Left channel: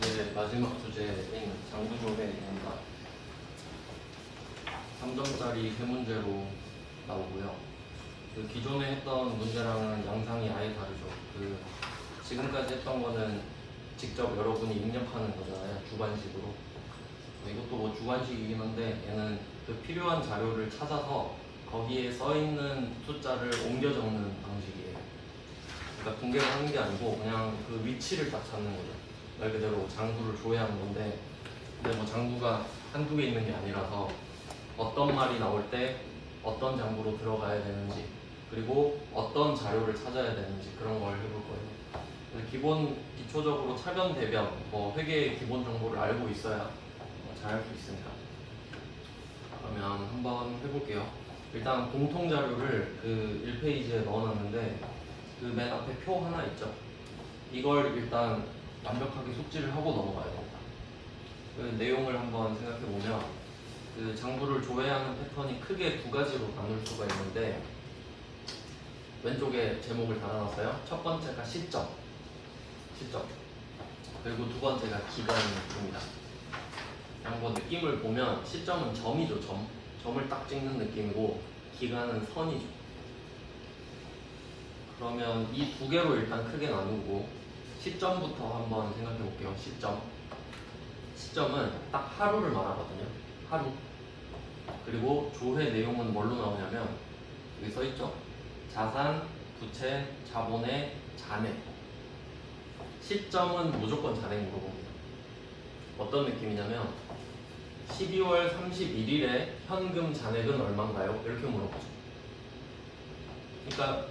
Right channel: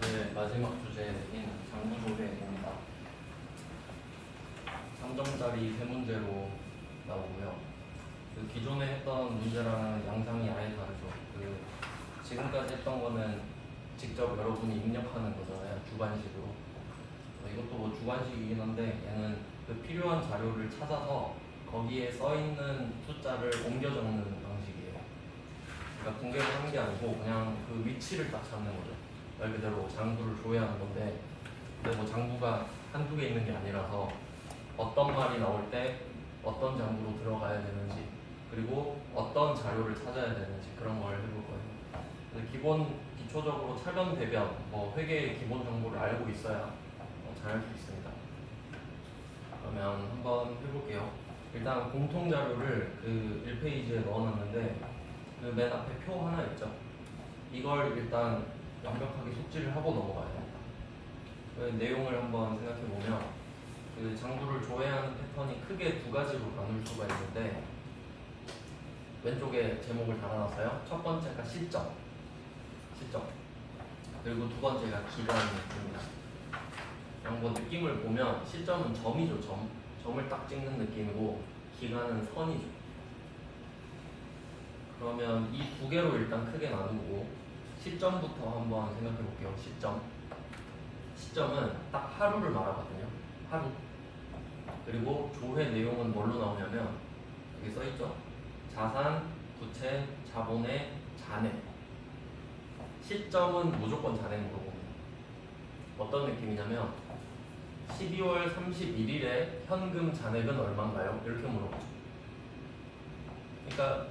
이제 마지막 주제인 장구조회입니다. 3점짜리 세 문제로 나오고요. 그 기존에 했던 문제랑은 양상이 아예 다르죠. 그 지금까지 했던 거는 직접 여러분이 입력하는 거잖아요. 주관식으로. 이것도 뭐 주관식이긴 한데 얘는 그 필요한 자료를 찾아서 거기에 써 있는 숫자를 옮겨 적는 방식이에요. 그러니까 분개를 하는 게 아니고 그냥 그 위치를 딱 찾는 거죠. 말 그대로 장부를 조회하는 건데, 근데 뭐 장부가 한두 개 있는 게 아니라서 어떤 말이 나올 때 어떤 장부로 들어가야 되는지, 그리고 어떤 자료를 찾아야 되는지 그런 걸 해볼 거예요. 근데 기초적으로 차변, 대변, 뭐 회계의 기본 정보를 알고 있어야 잘 할 수 있습니다. 그러면 한번 해볼게요. 일단 공통 자료를 그 1페이지에 넣어놨는데 그 맨 앞에 표 하나 있죠. 이걸 일단 완벽하게 숙지를 하고 넘어가야 됩니다. 그 내용을 한번 생각해 보면 그 장부를 조회하는 패턴이 크게 두 가지로 나눌 수가 있는데, 왼쪽에 제목을 달아놨어요. 첫 번째가 시점. 그리고 두 번째가 기간입니다. 그냥 뭐 느낌을 보면 시점은 점이죠. 점을 딱 찍는 느낌이고 기간은 선이죠. 그러면 이 두 개로 일단 크게 나누고 시점부터 한번 생각해 볼게요. 시점은 딱 하루를 말하거든요. 하루. 그리고 조회 내용은 뭘로 나오냐면 여기 써있죠. 자산, 부채, 자본의 잔액. 시점은 무조건 잔액 물어봅니다. 어떤 느낌이냐면 12월 31일에 현금 잔액은 얼마인가요? 이렇게 물어보죠. 그러니까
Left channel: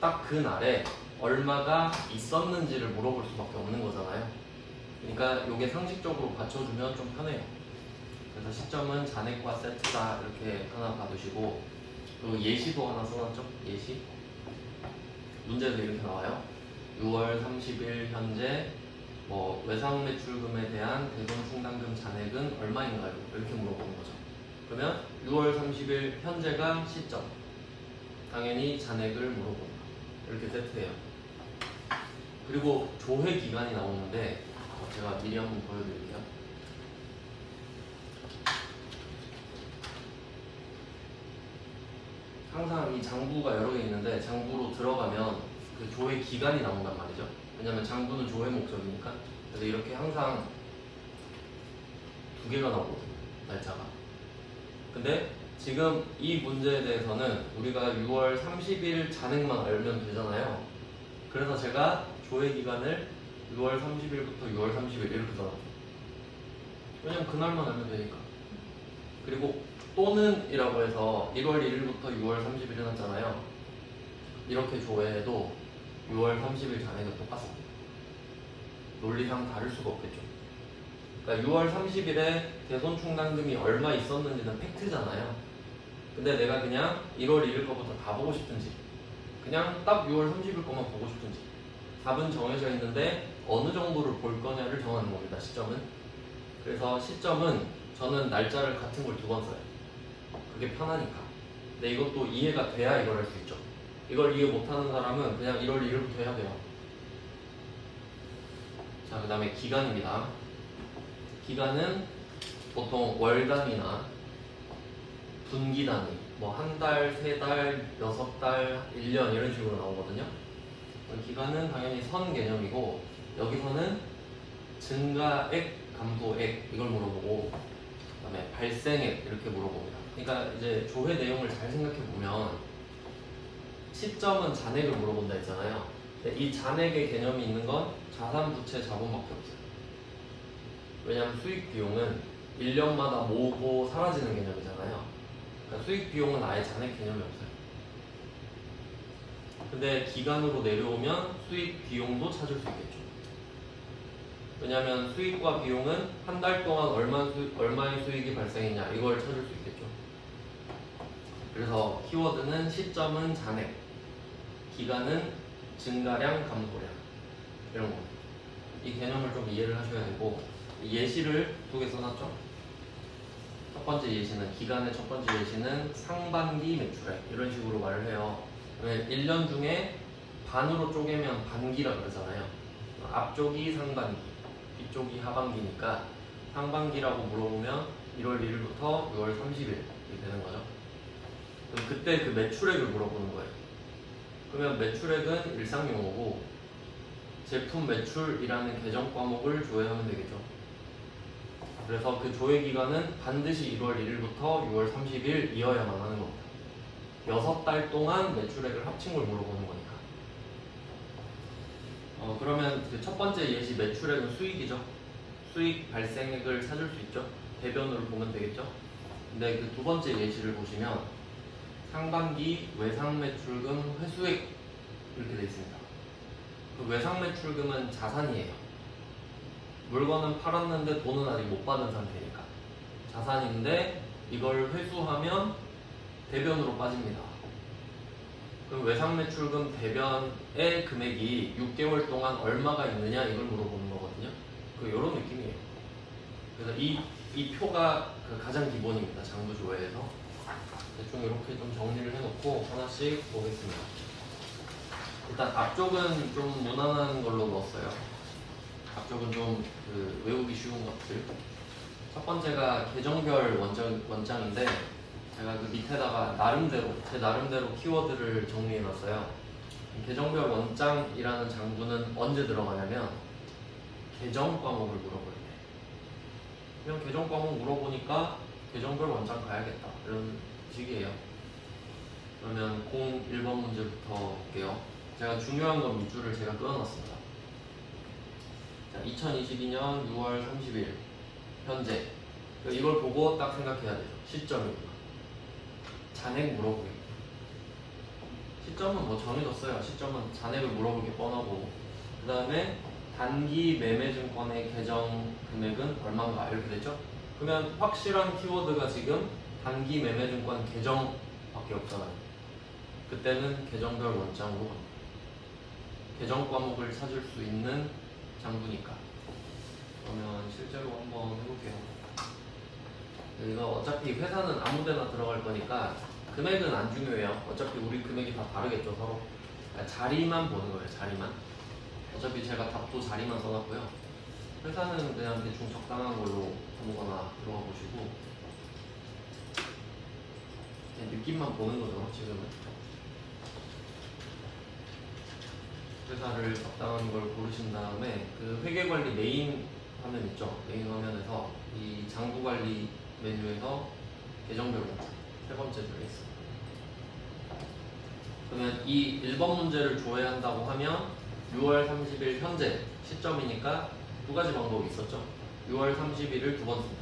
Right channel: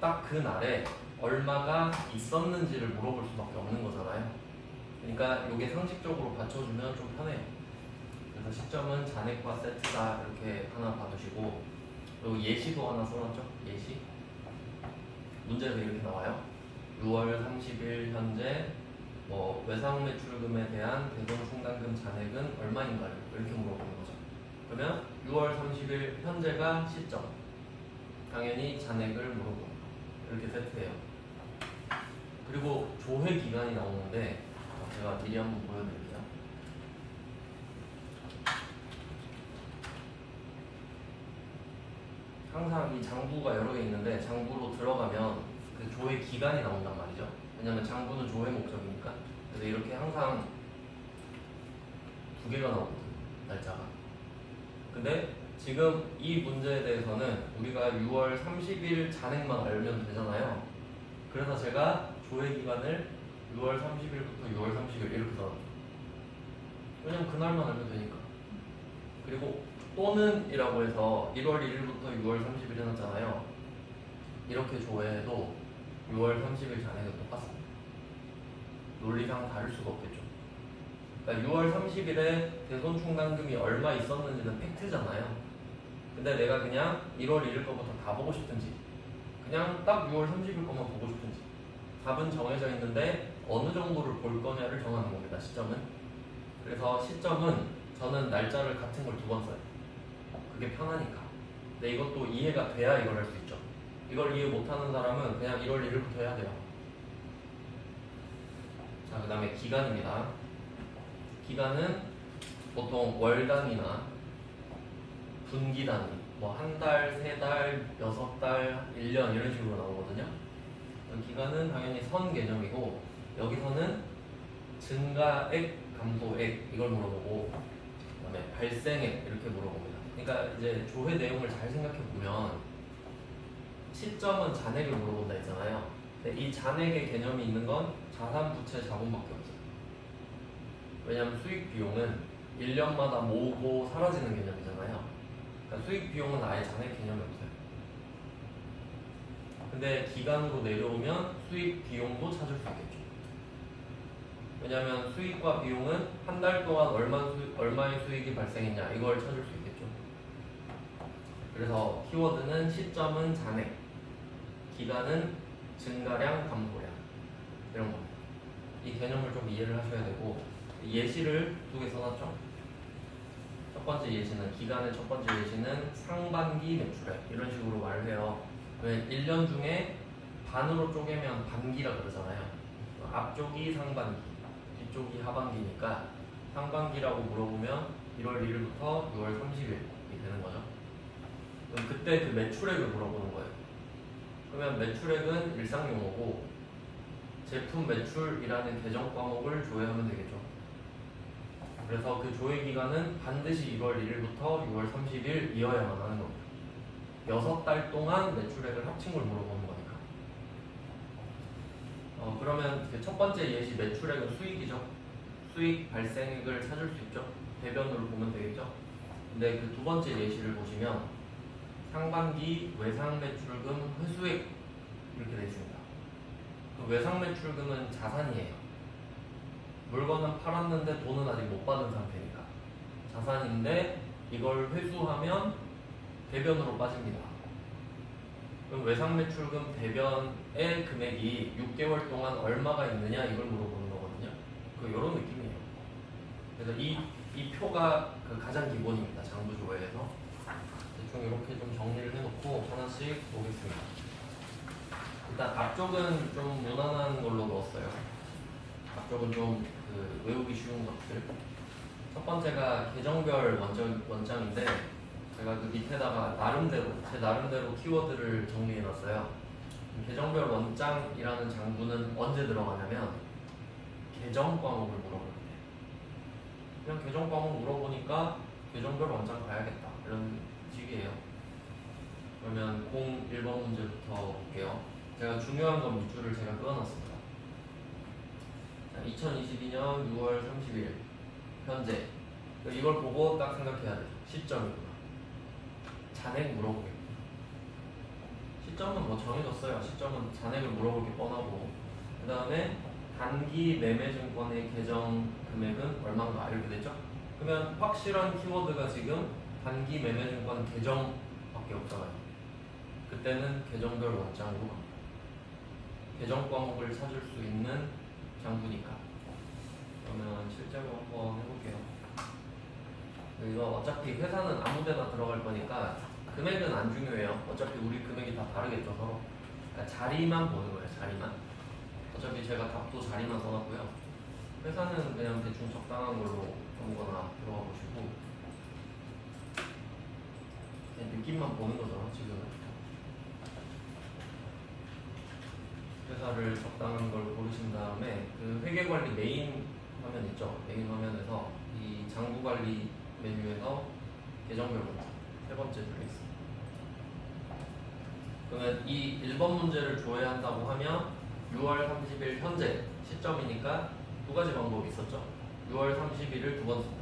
딱 그 날에 얼마가 있었는지를 물어볼 수밖에 없는 거잖아요. 그러니까 이게 상식적으로 받쳐주면 좀 편해요. 그래서 시점은 잔액과 세트다 이렇게 하나 봐두시고, 그리고 예시도 하나 써놨죠. 예시. 문제도 이렇게 나와요. 6월 30일 현재 뭐 외상 매출금에 대한 대손 충당금 잔액은 얼마인가요? 이렇게 물어보는 거죠. 그러면 6월 30일 현재가 시점. 당연히 잔액을 물어봅니다. 이렇게 세트해요. 그리고 조회 기간이 나오는데 제가 미리 한번 보여드릴게요. 항상 이 장부가 여러 개 있는데 장부로 들어가면 그 조회 기간이 나온단 말이죠. 왜냐면 장부는 조회 목적이니까. 그래서 이렇게 항상 두 개가 나오거든요. 날짜가. 근데 지금 이 문제에 대해서는 우리가 6월 30일 잔액만 알면 되잖아요. 그래서 제가 조회 기간을 6월 30일부터 6월 30일 이렇게 잡았죠. 왜냐면 그날만 알면 되니까. 그리고 또는 이라고 해서 1월 1일부터 6월 30일 해놨잖아요. 이렇게 조회해도 6월 30일 잔액은 똑같습니다. 논리상 다를 수가 없겠죠. 그러니까 6월 30일에 대손 충당금이 얼마 있었는지는 팩트잖아요. 근데 내가 그냥 1월 1일 거부터 가보고 싶은지, 그냥 딱 6월 30일 것만 보고 싶은지, 답은 정해져 있는데 어느 정도를 볼 거냐를 정하는 겁니다. 시점은. 그래서 시점은 저는 날짜를 같은 걸 두 번 써요. 그게 편하니까. 근데 이것도 이해가 돼야 이걸 할 수 있죠. 이걸 이해 못하는 사람은 그냥 1월 1일부터 해야 돼요. 자, 그 다음에 기간입니다. 기간은 보통 월간이나 분기 단위, 뭐 한 달, 세 달, 6달, 1년 이런 식으로 나오거든요. 기간은 당연히 선 개념이고, 여기서는 증가액, 감소액 이걸 물어보고, 그 다음에 발생액 이렇게 물어봅니다. 그러니까 이제 조회 내용을 잘 생각해 보면 시점은 잔액을 물어본다 했잖아요. 근데 이 잔액의 개념이 있는 건 자산, 부채, 자본밖에 없어요. 왜냐하면 수익 비용은 1년마다 모으고 사라지는 개념이잖아요. 그러니까 수익 비용은 아예 잔액 개념이 없어요. 근데 기간으로 내려오면 수익 비용도 찾을 수 있겠죠. 왜냐하면 수익과 비용은 한 달 동안 얼마의 수익이 발생했냐 이걸 찾을 수 있겠죠. 그래서 키워드는 시점은 잔액, 기간은 증가량, 감소량 이런 겁니다. 이 개념을 좀 이해를 하셔야 되고, 예시를 두 개 써놨죠. 첫 번째 예시는, 기간의 첫 번째 예시는 상반기 매출액 이런 식으로 말을 해요. 1년 중에 반으로 쪼개면 반기라 그러잖아요. 앞쪽이 상반기, 이쪽이 하반기니까 상반기라고 물어보면 1월 1일부터 6월 30일이 되는 거죠. 그럼 그때 그 매출액을 물어보는 거예요. 그러면 매출액은 일상 용어고 제품 매출이라는 계정 과목을 조회하면 되겠죠. 그래서 그 조회 기간은 반드시 1월 1일부터 6월 30일이어야만 하는 겁니다. 6달 동안 매출액을 합친 걸 물어보는 거니까. 그러면 그 첫 번째 예시 매출액은 수익이죠. 수익 발생액을 찾을 수 있죠. 대변으로 보면 되겠죠. 근데 그 두 번째 예시를 보시면 상반기 외상 매출금 회수액 이렇게 되어 있습니다. 그 외상 매출금은 자산이에요. 물건은 팔았는데 돈은 아직 못 받은 상태니까 자산인데 이걸 회수하면 대변으로 빠집니다. 그럼 외상 매출금 대변의 금액이 6개월 동안 얼마가 있느냐 이걸 물어보는 거거든요. 이런 느낌이에요. 그래서 이 표가 그 가장 기본입니다. 장부조회에서 대충 이렇게 좀 정리를 해놓고 하나씩 보겠습니다. 일단 앞쪽은 좀 무난한 걸로 넣었어요. 앞쪽은 좀 외우기 쉬운 것들. 첫 번째가 계정별 원장인데 제가 그 밑에다가 제 나름대로 키워드를 정리해놨어요. 계정별 원장이라는 장부는 언제 들어가냐면 계정 과목을 물어볼 때. 그냥 계정 과목 물어보니까 계정별 원장 가야겠다 이런 식이에요. 그러면 01번 문제부터 볼게요. 제가 중요한 건 밑줄을 제가 끊어놨습니다. 자, 2022년 6월 30일 현재 이걸 보고 딱 생각해야 돼요. 시점입니다. 잔액 물어보기. 시점은 뭐 정해졌어요. 시점은 잔액을 물어볼 게 뻔하고 그 다음에 단기 매매증권의 계정 금액은 얼마인가 이렇게 됐죠? 그러면 확실한 키워드가 지금 단기 매매증권 계정밖에 없잖아요. 그때는 계정별 원장으로 갑니다. 계정 과목을 찾을 수 있는 장부니까. 그러면 실제로 한번 해볼게요. 이거 어차피 회사는 아무데나 들어갈 거니까 금액은 안 중요해요. 어차피 우리 금액이 다 다르겠죠 서로. 그러니까 자리만 보는 거예요. 자리만. 어차피 제가 답도 자리만 써놨고요. 회사는 그냥 대충 적당한 걸로 아무거나 들어가 보시고 그냥 느낌만 보는 거죠. 지금 회사를 적당한 걸 고르신 다음에 그 회계관리 메인 화면 있죠. 메인 화면에서 이 장부관리 메뉴에서 계정별로 세 번째 중에 있습니다. 그러면 이 1번 문제를 조회한다고 하면 6월 30일 현재 시점이니까 두 가지 방법이 있었죠. 6월 30일을 두 번 쓴다.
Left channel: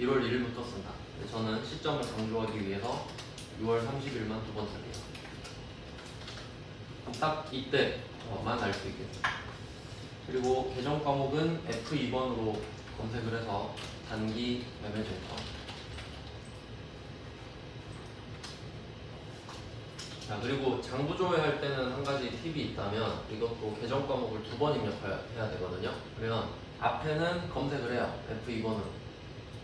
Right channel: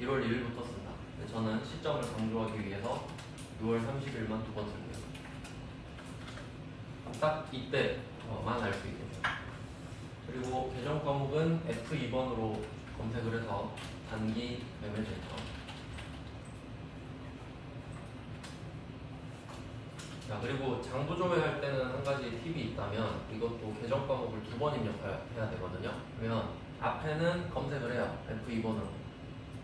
1월 1일부터 쓴다. 저는 시점을 강조하기 위해서 6월 30일만 두 번 씁니다. 딱 이때만 알 수 있겠죠. 그리고 계정 과목은 F2번으로 검색을 해서 단기 매매증권. 자, 그리고 장부조회 할 때는 한 가지 팁이 있다면 이것도 계정 과목을 두 번 입력해야 되거든요. 그러면 앞에는 검색을 해요. F2번으로.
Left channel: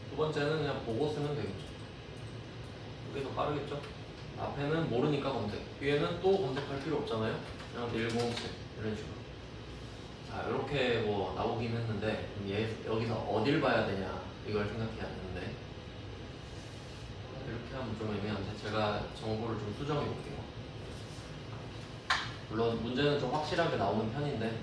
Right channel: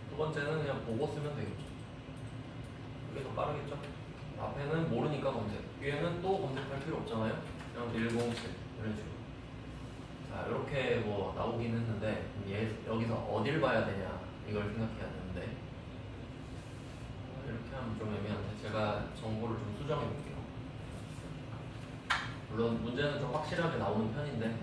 두 번째는 그냥 보고 쓰면 되겠죠. 그게 더 빠르겠죠. 앞에는 모르니까 검색. 뒤에는 또 검색할 필요 없잖아요. 그냥 107 이런 식으로. 자, 이렇게 뭐 나오긴 했는데 여기서 어딜 봐야 되냐 이걸 생각해야 되는데 이렇게 하면 좀 애매한데 제가 정보를 좀 수정해 볼게요. 물론 문제는 좀 확실하게 나오는 편인데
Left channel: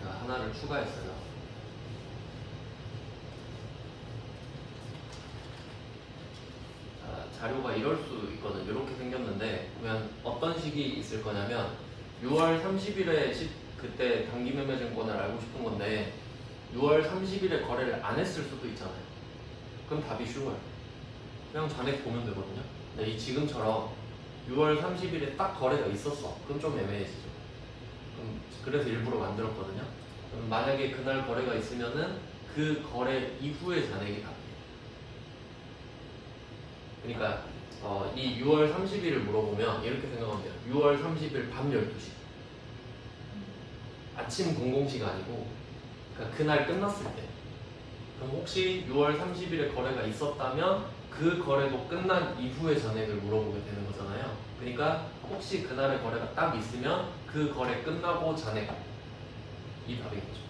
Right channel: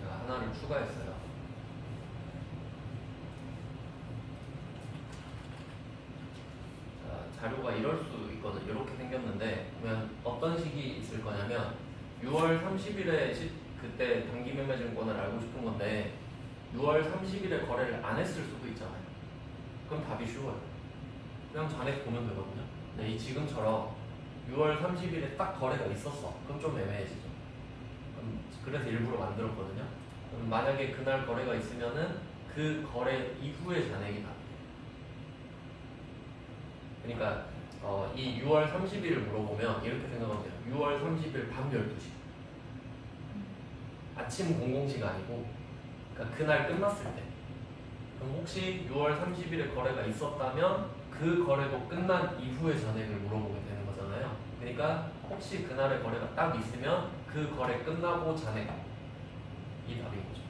제가 하나를 추가했어요. 자, 자료가 이럴 수 있거든요. 이렇게 생겼는데 그러면 어떤 식이 있을 거냐면 6월 30일에 그때 단기 매매증권을 알고 싶은 건데 6월 30일에 거래를 안 했을 수도 있잖아요. 그럼 답이 쉬워요. 그냥 잔액 보면 되거든요. 근데 이 지금처럼 6월 30일에 딱 거래가 있었어. 그럼 좀 애매해지죠. 그래서 일부러 만들었거든요. 그럼 만약에 그날 거래가 있으면은 그 거래 이후의 잔액이 답이에요. 그러니까 이 6월 30일을 물어보면 이렇게 생각하면 돼요. 6월 30일 밤 12시. 아침 00시가 아니고 그러니까 그날 끝났을 때. 그럼 혹시 6월 30일에 거래가 있었다면 그 거래도 끝난 이후의 잔액을 물어보게 되는 거잖아요. 그러니까 그러니까 혹시 그날의 거래가 딱 있으면 그 거래 끝나고 잔액 이 답인 거죠.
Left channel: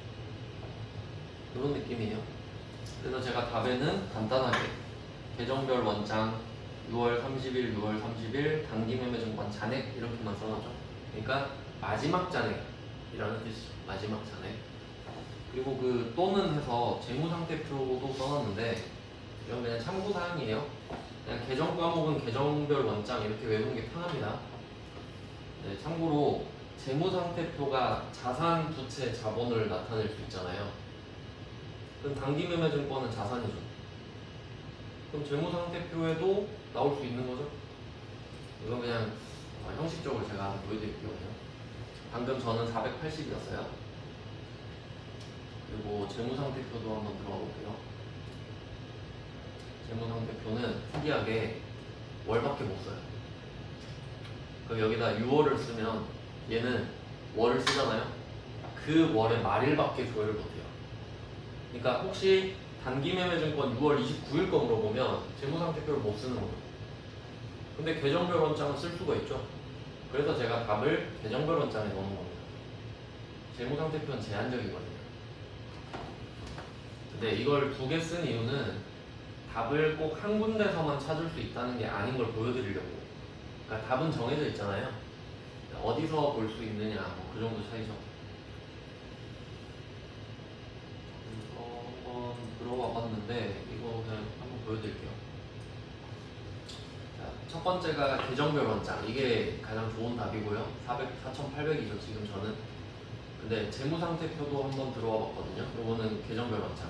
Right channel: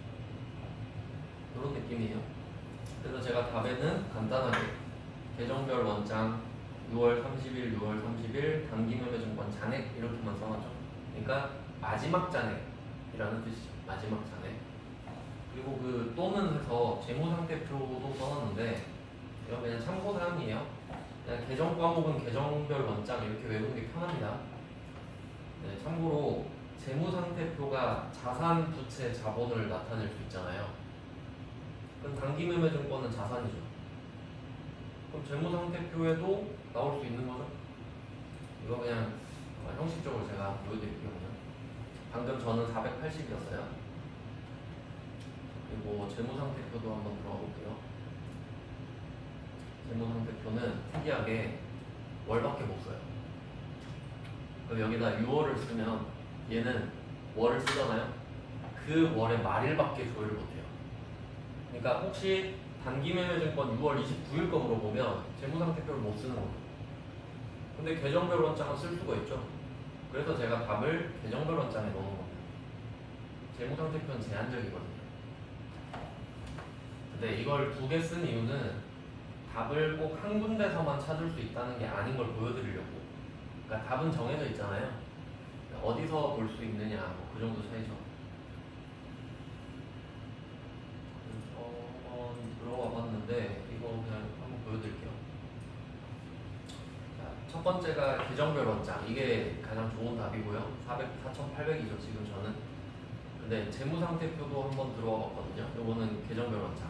이런 느낌이에요. 그래서 제가 답에는 간단하게 계정별 원장 6월 30일, 6월 30일 단기매매증권 잔액 이렇게만 써놨죠. 그러니까 마지막 잔액이라는 뜻이죠. 마지막 잔액. 그리고 그 또는 해서 재무상태표도 써놨는데 이건 그냥 참고사항이에요. 그냥 계정 과목은 계정별 원장 이렇게 외우는 게 편합니다. 네, 참고로 재무상태표가 자산, 부채, 자본을 나타낼 수 있잖아요. 그럼 단기매매증권은 자산이죠. 그럼 재무상태표에도 나올 수 있는 거죠. 이건 그냥 형식적으로 제가 보여드릴게요. 방금 저는 480이었어요. 그리고 재무상태표도 한번 들어가 볼게요. 재무상태표는 특이하게 월밖에 못 써요. 그럼 여기다 6월을 쓰면 얘는 월을 쓰잖아요. 그 월의 말일밖에 조회를 못해요. 그러니까 혹시 단기매매증권 6월 29일 거 물어보면 재무상태표를 못 쓰는 거예요. 근데 계정별 원장은 쓸 수가 있죠. 그래서 제가 답을 계정별 원장에 넣는 겁니다. 재무상태표는 제한적이거든요. 근데 이걸 두 개 쓴 이유는 답을 꼭 한 군데서만 찾을 수 있다는 게 아닌 걸 보여드리려고요. 그러니까 답은 정해져 있잖아요. 어디서 볼 수 있느냐, 그 정도 차이죠. 한번 들어와 봤는데 이거 그냥 한번 보여드릴게요. 자, 첫 번째가 계정별 원장. 이게 가장 좋은 답이고요. 4,800이죠 지금 저는. 근데 재무상태표도 한번 들어와 봤거든요. 이거는 계정별 원장.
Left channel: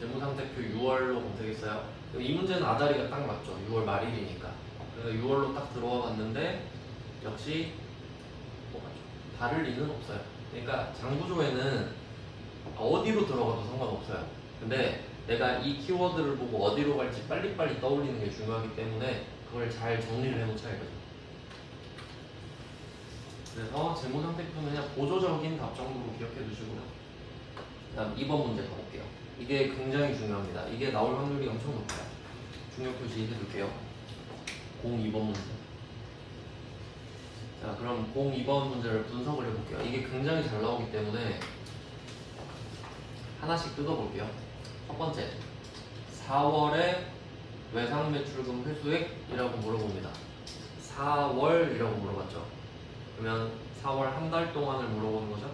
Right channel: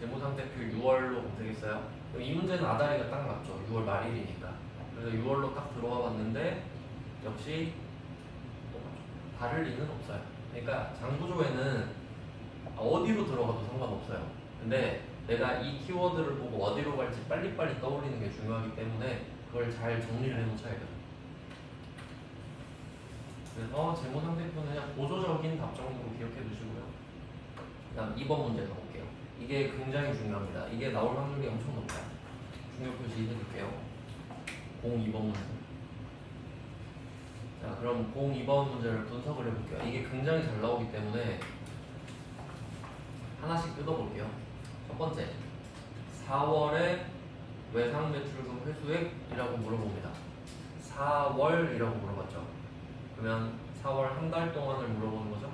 재무상태표 6월로 검색했어요. 이 문제는 아다리가 딱 맞죠. 6월 말일이니까. 그래서 6월로 딱 들어와 봤는데 역시 다를 리는 없어요. 그러니까 장구조에는 어디로 들어가도 상관없어요. 근데 내가 이 키워드를 보고 어디로 갈지 빨리빨리 떠올리는 게 중요하기 때문에 그걸 잘 정리를 해놓쳐야 돼요. 그래서 재무상태표는 그냥 보조적인 답 정도로 기억해 두시고요. 그 다음 2번 문제 가볼게요. 이게 굉장히 중요합니다. 이게 나올 확률이 엄청 높아요. 중요 표시 해둘게요. 02번 문제. 자, 그럼 02번 문제를 분석을 해볼게요. 이게 굉장히 잘 나오기 때문에 하나씩 뜯어볼게요. 첫 번째, 4월에 외상매출금 회수액이라고 물어봅니다. 4월이라고 물어봤죠. 그러면 4월 한 달 동안을 물어보는 거죠.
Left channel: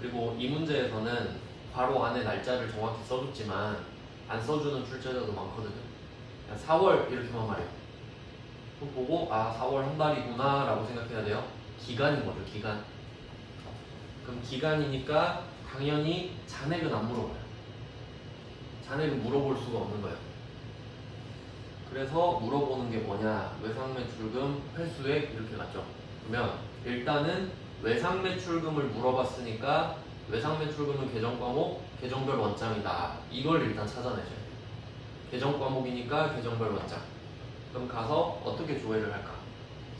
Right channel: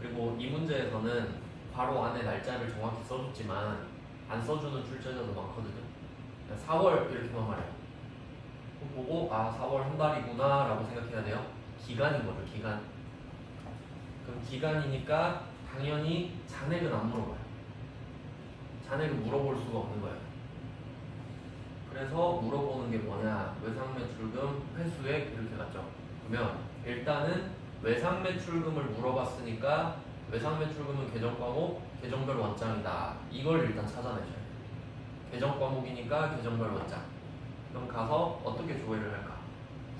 그리고 이 문제에서는 괄호 안에 날짜를 정확히 써줬지만 안 써주는 출제자도 많거든요. 4월 이렇게만 말해요. 그럼 보고 4월 한 달이구나 라고 생각해야 돼요. 기간인 거죠. 기간. 그럼 기간이니까 당연히 잔액은 안 물어봐요. 잔액을 물어볼 수가 없는 거예요. 그래서 물어보는 게 뭐냐, 외상매출금 회수액 이렇게 갔죠. 그러면 일단은 외상매출금을 물어봤으니까 외상매출금은 계정과목, 계정별 원장이다. 이걸 일단 찾아내셔야 돼요. 계정과목이니까 계정별 원장. 그럼 가서 어떻게 조회를 할까?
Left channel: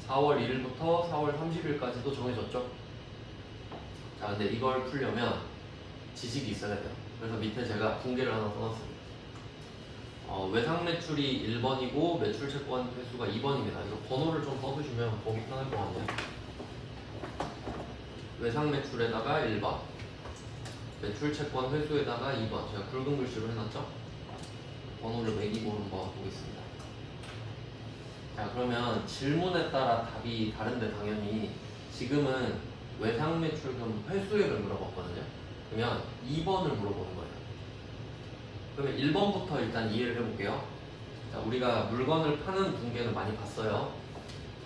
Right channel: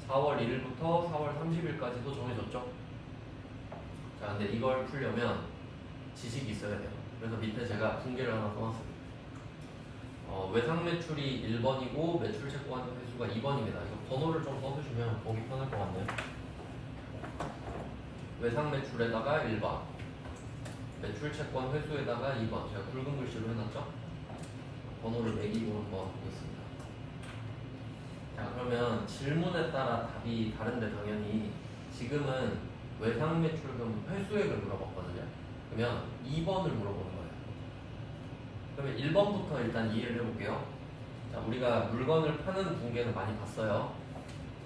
4월 1일부터 4월 30일까지도 정해졌죠. 자, 근데 이걸 풀려면 지식이 있어야 돼요. 그래서 밑에 제가 붕괴를 하나 써놨습니다. 외상매출이 1번이고 매출채권 회수가 2번입니다. 이거 번호를 좀 써두시면 보기 편할 것 같네요. 외상매출에다가 1번, 매출채권 회수에다가 2번. 제가 굵은 글씨로 해놨죠? 번호를 매기고 한번 보겠습니다. 자, 그러면 질문에 따라 답이 다른데 당연히 지금은 외상매출금 회수액을 물어봤거든요. 그러면 2번을 물어보는 거예요. 그러면 1번부터 일단 이해를 해볼게요. 자, 우리가 물건을 파는 붕괴는 많이 봤어요.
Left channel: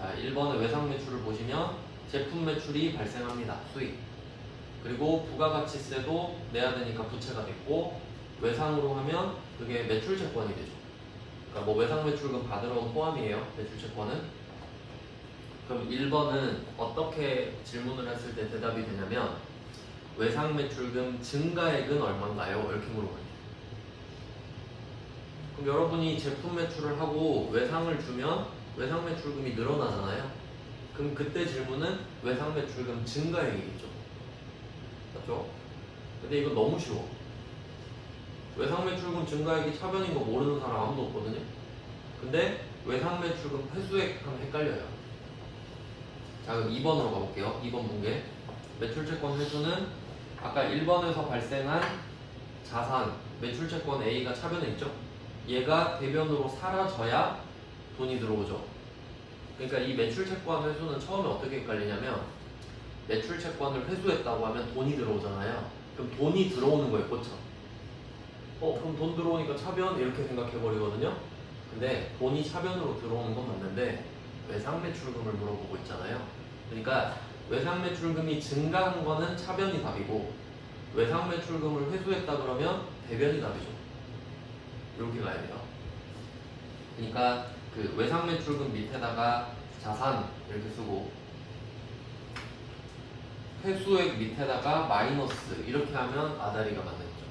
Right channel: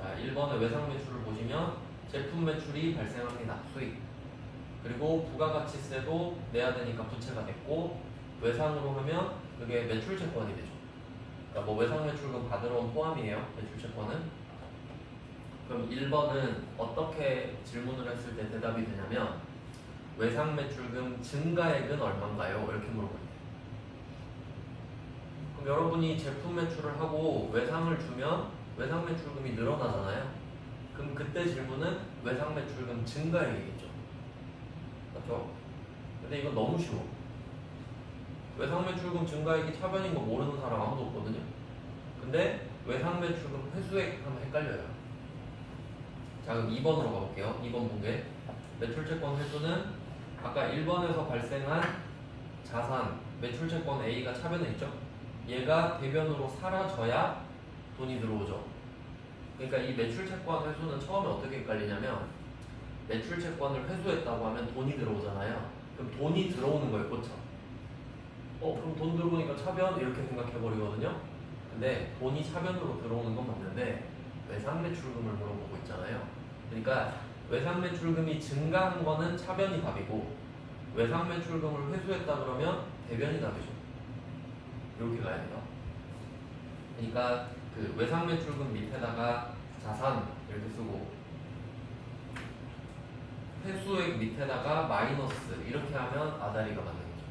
자, 1번의 외상매출을 보시면 제품 매출이 발생합니다. 수익. 그리고 부가가치세도 내야 되니까 부채가 됐고, 외상으로 하면 그게 매출채권이 되죠. 그러니까 뭐 외상매출금 받으러 온 포함이에요. 매출채권은. 그럼 1번은 어떻게 질문을 했을 때 대답이 되냐면 외상매출금 증가액은 얼마인가요? 이렇게 물어봐요. 그럼 여러분이 제품 매출을 하고 외상을 주면 외상매출금이 늘어나잖아요. 그럼 그때 질문은 외상매출금 증가액이겠죠. 맞죠? 근데 이건 너무 쉬워. 외상매출금 증가액이 차변인 거 모르는 사람 아무도 없거든요. 근데 외상매출금 회수액 하면 헷갈려요. 자, 그럼 2번으로 가볼게요. 2번 문제. 매출채권 회수는 아까 1번에서 발생한 자산, 매출채권 A가 차변에 있죠? 얘가 대변으로 사라져야 돈이 들어오죠. 그러니까 이 매출채권 회수는 처음에 어떻게 헷갈리냐면 매출채권을 회수했다고 하면 돈이 들어오잖아요. 그럼 돈이 들어오는 거예요, 고쳐. 그럼 돈 들어오니까 차변 이렇게 생각해버리거든요. 근데 돈이 차변으로 들어오는 건 맞는데 외상매출금을 물어보고 있잖아요. 그러니까 외상매출금이 증가한 거는 차변이 답이고 외상매출금을 회수했다 그러면 대변이 답이죠. 이렇게 가야 돼요. 그러니까 그 외상매출금 밑에다가 자산 이렇게 쓰고 회수액 밑에다가 마이너스 이렇게 하면 아다리가 맞는 거죠.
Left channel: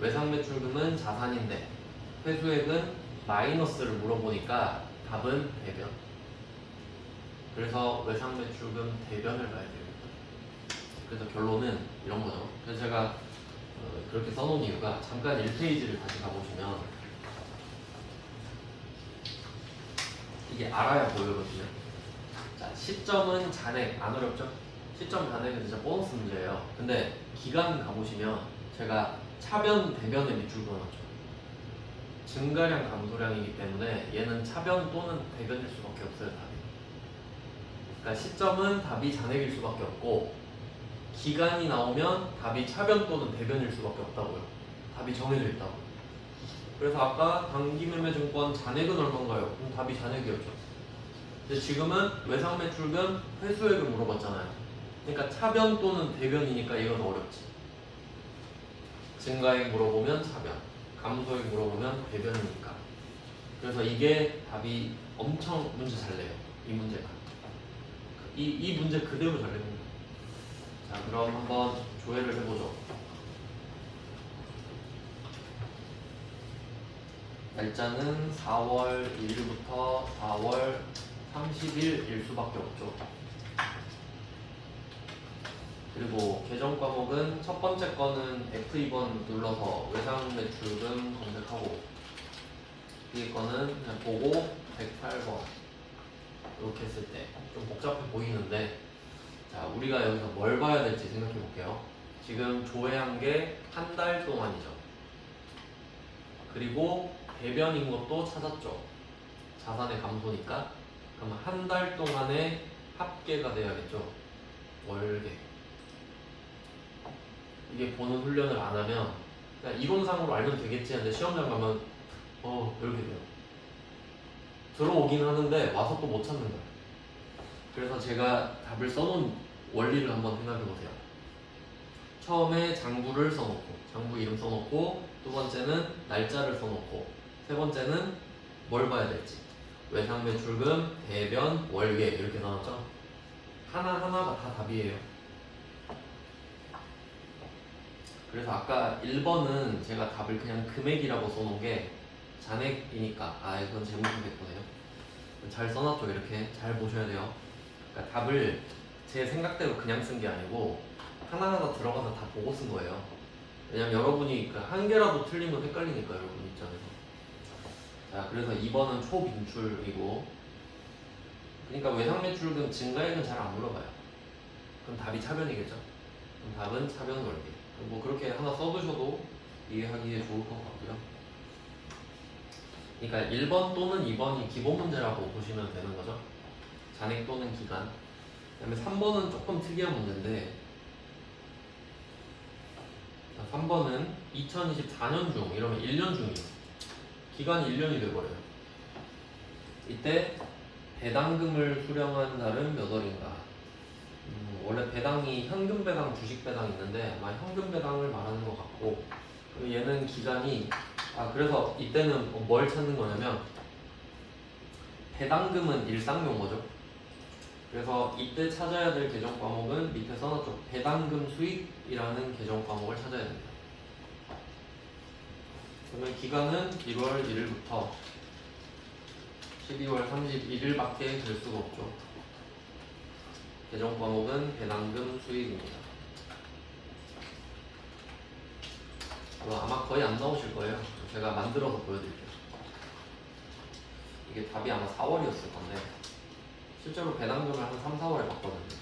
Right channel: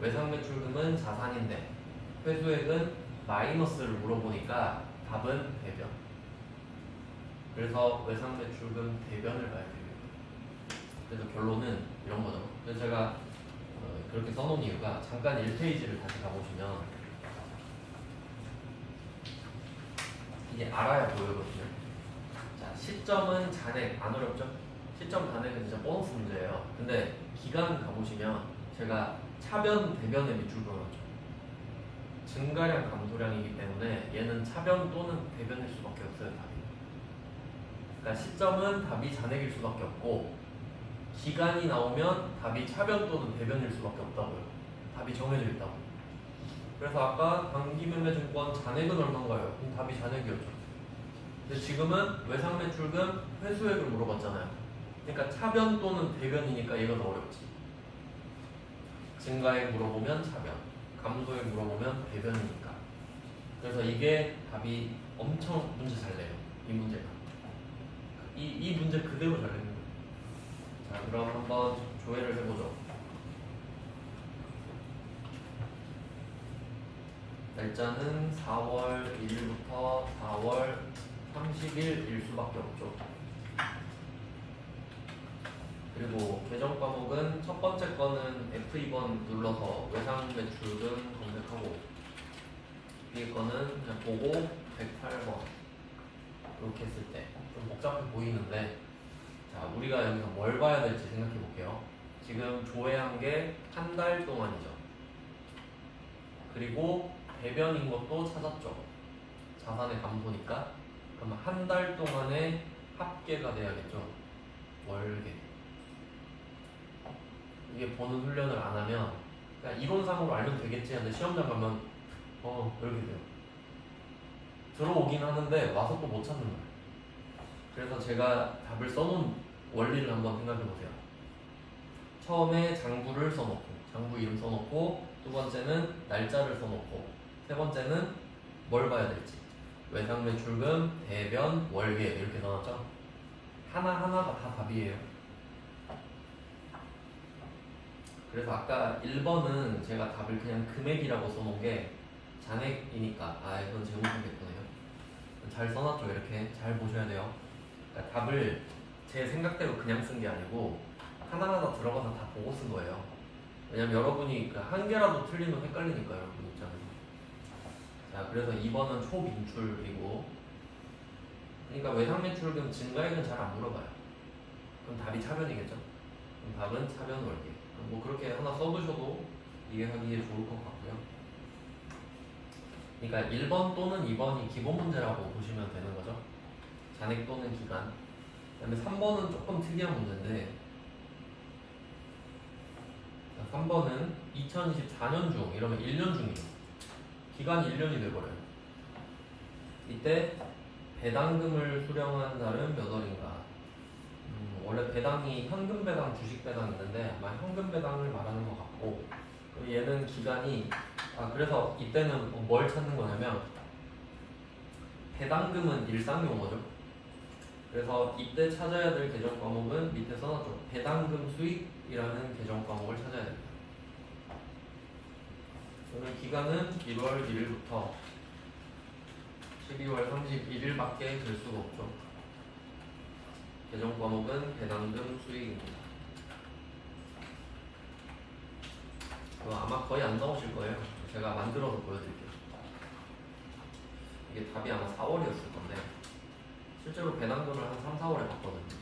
외상매출금은 자산인데 회수액은 마이너스를 물어보니까 답은 대변. 그래서 외상매출금 대변을 봐야 돼요. 그래서 결론은 이런 거죠. 그래서 제가 그렇게 써놓은 이유가 잠깐 1페이지를 다시 가보시면 이게 알아야 보이거든요. 자, 시점은 잔액 안 어렵죠? 시점 잔액은 진짜 보너스 문제예요. 근데 기간 가보시면 제가 차변 대변에 밑줄 그어놨죠. 증가량 감소량이기 때문에 얘는 차변 또는 대변일 수밖에 없어요. 답이. 그러니까 시점은 답이 잔액일 수밖에 없고 기간이 나오면 답이 차변 또는 대변일 수밖에 없다고요. 답이 정해져 있다고. 그래서 아까 단기매매증권 잔액은 얼마인가요? 그럼 답이 잔액이었죠. 근데 지금은 외상매출금 회수액을 물어봤잖아요. 그러니까 차변 또는 대변이니까 이건 어렵지. 증가액 물어보면 차변, 감소액 물어보면 대변이니까. 그래서 이게 답이 엄청 문제 잘 내요. 이 문제가. 이 문제 그대로 잘 내요. 자, 그럼 한번 조회를 해보죠. 날짜는 4월 1일부터 4월 30일일 수밖에 없죠. 그리고 계정 과목은 첫 번째 거는 F2번 눌러서 외상매출금 검색하고 뒤에 거는 그냥 보고 108번 이렇게 했을 때 좀 복잡해 보이는데 자, 우리가 여기서 뭘 봐야 될지 생각해 볼게요. 지금 조회한 게 한 달 동안이죠. 그리고 대변인 것도 찾았죠. 자산의 감소니까. 그럼 한 달 동안의 합계가 돼야겠죠. 월계. 이게 보는 훈련을 안 하면 그냥 이론상으로 알면 되겠지 하는데 시험장 가면 이렇게 돼요. 들어오긴 하는데 와서 또 못 찾는 거예요. 그래서 제가 답을 써놓은 원리를 한번 생각해보세요. 처음에 장부를 써놓고 장부 이름 써놓고 두 번째는 날짜를 써놓고 세 번째는 뭘 봐야 될지 외상매출금, 대변, 월계 이렇게 나왔죠. 하나하나가 다 답이에요. 그래서 아까 1번은 제가 답을 그냥 금액이라고 써놓은 게 잔액이니까 이건 재무분배했거든요. 잘 써놨죠. 이렇게 잘 보셔야 돼요. 그러니까 답을 제 생각대로 그냥 쓴 게 아니고 하나하나 들어가서 다 보고 쓴 거예요. 왜냐면 여러분이 한 개라도 틀리면 헷갈리니까 여러분 있잖아요. 자, 그래서 2번은 초빈출이고 그러니까 외상매출금 증가액은 잘 안 물어봐요. 그럼 답이 차변이겠죠? 그럼 답은 차변 월계. 뭐 그렇게 하나 써두셔도 이해하기에 좋을 것 같고요. 그러니까 1번 또는 2번이 기본 문제라고 보시면 되는 거죠. 잔액 또는 기간. 그다음에 3번은 조금 특이한 문제인데 3번은 2024년 중 이러면 1년 중이에요. 기간이 1년이 돼버려요. 이때 배당금을 수령한 날은 몇 월인가? 원래 배당이 현금 배당, 주식 배당 있는데 아마 현금 배당을 말하는 것 같고 얘는 기간이 그래서 이때는 뭘 찾는 거냐면 배당금은 일상 용어죠. 그래서 이때 찾아야 될 계정 과목은 밑에 써놨죠. 배당금 수익이라는 계정 과목을 찾아야 됩니다. 그러면 기간은 1월 1일부터 12월 31일밖에 될 수가 없죠. 계정 과목은 배당금 수익입니다. 아마 거의 안 나오실 거예요. 제가 만들어서 보여드릴게요. 이게 답이 아마 4월이었을 건데 실제로 배당금을 한 3, 4월에 받거든요.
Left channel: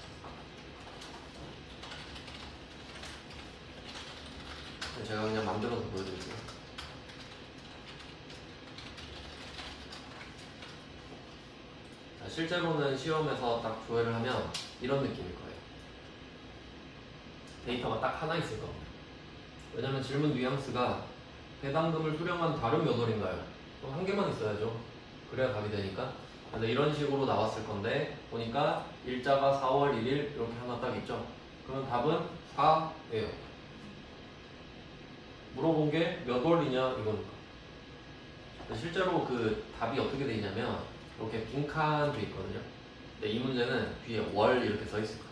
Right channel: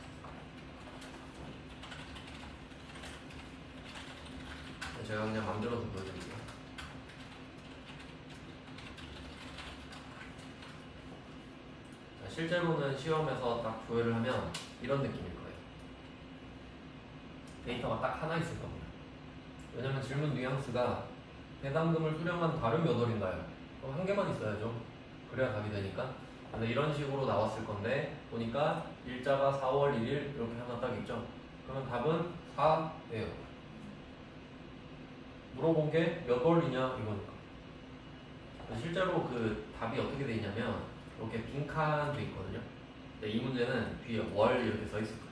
제가 그냥 만들어서 보여드릴게요. 실제로는 시험에서 딱 조회를 하면 이런 느낌일 거예요. 데이터가 딱 하나 있을 겁니다. 왜냐면 질문 뉘앙스가 배당금을 수령한 달은 몇 월인가요? 그럼 한 개만 있어야죠. 그래야 답이 되니까. 그래서 이런 식으로 나왔을 건데 보니까 일자가 4월 1일 이렇게 하나 딱 있죠. 그러면 답은 4예요. 물어본 게 몇 월이냐 이거니까. 실제로 그 답이 어떻게 돼 있냐면 이렇게 빈칸도 있거든요. 근데 이 문제는 뒤에 월 이렇게 써 있을 거예요.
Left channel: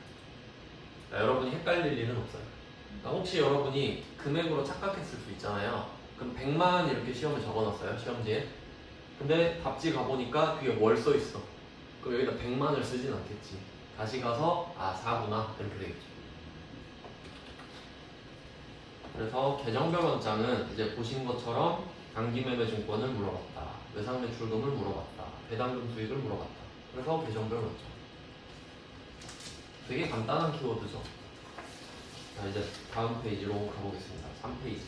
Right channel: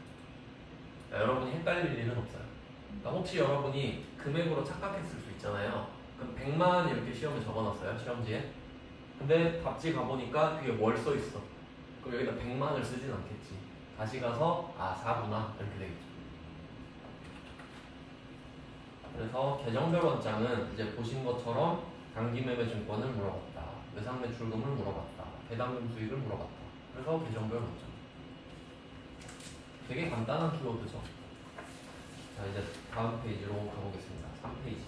그러니까 여러분이 헷갈릴 일은 없어요. 그러니까 혹시 여러분이 금액으로 착각했을 수 있잖아요. 그럼 100만 이렇게 시험에 적어놨어요. 시험지에. 근데 답지 가보니까 뒤에 월 써 있어. 그럼 여기다 100만을 쓰진 않겠지. 다시 가서 4구나 이렇게 되겠죠. 그래서 계정별 원장은 이제 보신 것처럼 단기매매증권을 물어봤다. 외상매출금을 물어봤다. 배당금 수익을 물어봤다. 그래서 계정별 원장. 되게 간단한 키워드죠. 자, 이제 다음 페이지로 가보겠습니다. 3페이지.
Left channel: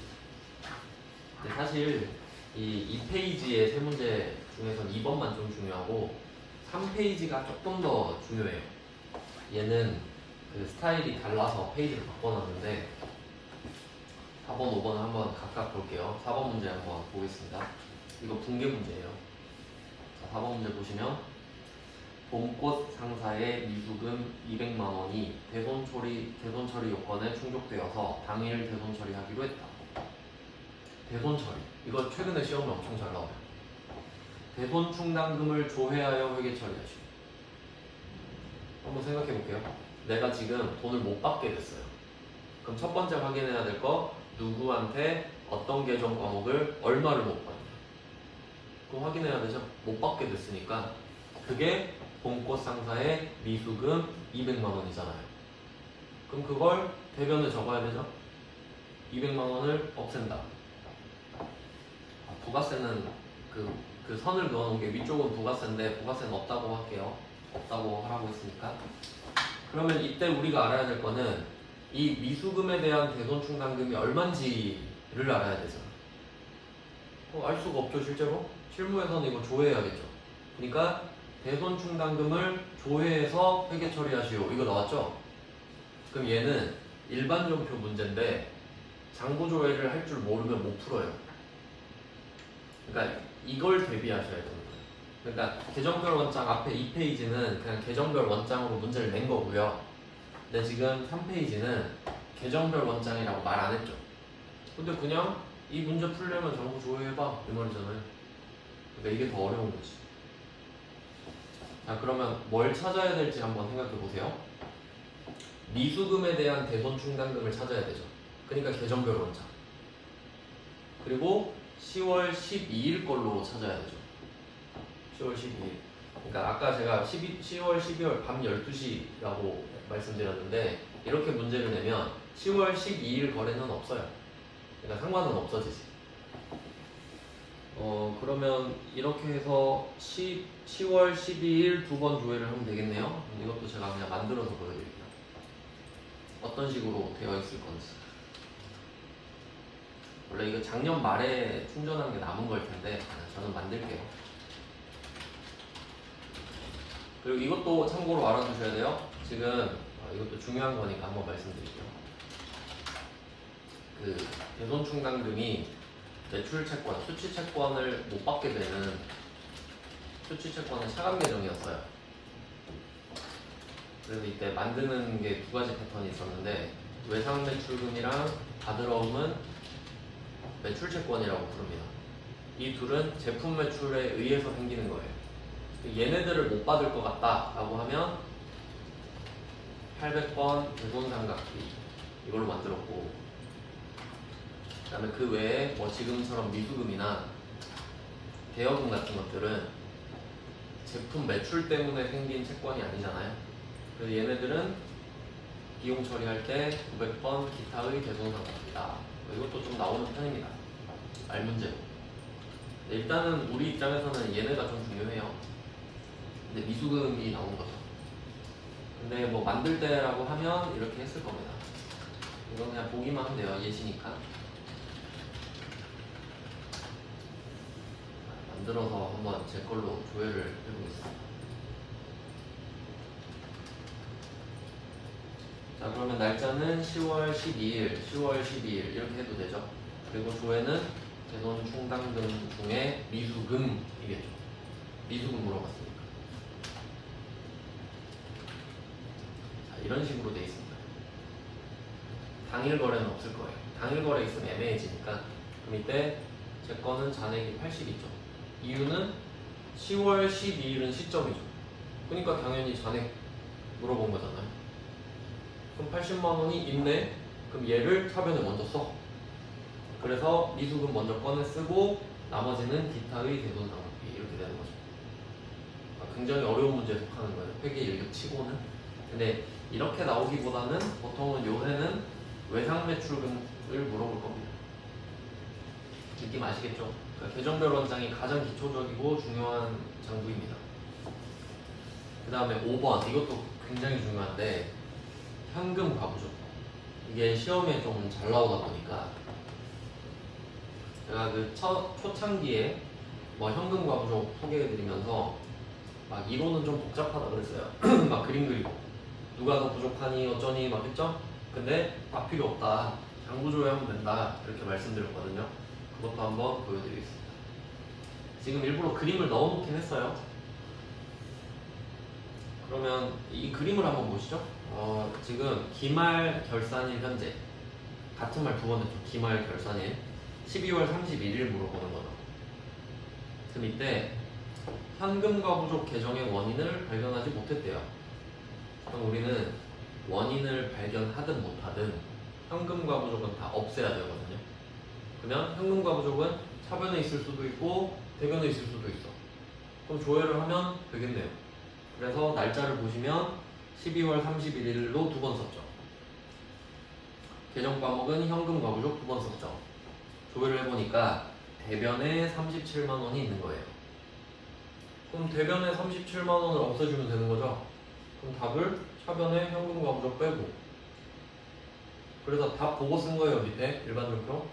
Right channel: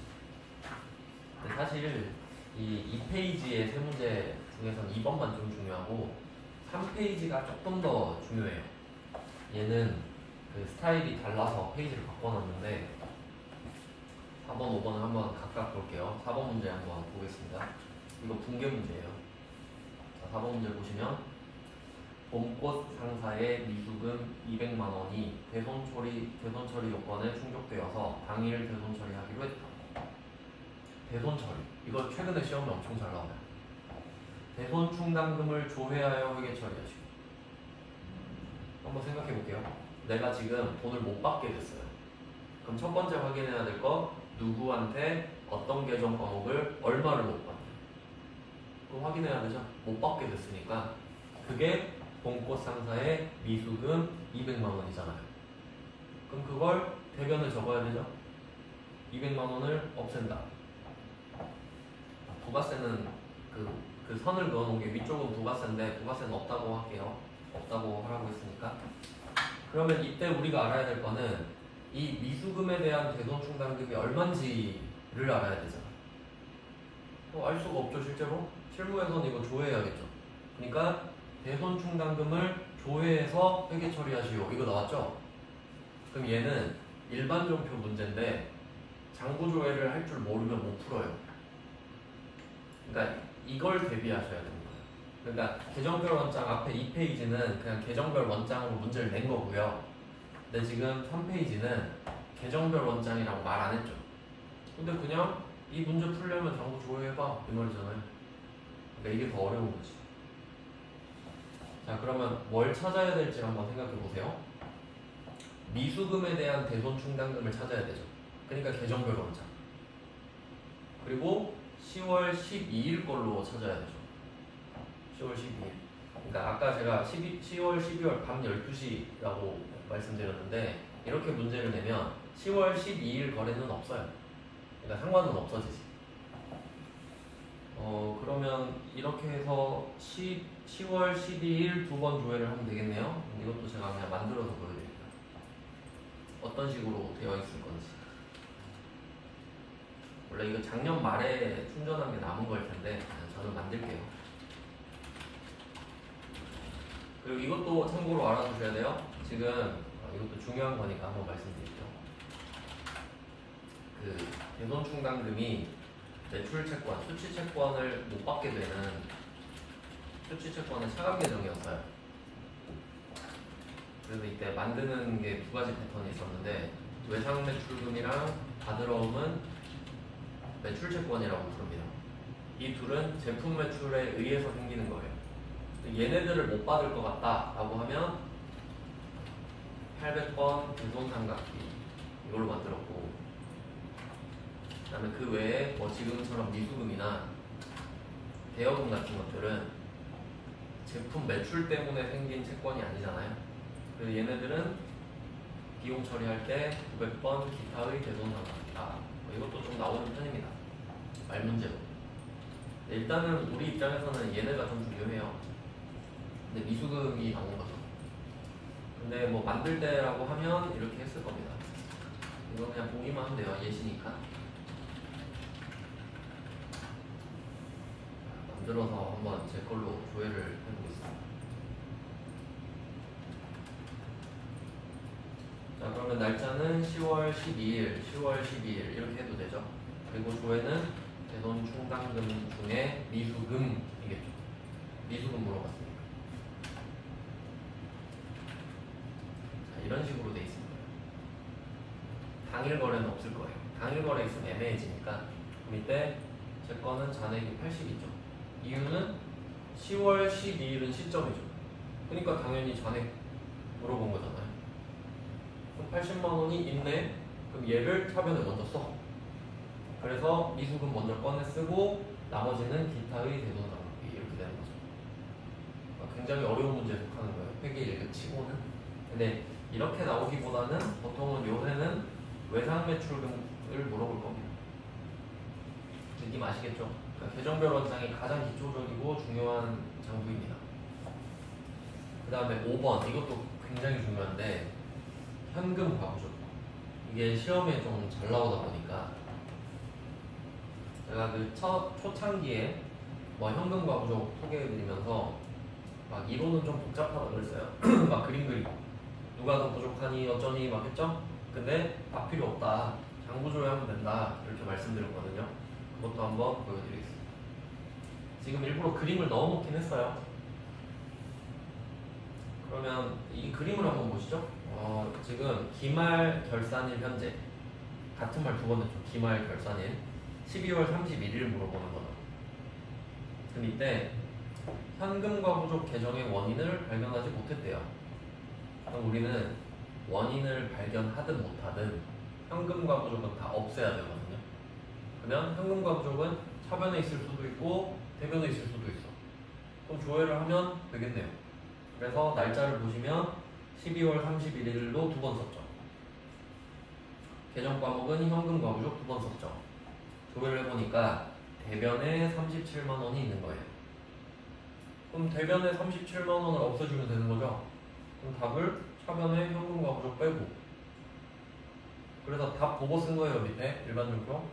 사실 이 2페이지의 세 문제 중에서 2번만 좀 중요하고 3페이지가 조금 더 중요해요. 얘는 그 스타일이 달라서 페이지를 바꿔놨는데 4번, 5번을 한번 각각 볼게요. 4번 문제 한번 보겠습니다. 이거 붕괴 문제예요. 자, 4번 문제 보시면 봄꽃 상사의 미수금 200만 원이 대손 처리 요건에 충족되어서 당일 대손 처리하기로 했다. 대손 처리. 이거 최근에 시험에 엄청 잘 나와요. 대손 충당금을 조회하여 회계 처리하시오. 한번 생각해 볼게요. 내가 지금 돈을 못 받게 됐어요. 그럼 첫 번째 확인해야 될 거 누구한테 어떤 계정 과목을 얼마를 못 받냐. 그거 확인해야 되죠. 못 받게 됐으니까 그게 봄꽃 상사의 미수금 200만 원이잖아요. 그럼 그걸 대변을 적어야 되죠. 200만 원을 없앤다. 부가세는 그 선을 그어놓은 게 위쪽은 부가세인데 부가세는 없다고 할게요. 없다고 하라고 했으니까. 그러면 이때 우리가 알아야 될 거는 이 미수금에 대한 대손 충당금이 얼마인지를 알아야 되잖아. 알 수가 없죠, 실제로. 실무에서는 이거 조회해야겠죠. 그러니까 대손 충당금을 조회해서 회계 처리하시오. 이거 나왔죠? 그럼 얘는 일반전표 문제인데 장부 조회를 할 줄 모르면 못 풀어요. 그러니까 이걸 대비하셔야 됩니다. 그러니까 계정별 원장 앞에 2페이지는 그냥 계정별 원장으로 문제를 낸 거고요. 근데 지금 3페이지는 계정별 원장이라고 말 안 했죠. 근데 그냥 이 문제 풀려면 장부 조회해봐 이 말이잖아요. 그러니까 이게 더 어려운 거지. 자, 그러면 뭘 찾아야 될지 한번 생각해 보세요. 미수금에 대한 대손 충당금을 찾아야 되죠. 그러니까 계정별 원장. 그리고 10월 12일 걸로 찾아야 되죠. 10월 12일. 그러니까 아까 제가 10월 12월 밤 12시라고 말씀드렸는데 이렇게 문제를 내면 10월 12일 거래는 없어요. 그러니까 상관은 없어지지. 그러면 이렇게 해서 10월 12일 두 번 조회를 하면 되겠네요. 이것도 제가 그냥 만들어서 보여드릴게요. 어떤 식으로 되어 있을 건지. 원래 이거 작년 말에 충전한 게 남은 걸 텐데 저는 만들게요. 그리고 이것도 참고로 알아두셔야 돼요. 지금 이것도 중요한 거니까 한번 말씀드릴게요. 그 대손 충당금이 매출 채권, 수취 채권을 못 받게 되는 수취 채권의 차감 계정이었어요. 그래서 이때 만드는 게 두 가지 패턴이 있었는데 외상 매출금이랑 받으러 없는 매출 채권이라고 부릅니다. 이 둘은 제품 매출에 의해서 생기는 거예요. 얘네들을 못 받을 것 같다라고 하면 800번 대손상각비 이걸 만들었고, 그 다음에 그 외에 뭐 지금처럼 미수금이나 대여금 같은 것들은 제품 매출 때문에 생긴 채권이 아니잖아요. 그래서 얘네들은 비용 처리할 때 900번 기타의 대손상각비다. 이것도 좀 나오는 편입니다. 알 문제로. 일단은 우리 입장에서는 얘네가 좀 중요해요. 근데 미수금이 나온 거죠. 근데 뭐 만들 때라고 하면 이렇게 했을 겁니다. 이건 그냥 보기만 하면 돼요. 예시니까. 만들어서 한번 제 걸로 조회를 해보겠습니다. 자, 그러면 날짜는 10월 12일, 10월 12일 이렇게 해도 되죠. 그리고 조회는 대손 충당금 중에 미수금이겠죠. 미수금 물어봤으니까. 자, 이런 식으로 돼 있습니다. 당일 거래는 없을 거예요. 당일 거래 있으면 애매해지니까. 그럼 이때 제 거는 잔액이 80이죠. 이유는 10월 12일은 시점이죠. 그러니까 당연히 잔액 물어본 거잖아요. 그럼 80만 원이 있네. 그럼 얘를 타변에 먼저 써. 그래서 미수금 먼저 꺼내 쓰고 나머지는 기타의 대손 낭비 이렇게 되는 거죠. 그러니까 굉장히 어려운 문제에 속하는 거예요. 회계 일격 치고는. 근데 이렇게 나오기보다는 보통은 요새는 외상 매출금을 물어볼 겁니다. 느낌 아시겠죠? 그러니까 계정별 원장이 가장 기초적이고 중요한 장부입니다. 그 다음에 5번 이것도 굉장히 중요한데 현금 과부죠. 이게 시험에 좀 잘 나오다 보니까 제가 그 초창기에 뭐 현금 과부족 소개해드리면서 막 이론은 좀 복잡하다 그랬어요. 막 그림 그리고 누가 더 부족하니 어쩌니 막 했죠? 근데 다 필요 없다. 장부조회하면 된다. 이렇게 말씀드렸거든요. 그것도 한번 보여드리겠습니다. 지금 일부러 그림을 넣어놓긴 했어요. 그러면 이 그림을 한번 보시죠. 지금 기말 결산일 현재 같은 말 두 번 했죠. 기말 결산일 12월 31일 물어보는 거죠. 그럼 이때 현금과 부족 계정의 원인을 발견하지 못했대요. 그럼 우리는 원인을 발견하든 못하든 현금과 부족은 다 없애야 되거든요. 그냥 현금과 부족은 차변에 있을 수도 있고 대변에 있을 수도 있어. 그럼 조회를 하면 되겠네요. 그래서 날짜를 보시면 12월 31일로 두 번 썼죠. 계정 과목은 현금과 부족 두 번 썼죠. 조회를 해보니까 대변에 37만 원이 있는 거예요. 그럼 대변에 37만 원을 없애주면 되는 거죠. 그럼 답을 차변에 현금과 부족 빼고. 그래서 답 보고 쓴 거예요. 밑에 일반적으로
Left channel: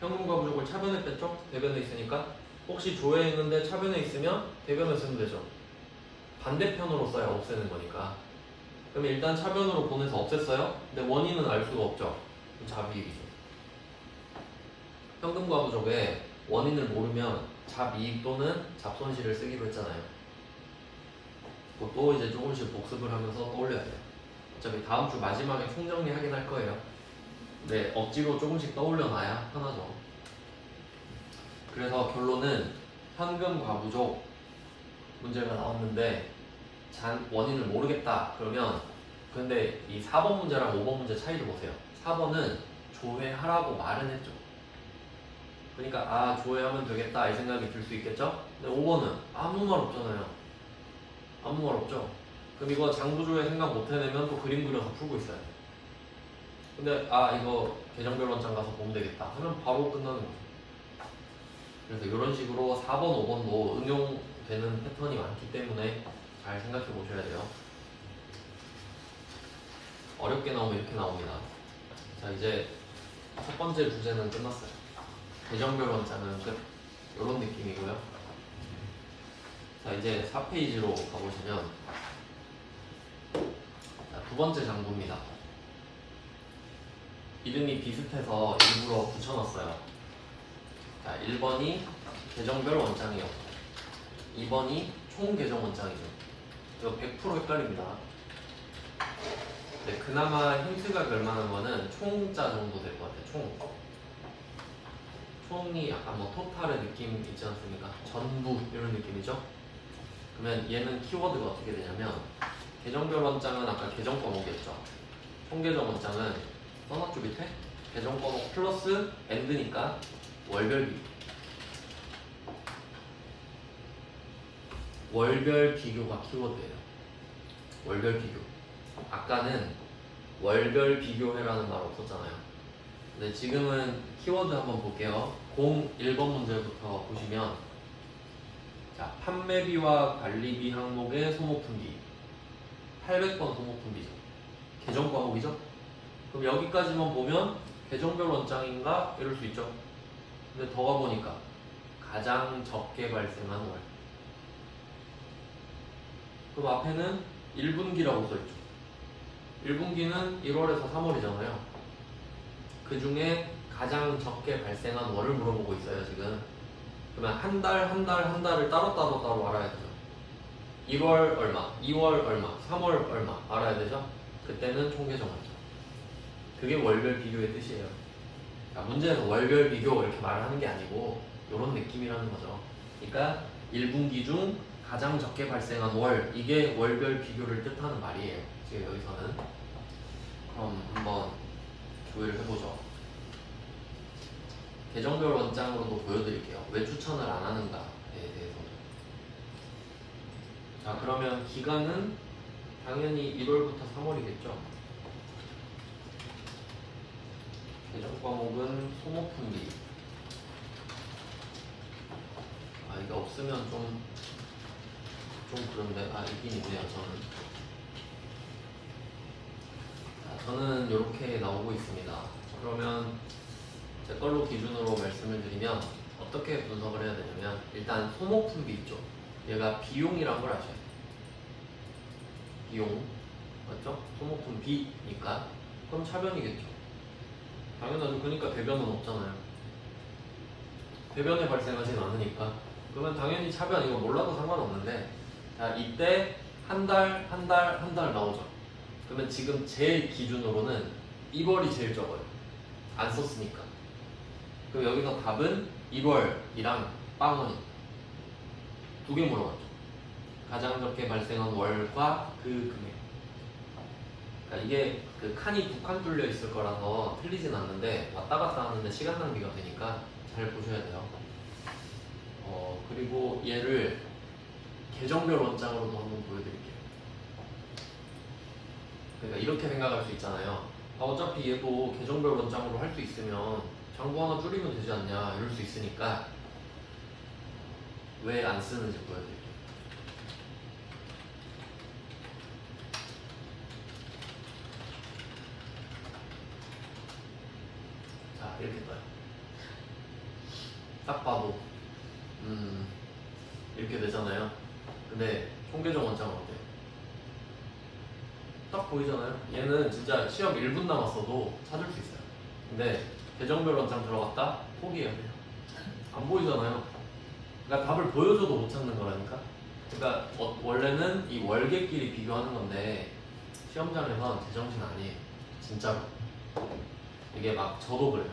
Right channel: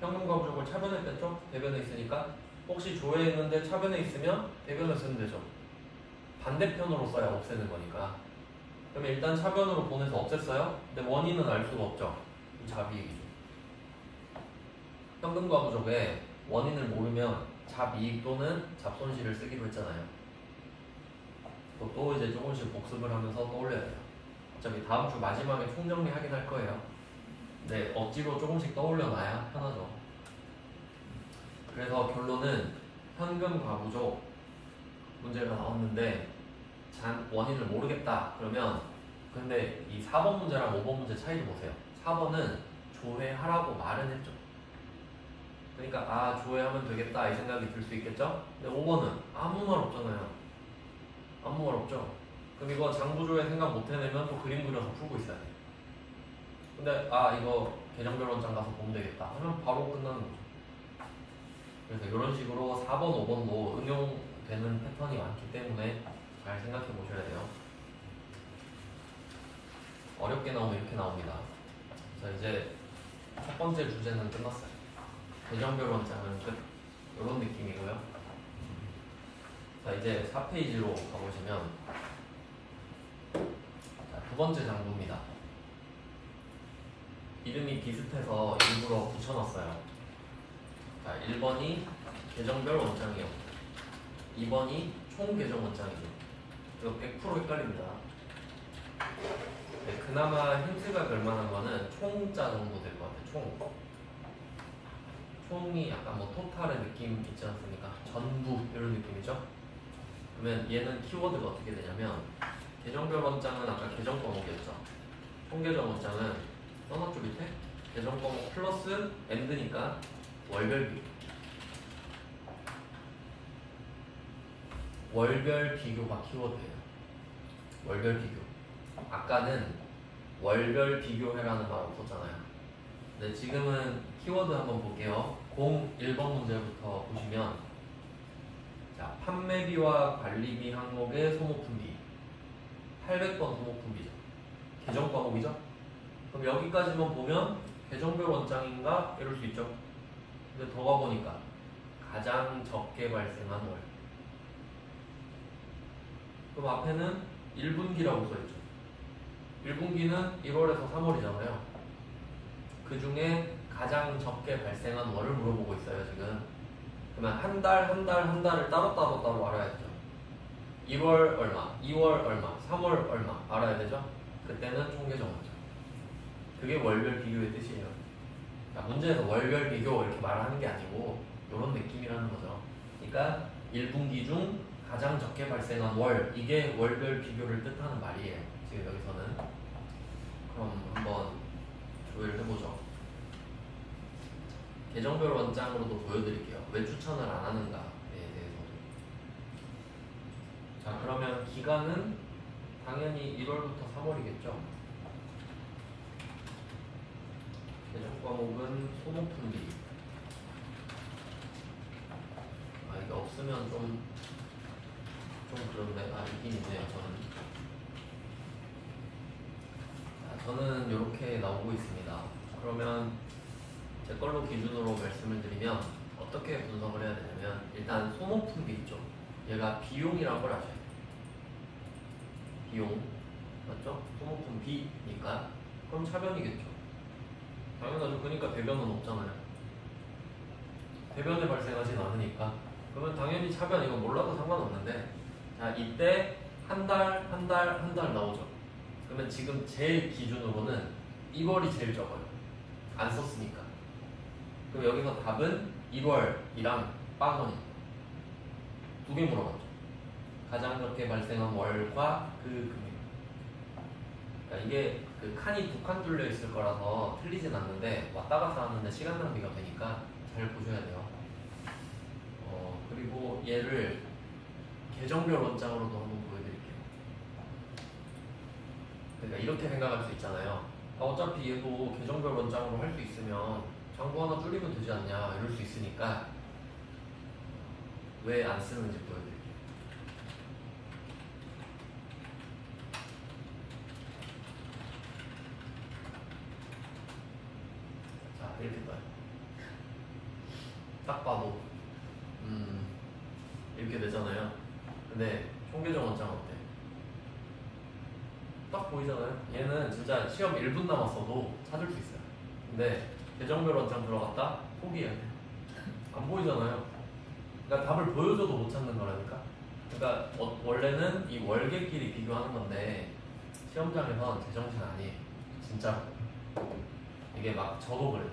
현금과 부족을 차변에 뺐죠. 대변에 있으니까 혹시 조회했는데 차변에 있으면 대변에 쓰면 되죠. 반대편으로 써야 없애는 거니까. 그럼 일단 차변으로 보내서 없앴어요. 근데 원인은 알 수가 없죠. 잡이익이죠. 현금과 부족의 원인을 모르면 잡이익 또는 잡손실을 쓰기로 했잖아요. 그것도 이제 조금씩 복습을 하면서 떠올려야 돼요. 어차피 다음 주 마지막에 총정리하긴 할 거예요. 네, 억지로 조금씩 떠올려놔야 편하죠. 그래서 결론은 현금 과부족 문제가 나왔는데 원인을 모르겠다 그러면 근데 이 4번 문제랑 5번 문제 차이를 보세요. 4번은 조회하라고 말은 했죠. 그러니까 조회하면 되겠다 이 생각이 들 수 있겠죠. 근데 5번은 아무 말 없잖아요. 아무 말 없죠. 그럼 이거 장부조회 생각 못 해내면 또 그림 그려서 풀고 있어야 돼. 근데 이거 계정별 원장 가서 보면 되겠다 하면 바로 끝나는 거죠. 그래서 이런 식으로 4번, 5번도 응용되는 패턴이 많기 때문에 잘 생각해 보셔야 돼요. 어렵게 나오면 이렇게 나옵니다. 자, 이제 첫 번째 주제는 끝났어요. 계정별 원장은 이런 느낌이고요. 자, 이제 4페이지로 가보시면 두 번째 장부입니다. 이름이 비슷해서 일부러 붙여놨어요. 자, 1번이 계정별 원장이요. 2번이 총 계정 원장이죠. 이거 100% 헷갈립니다. 네, 그나마 힌트가 될 만한 거는 총자 정도 될 것 같아요. 총이 약간 뭐 토탈의 느낌 있지 않습니까? 전부 이런 느낌이죠. 그러면 얘는 키워드가 어떻게 되냐면 계정별 원장은 아까 계정 과목이었죠. 총 계정 원장은 써놨죠 밑에? 계정 과목 플러스 엔드니까 월별 비교. 월별 비교가 키워드예요. 월별 비교. 아까는 월별 비교해라는 말 없었잖아요. 근데 지금은 키워드 한번 볼게요. 01번 문제부터 보시면 자, 자, 판매비와 관리비 항목의 소모품비 800번 소모품비죠. 계정 과목이죠. 그럼 여기까지만 보면 계정별 원장인가 이럴 수 있죠. 근데 더 가보니까 가장 적게 발생한 월. 그럼 앞에는 1분기라고 써있죠. 1분기는 1월에서 3월이잖아요. 그 중에 가장 적게 발생한 월을 물어보고 있어요, 지금. 그러면 한 달을 따로 알아야 되죠. 1월 얼마, 2월 얼마, 3월 얼마 알아야 되죠. 그때는 총계정 원장. 그게 월별 비교의 뜻이에요. 그러니까 문제에서 월별 비교 이렇게 말을 하는 게 아니고 이런 느낌이라는 거죠. 그러니까 1분기 중 가장 적게 발생한 월, 이게 월별 비교를 뜻하는 말이에요. 지금 여기서는. 그럼 한번 조회를 해보죠. 계정별 원장으로도 보여드릴게요. 왜 추천을 안 하는가에 대해서. 자, 그러면 기간은 당연히 1월부터 3월이겠죠. 계정 과목은 소모품비. 아, 이게 없으면 좀 그런데, 아, 있긴 있네요, 저는 이렇게 나오고 있습니다. 그러면 제 걸로 기준으로 말씀을 드리면 어떻게 분석을 해야 되냐면, 일단 소모품비 있죠. 얘가 비용이란 걸 아셔야 돼요. 비용, 맞죠? 소모품비니까 그럼 차변이겠죠. 당연하죠. 그러니까 대변은 없잖아요. 대변에 발생하진 않으니까. 그러면 당연히 차변, 이거 몰라도 상관없는데, 자, 이때 한 달 나오죠. 그러면 지금 제 기준으로는 2월이 제일 적어요. 안 썼으니까. 그리고 여기서 답은 1월이랑 빵원이 두 개 물어봤죠. 가장 적게 발생한 월과 그 금액. 그러니까 이게 그 칸이 두 칸 뚫려 있을 거라서 틀리진 않는데 왔다 갔다 하는데 시간 낭비가 되니까 잘 보셔야 돼요. 그리고 얘를 계정별 원장으로도 한번 보여드릴게요. 그러니까 이렇게 생각할 수 있잖아요. 아, 어차피 얘도 계정별 원장으로 할 수 있으면 장부 하나 줄이면 되지 않냐 이럴 수 있으니까 왜 안 쓰는지 보여드릴게요. 자, 이렇게 봐요. 딱 봐도 이렇게 되잖아요. 근데 총계정 원장 어때? 딱 보이잖아요. 얘는 진짜 시험 1분 남았어도 찾을 수 있어요. 근데 계정별 원장 들어갔다 포기해야 돼요. 안 보이잖아요. 그러니까 답을 보여줘도 못 찾는 거라니까. 그러니까 원래는 이 월계끼리 비교하는 건데 시험장에선 제정신 아니에요. 진짜로. 이게 막 저도 그래요.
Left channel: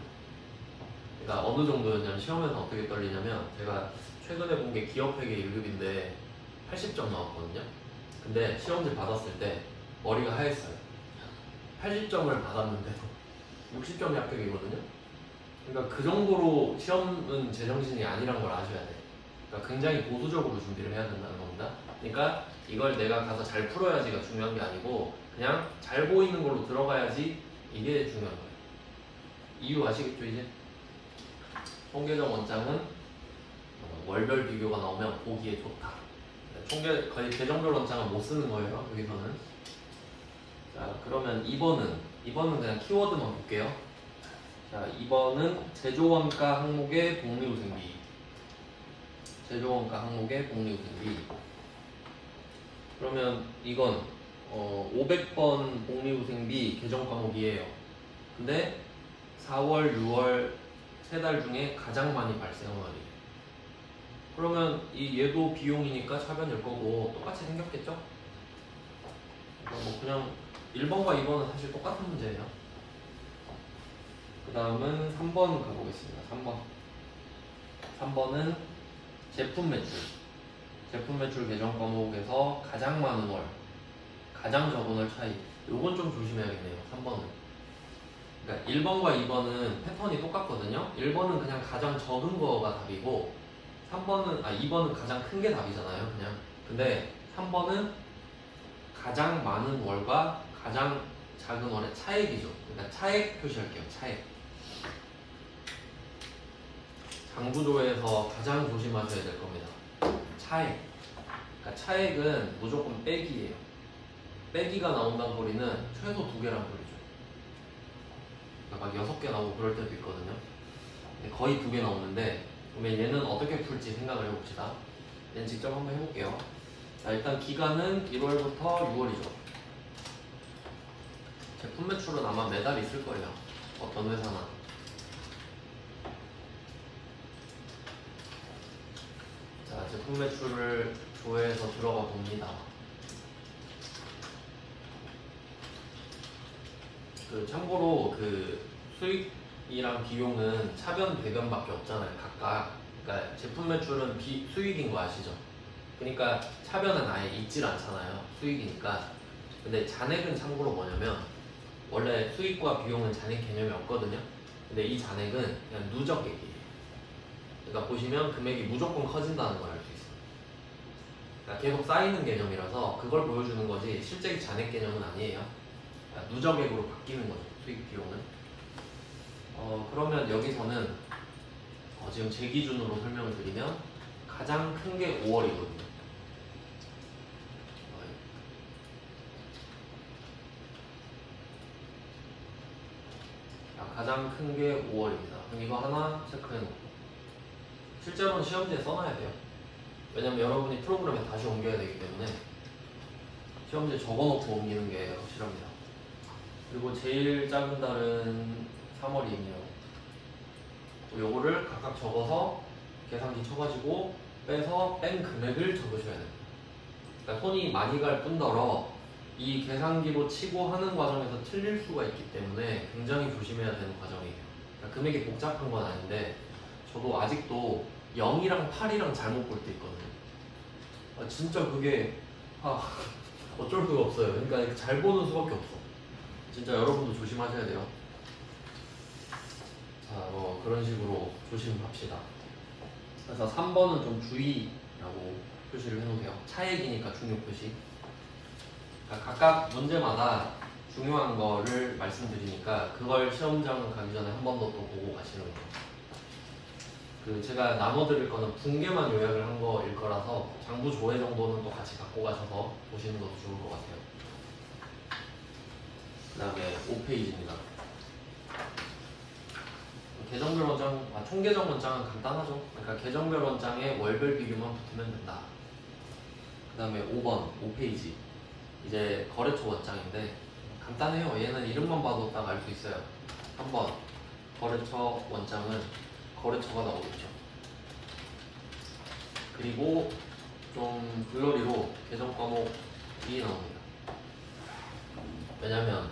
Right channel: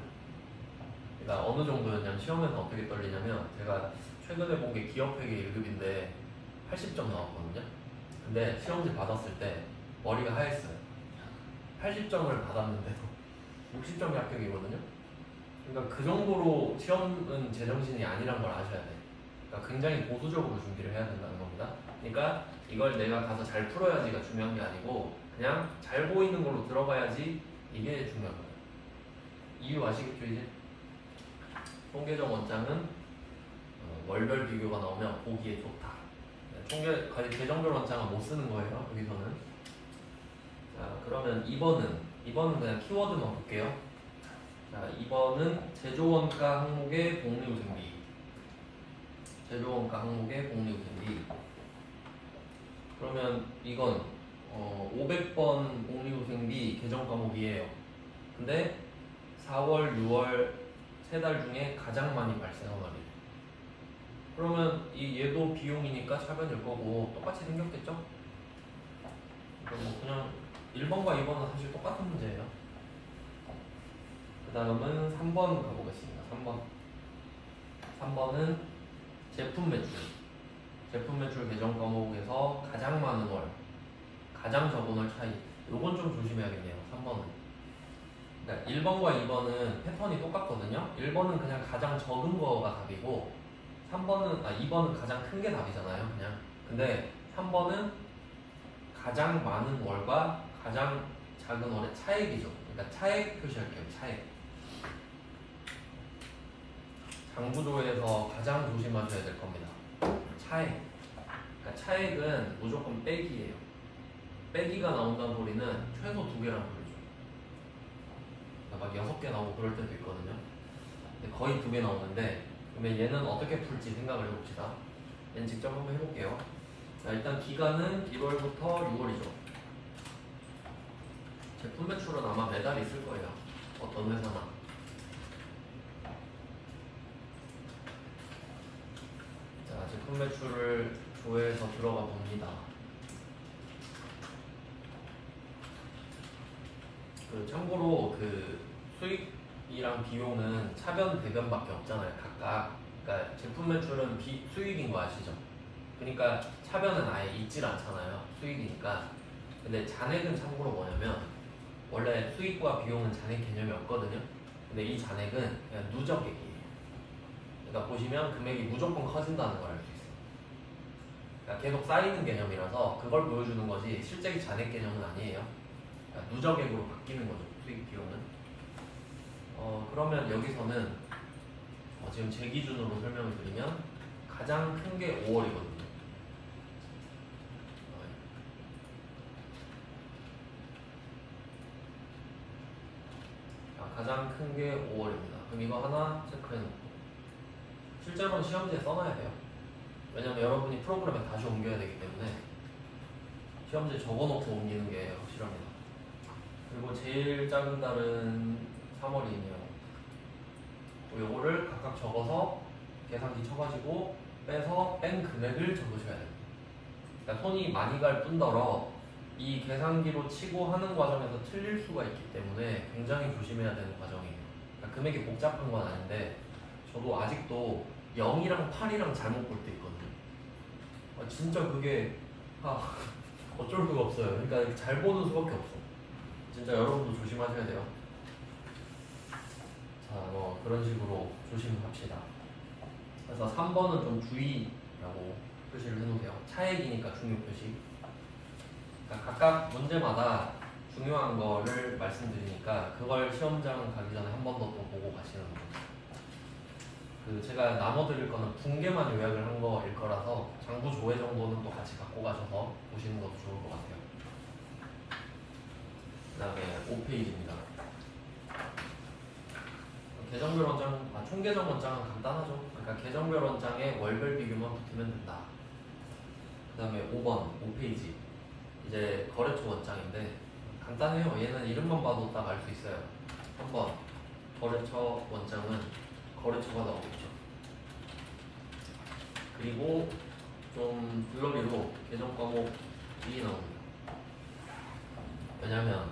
그러니까 어느 정도였냐면 시험에서 어떻게 떨리냐면 제가 최근에 본 게 기업회계 1급인데 80점 나왔거든요. 근데 시험지 받았을 때 머리가 하였어요. 80점을 받았는데도 60점이 합격이거든요. 그러니까 그 정도로 시험은 제정신이 아니란 걸 아셔야 돼요. 그러니까 굉장히 보수적으로 준비를 해야 된다는 겁니다. 그러니까 이걸 내가 가서 잘 풀어야지가 중요한 게 아니고 그냥 잘 보이는 걸로 들어가야지 이게 중요한 거예요. 이유 아시겠죠 이제? 총계정 원장은 월별 비교가 나오면 보기에 좋다. 거의 계정별 원장은 못 쓰는 거예요. 여기서는. 자, 그러면 2번은 그냥 키워드만 볼게요. 자, 2번은 제조원가 항목의 복리후생비. 제조원가 항목의 복리후생비. 그러면 이건 500번 복리후생비 계정 과목이에요. 근데 4월, 6월 세 달 중에 가장 많이 발생한 날이에요. 그러면 얘도 비용이니까 차변일 거고 똑같이 생겼겠죠? 그냥 1번과 2번은 사실 똑같은 문제예요. 그 다음은 3번 가보겠습니다. 3번은 제품 매출. 제품 매출 계정 과목에서 가장 많은 월, 가장 적은 월 차이. 요건 좀 조심해야겠네요. 3번은. 그러니까 1번과 2번은 패턴이 똑같거든요. 1번은 그냥 가장 적은 거가 답이고 2번은 가장 큰 게 답이잖아요. 그냥. 근데 3번은 가장 많은 월과 가장 작은 월의 차액이죠. 그러니까 차액 표시할게요. 차액. 장부조에서 가장 조심하셔야 될 겁니다. 차액. 그러니까 차액은 무조건 빼기예요. 빼기가 나온다는 소리는 최소 2개라는 소리죠. 그러니까 막 6개 나오고 그럴 때도 있거든요. 근데 거의 2개 나오는데, 그러면 얘는 어떻게 풀지 생각을 해봅시다. 얘는 직접 한번 해볼게요. 자, 일단 기간은 1월부터 6월이죠. 제품 매출은 아마 매달 있을 거예요. 어떤 회사나. 자, 제품 매출을 조회해서 들어가 봅니다. 참고로 수익이랑 비용은 차변 배변밖에 없잖아요. 각각. 그러니까 제품 매출은 수익인 거 아시죠? 그러니까 차변은 아예 있질 않잖아요. 수익이니까. 근데 잔액은 참고로 뭐냐면 원래 수익과 비용은 잔액 개념이 없거든요. 근데 이 잔액은 그냥 누적액이에요. 그러니까 보시면 금액이 무조건 커진다는 걸 알 수 있어요. 그러니까 계속 쌓이는 개념이라서 그걸 보여주는 거지 실제 잔액 개념은 아니에요. 그러니까 누적액으로 바뀌는 거죠. 수익 비용은. 그러면 여기서는 지금 제 기준으로 설명을 드리면 가장 큰 게 5월이거든요. 가장 큰 게 5월입니다. 그럼 이거 하나 체크해놓고 실제로는 시험지에 써놔야 돼요. 왜냐면 여러분이 프로그램에 다시 옮겨야 되기 때문에 시험지에 적어놓고 옮기는 게 확실합니다. 그리고 제일 작은 달은 3월이네요. 요거를 각각 적어서 계산기 쳐가지고 빼서 뺀 금액을 적으셔야 돼요. 그러니까 손이 많이 갈 뿐더러 이 계산기로 치고 하는 과정에서 틀릴 수가 있기 때문에 굉장히 조심해야 되는 과정이에요. 그러니까 금액이 복잡한 건 아닌데 저도 아직도 0이랑 8이랑 잘못 볼 때 있거든요. 진짜 그게 어쩔 수가 없어요. 그러니까 잘 보는 수밖에 없어. 진짜 여러분도 조심하셔야 돼요. 자, 그런 식으로 조심합시다. 그래서 3번은 좀 주의라고 표시를 해놓으세요. 차액이니까 중요 표시. 그러니까 각각 문제마다 중요한 거를 말씀드리니까 그걸 시험장 가기 전에 한 번 더 또 보고 가시는 거예요. 제가 나눠드릴 거는 붕괴만 요약을 한 거일 거라서 장부 조회 정도는 또 같이 갖고 가셔서 보시는 것도 좋을 것 같아요. 그 다음에 5페이지입니다. 계정별 원장, 총계정 원장은 간단하죠. 그러니까 계정별 원장에 월별 비교만 붙으면 된다. 그 다음에 5번, 5페이지. 이제 거래처 원장인데 간단해요. 얘는 이름만 봐도 딱 알 수 있어요. 3번, 거래처 원장은 거래처가 나오겠죠. 그리고 좀 블러리로 계정 과목이 나옵니다. 왜냐면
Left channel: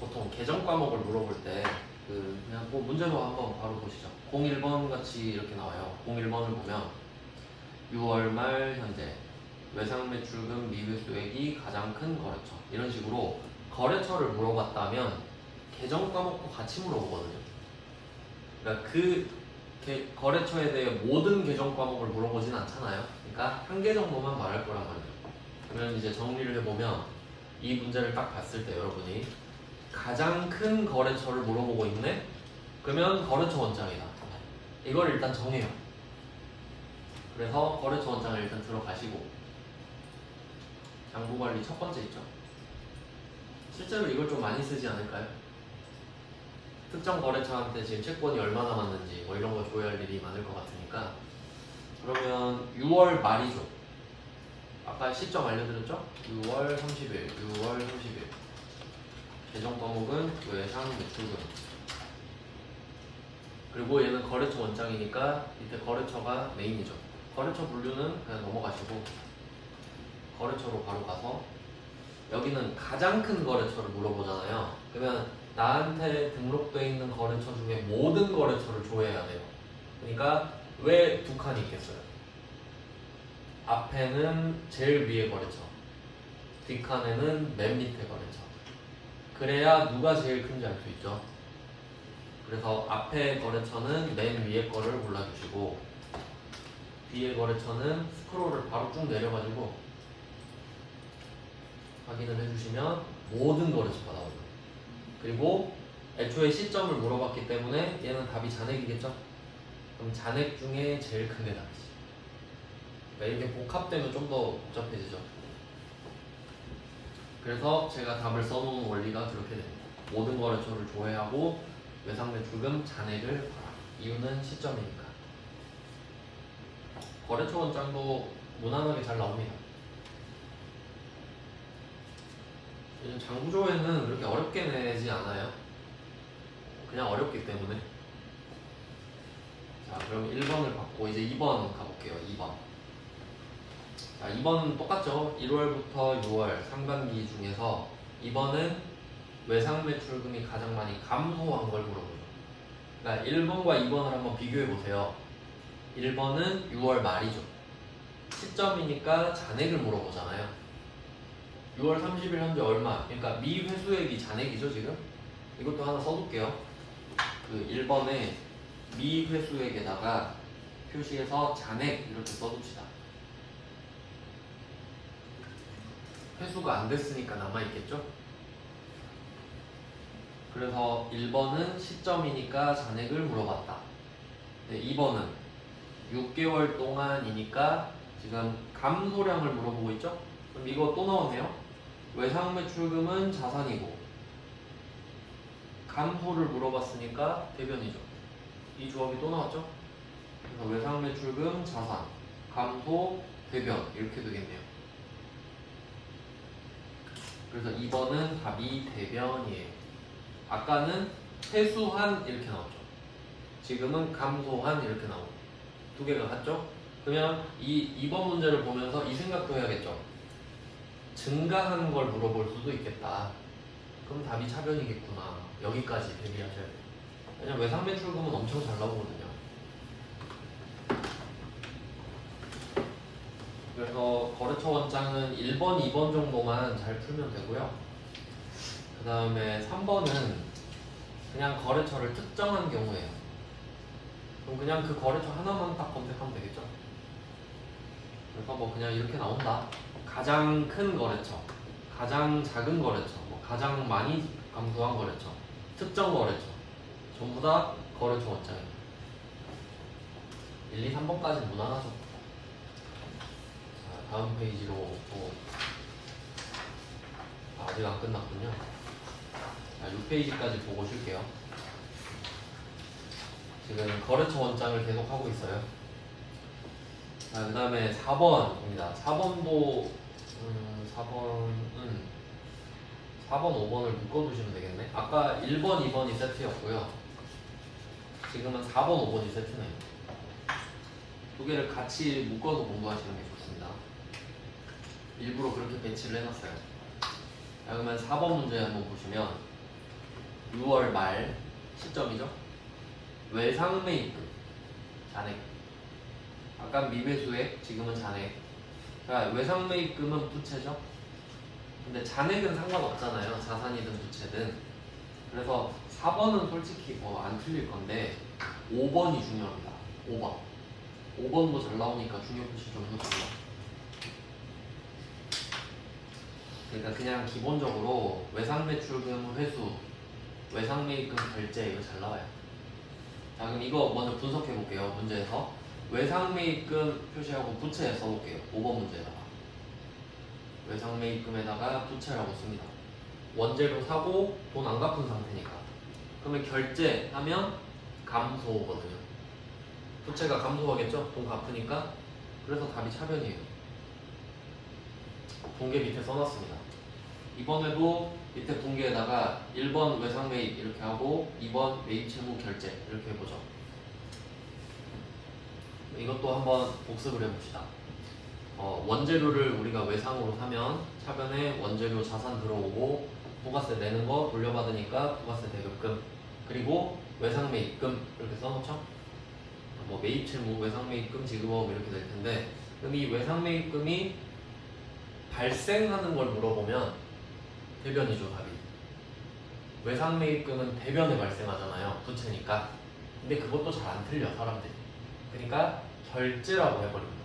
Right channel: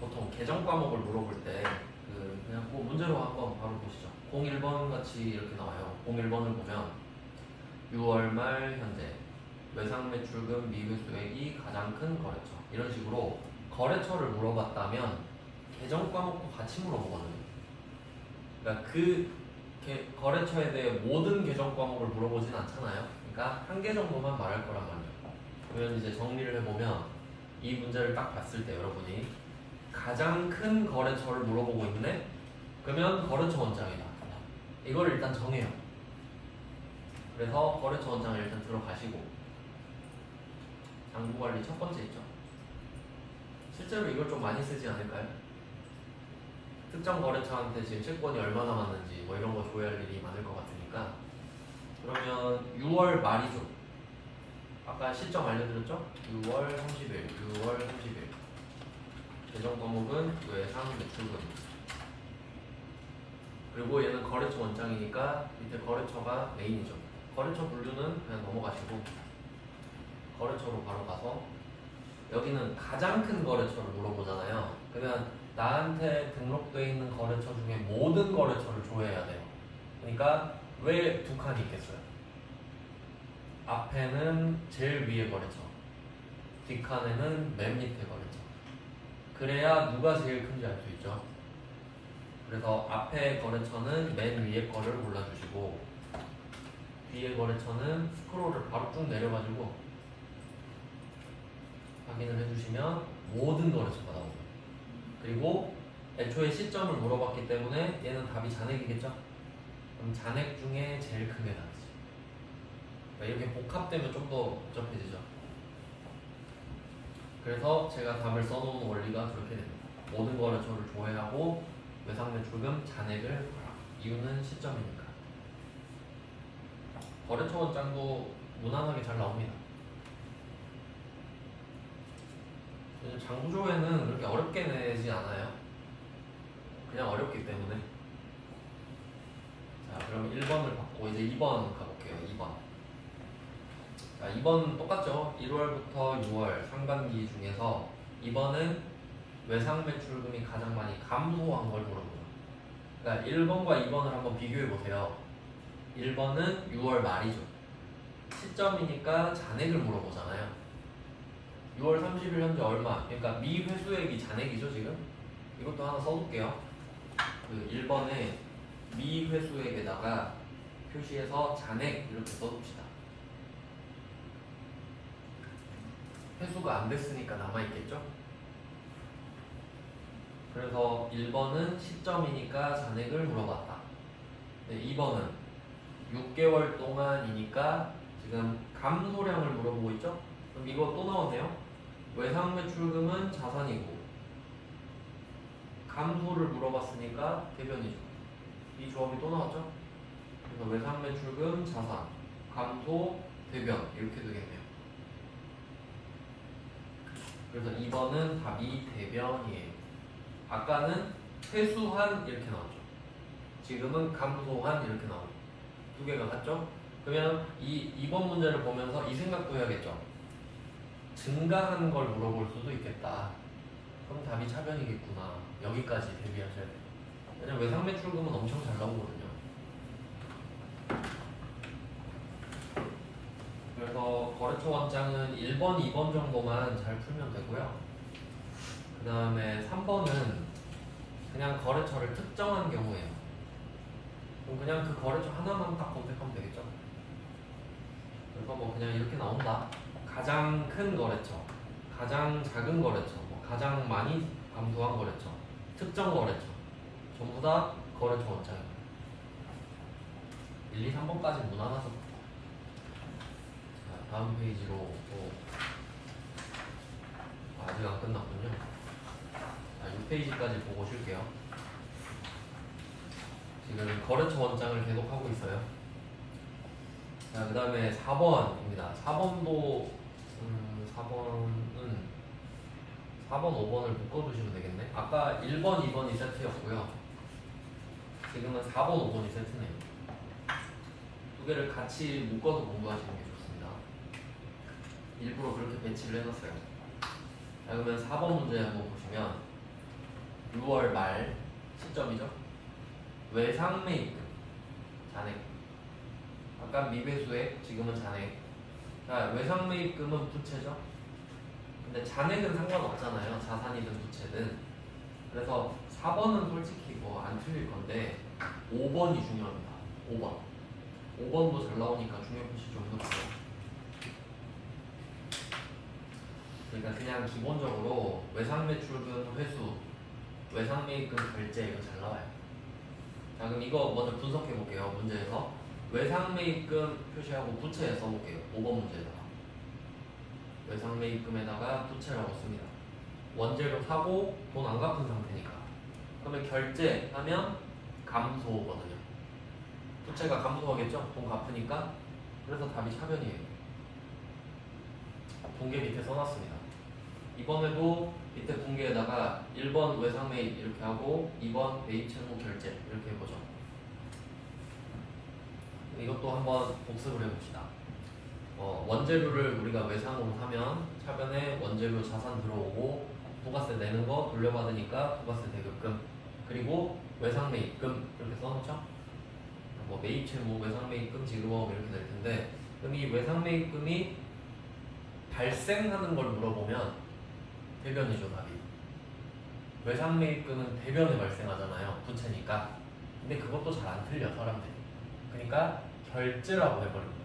보통 계정 과목을 물어볼 때 그냥 문제로 한번 바로 보시죠. 01번 같이 이렇게 나와요. 01번을 보면 6월 말 현재 외상 매출금 미회수액이 가장 큰 거래처 이런 식으로 거래처를 물어봤다면 계정 과목도 같이 물어보거든요. 그러니까 거래처에 대해 모든 계정 과목을 물어보진 않잖아요. 그러니까 한 개 정도만 말할 거란 말이에요. 그러면 이제 정리를 해보면 이 문제를 딱 봤을 때 여러분이 가장 큰 거래처를 물어보고 있네? 그러면 거래처 원장이다. 이걸 일단 정해요. 그래서 거래처 원장을 일단 들어가시고 장부관리 첫 번째 있죠. 실제로 이걸 좀 많이 쓰지 않을까요? 특정 거래처한테 지금 채권이 얼마나 남았는지 이런 거 조회할 일이 많을 것 같으니까 그러면 6월 말이죠. 아까 시점 알려드렸죠? 6월 30일, 6월 30일 재정 과목은 외상 매출금. 그리고 얘는 거래처 원장이니까 밑에 거래처가 메인이죠. 거래처 분류는 그냥 넘어가시고 거래처로 바로 가서 여기는 가장 큰 거래처를 물어보잖아요. 그러면 나한테 등록되어 있는 거래처 중에 모든 거래처를 조회해야 돼요. 그러니까 왜 두 칸이 있겠어요? 앞에는 제일 위에 거래처, 뒷칸에는 맨 밑에 거래처. 그래야 누가 제일 큰지 알 수 있죠. 그래서 앞에 거래처는 맨 위에 거를 골라주시고 뒤에 거래처는 스크롤을 바로 쭉 내려가지고 확인을 해주시면 모든 거래처가 나옵니다. 그리고 애초에 시점을 물어봤기 때문에 얘는 답이 잔액이겠죠? 그럼 잔액 중에 제일 크게 나왔어요. 이렇게 복합되면 좀 더 복잡해지죠. 그래서 제가 답을 써놓은 원리가 그렇게 됩니다. 모든 거래처를 조회하고 외상매출금 잔액을 봐라. 이유는 시점이니까. 거래처 원장도 무난하게 잘 나옵니다. 요즘 장부조회는 그렇게 어렵게 내지 않아요. 그냥 어렵기 때문에. 자, 그럼 1번을 받고 이제 2번 가볼게요. 2번. 자, 2번은 똑같죠. 1월부터 6월 상반기 중에서 2번은 외상매출금이 가장 많이 감소한 걸 물어보죠. 그러니까 1번과 2번을 한번 비교해 보세요. 1번은 6월 말이죠. 시점이니까 잔액을 물어보잖아요. 6월 30일 현재 얼마? 그러니까 미회수액이 잔액이죠, 지금? 이것도 하나 써둘게요. 그 1번에 미회수액에다가 표시해서 잔액 이렇게 써둡시다. 회수가 안 됐으니까 남아있겠죠? 그래서 1번은 시점이니까 잔액을 물어봤다. 네, 2번은 6개월 동안이니까 지금 감소량을 물어보고 있죠? 그럼 이거 또 나오네요. 외상매출금은 자산이고 감소를 물어봤으니까 대변이죠. 이 조합이 또 나왔죠? 그래서 외상매출금 자산, 감소, 대변 이렇게 되겠네요. 그래서 2번은 답이 대변이에요. 아까는 회수한 이렇게 나왔죠. 지금은 감소한 이렇게 나오고 두 개가 같죠? 그러면 이 2번 문제를 보면서 이 생각도 해야겠죠. 증가한 걸 물어볼 수도 있겠다. 그럼 답이 차변이겠구나. 여기까지 대비하셔야 돼요. 왜냐면 외상매출금은 엄청 잘 나오거든요. 그래서 거래처 원장은 1번, 2번 정도만 잘 풀면 되고요. 그 다음에 3번은 그냥 거래처를 특정한 경우에요. 그럼 그냥 그 거래처 하나만 딱 검색하면 되겠죠. 그래서 뭐 그냥 이렇게 나온다. 가장 큰 거래처, 가장 작은 거래처, 뭐 가장 많이 감소한 거래처, 특정 거래처 전부 다 거래처 원장이에요. 1, 2, 3번까지 무난하죠. 자, 다음 페이지로 또 아직 안 끝났군요. 자, 6페이지까지 보고 쉴게요. 지금 거래처 원장을 계속 하고 있어요. 자, 그 다음에 4번입니다. 4번도 4번, 5번을 묶어두시면 되겠네. 아까 1번, 2번이 세트였고요. 지금은 4번, 5번이 세트네요. 두 개를 같이 묶어서 공부하시는 게 좋습니다. 일부러 그렇게 배치를 해놨어요. 자, 그러면 4번 문제 한번 보시면 6월 말 시점이죠. 외상매입금 잔액. 아까 미배수액, 지금은 잔액. 자, 외상매입금은 부채죠. 근데 잔액은 상관없잖아요. 자산이든 부채든. 그래서 4번은 솔직히 뭐 안 틀릴 건데 5번이 중요합니다. 5번. 5번도 잘 나오니까 중요표시 좀 해보고요. 그러니까 그냥 기본적으로 외상매출금 회수, 외상매입금 결제 이거 잘 나와요. 자, 그럼 이거 먼저 분석해 볼게요. 문제에서 외상매입금 표시하고 부채 써볼게요. 5번 문제에다가 외상매입금에다가 부채라고 씁니다. 원재료 사고 돈 안 갚은 상태니까. 그러면 결제하면 감소거든요. 부채가 감소하겠죠? 돈 갚으니까. 그래서 답이 차변이에요. 분계 밑에 써놨습니다. 이번에도 밑에 분계에다가 1번 외상매입 이렇게 하고 2번 매입채무 결제 이렇게 해보죠. 이것도 한번 복습을 해봅시다. 원재료를 우리가 외상으로 사면 차변에 원재료 자산 들어오고 부가세 내는 거 돌려받으니까 부가세 대급금 그리고 외상매입금 이렇게 써놓죠. 뭐 매입채무, 외상매입금, 지급업 이렇게 될 텐데 그럼 이 외상매입금이 발생하는 걸 물어보면 대변이죠 답이. 외상매입금은 대변에 발생하잖아요. 부채니까. 근데 그것도 잘 안 틀려 사람들이. 그러니까 결제라고 해버립니다.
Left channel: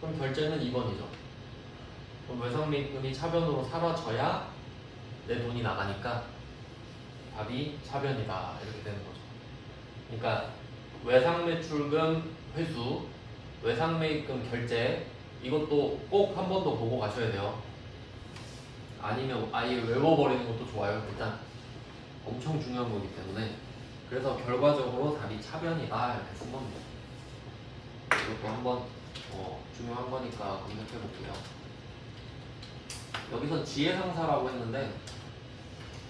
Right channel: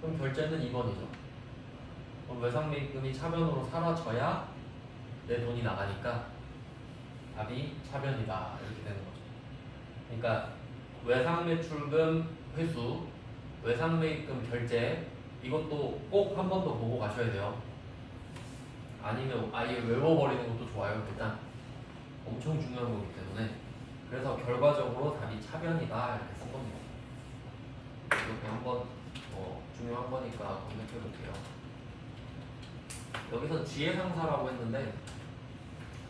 그럼 결제는 2번이죠. 그럼 외상매입금이 차변으로 사라져야 내 돈이 나가니까 답이 차변이다 이렇게 되는 거죠. 그러니까 외상매출금 회수 외상매입금 결제 이것도 꼭 한 번 더 보고 가셔야 돼요. 아니면 아예 외워버리는 것도 좋아요. 일단 엄청 중요한 거기 때문에. 그래서 결과적으로 답이 차변이다 이렇게 쓴 겁니다. 이것도 한번 중요한 거니까 검색해 볼게요. 여기서 지혜상사라고 했는데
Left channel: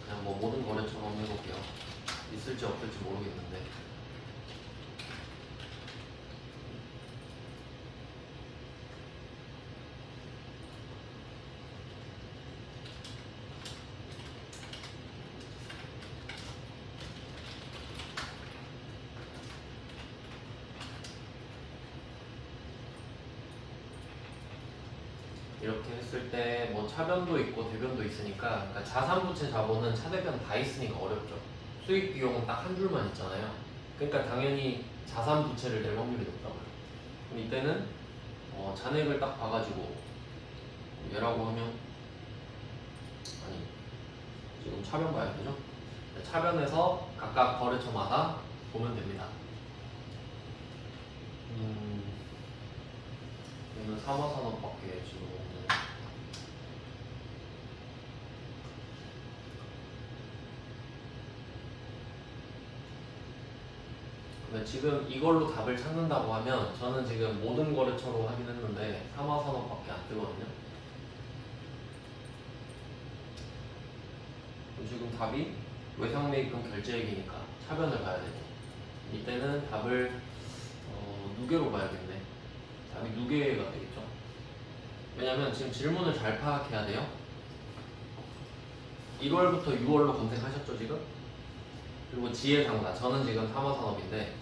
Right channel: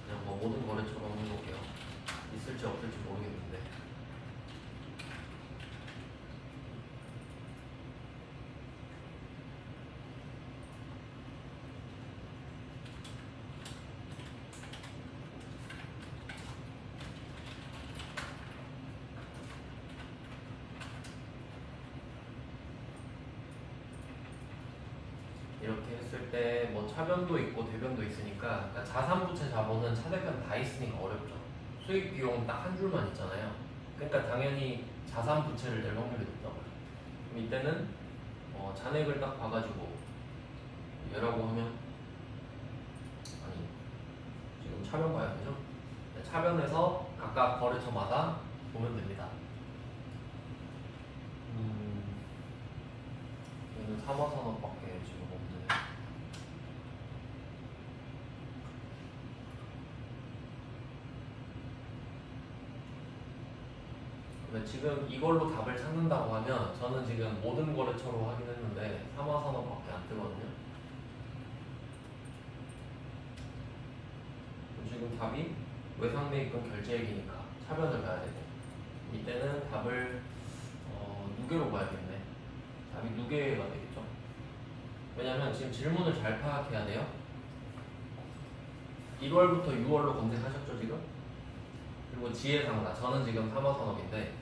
그냥 뭐 모든 거래처럼 해볼게요. 있을지 없을지 모르겠는데. 이렇게 했을 때 뭐 차변도 있고 대변도 있으니까, 그러니까 자산부채 자본은 차대변 다 있으니까 어렵죠. 수익 비용은 딱 한 줄만 있잖아요. 그러니까 당연히 자산부채를 낼 확률이 높다고요. 그럼 이때는 잔액을 딱 봐가지고 얘라고 하면, 아니 지금 차변 봐야 되죠? 차변에서 각각 거래처마다 보면 됩니다. 얘는 사마산업밖에 지금 없네. 근데 지금 이걸로 답을 찾는다고 하면 저는 지금 모든 거래처로 하긴 했는데 사마산업밖에 안 뜨거든요. 지금 답이 외상매입금 결제액이니까 차변을 봐야 되고, 이때는 답을 누계로 봐야겠네. 답이 누계가 되겠죠. 왜냐면 지금 질문을 잘 파악해야 돼요. 1월부터 6월로 검색하셨죠 지금? 그리고 지혜상사, 저는 지금 사마산업인데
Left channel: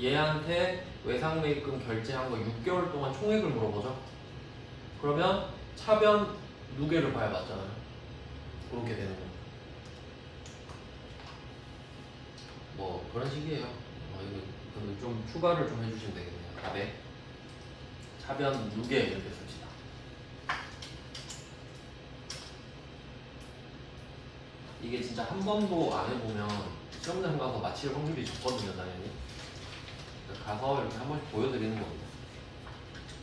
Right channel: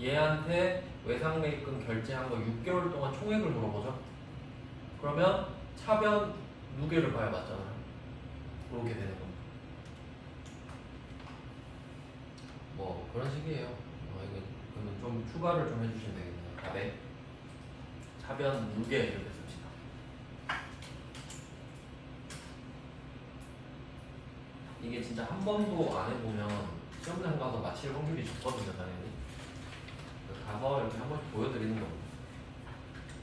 얘한테 외상매입금 결제한 거 6개월 동안 총액을 물어보죠. 그러면 차변 누계를 봐야 맞잖아요. 그렇게 되는 거. 뭐 그런 식이에요. 이거 좀 추가를 좀 해주시면 되겠네요. 답에 차변 누계 이렇게 씁시다. 이게 진짜 한 번도 안 해보면 시험장 가서 맞힐 확률이 적거든요, 당연히. 가서 이렇게 한 번씩 보여드리는 겁니다.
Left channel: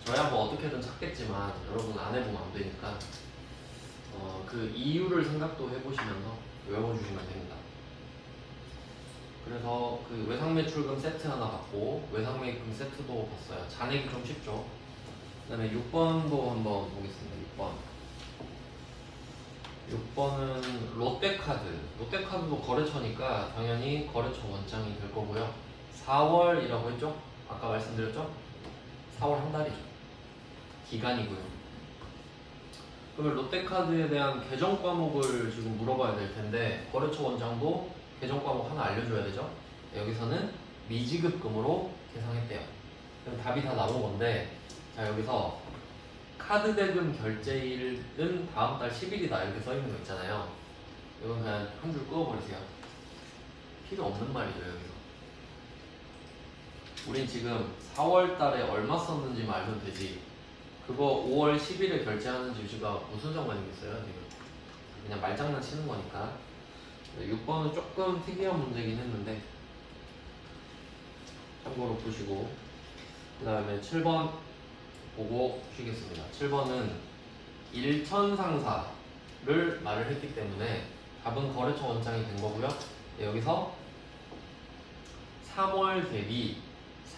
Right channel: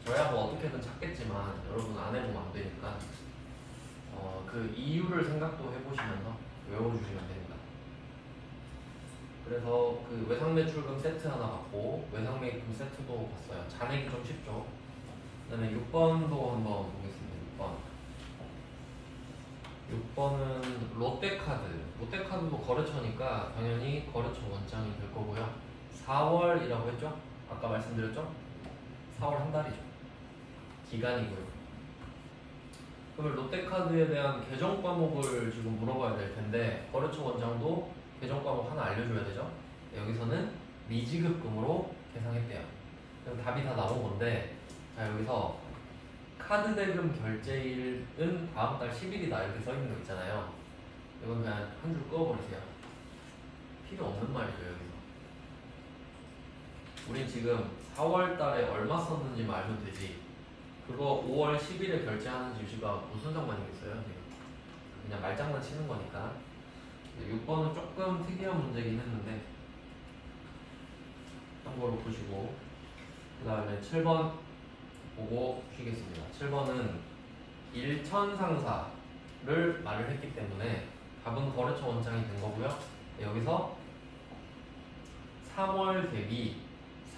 저야 뭐 어떻게든 찾겠지만 여러분 안 해보면 안 되니까 그 이유를 생각도 해보시면서 외워주시면 됩니다. 그래서 그 외상매출금 세트 하나 받고 외상매입금 세트도 봤어요. 잔액이 좀 쉽죠. 그 다음에 6번도 한번 보겠습니다. 6번은 롯데카드. 롯데카드도 거래처니까 당연히 거래처 원장이 될 거고요. 4월이라고 했죠? 아까 말씀드렸죠? 4월 한 달이죠. 기간이고요. 그러면 롯데카드에 대한 계정 과목을 지금 물어봐야 될 텐데 거래처 원장도 계정 과목 하나 알려줘야 되죠? 여기서는 미지급금으로 계산했대요. 그럼 답이 다 나온 건데, 자 여기서 카드 대금 결제일은 다음 달 10일이다 이렇게 써있는 거 있잖아요. 이건 그냥 한 줄 끄어버리세요. 필요 없는 말이죠 여기서. 우린 지금 4월 달에 얼마 썼는지 알면 되지, 그거 5월 10일에 결제하는 집시가 무슨 상관이겠어요? 그냥 말장난 치는 거니까. 6번은 조금 특이한 문제긴 했는데 참고로 보시고, 그 다음에 7번 보고 쉬겠습니다. 7번은 일천상사를 말을 했기 때문에 답은 거래처 원장이 된 거고요. 여기서 3월 대비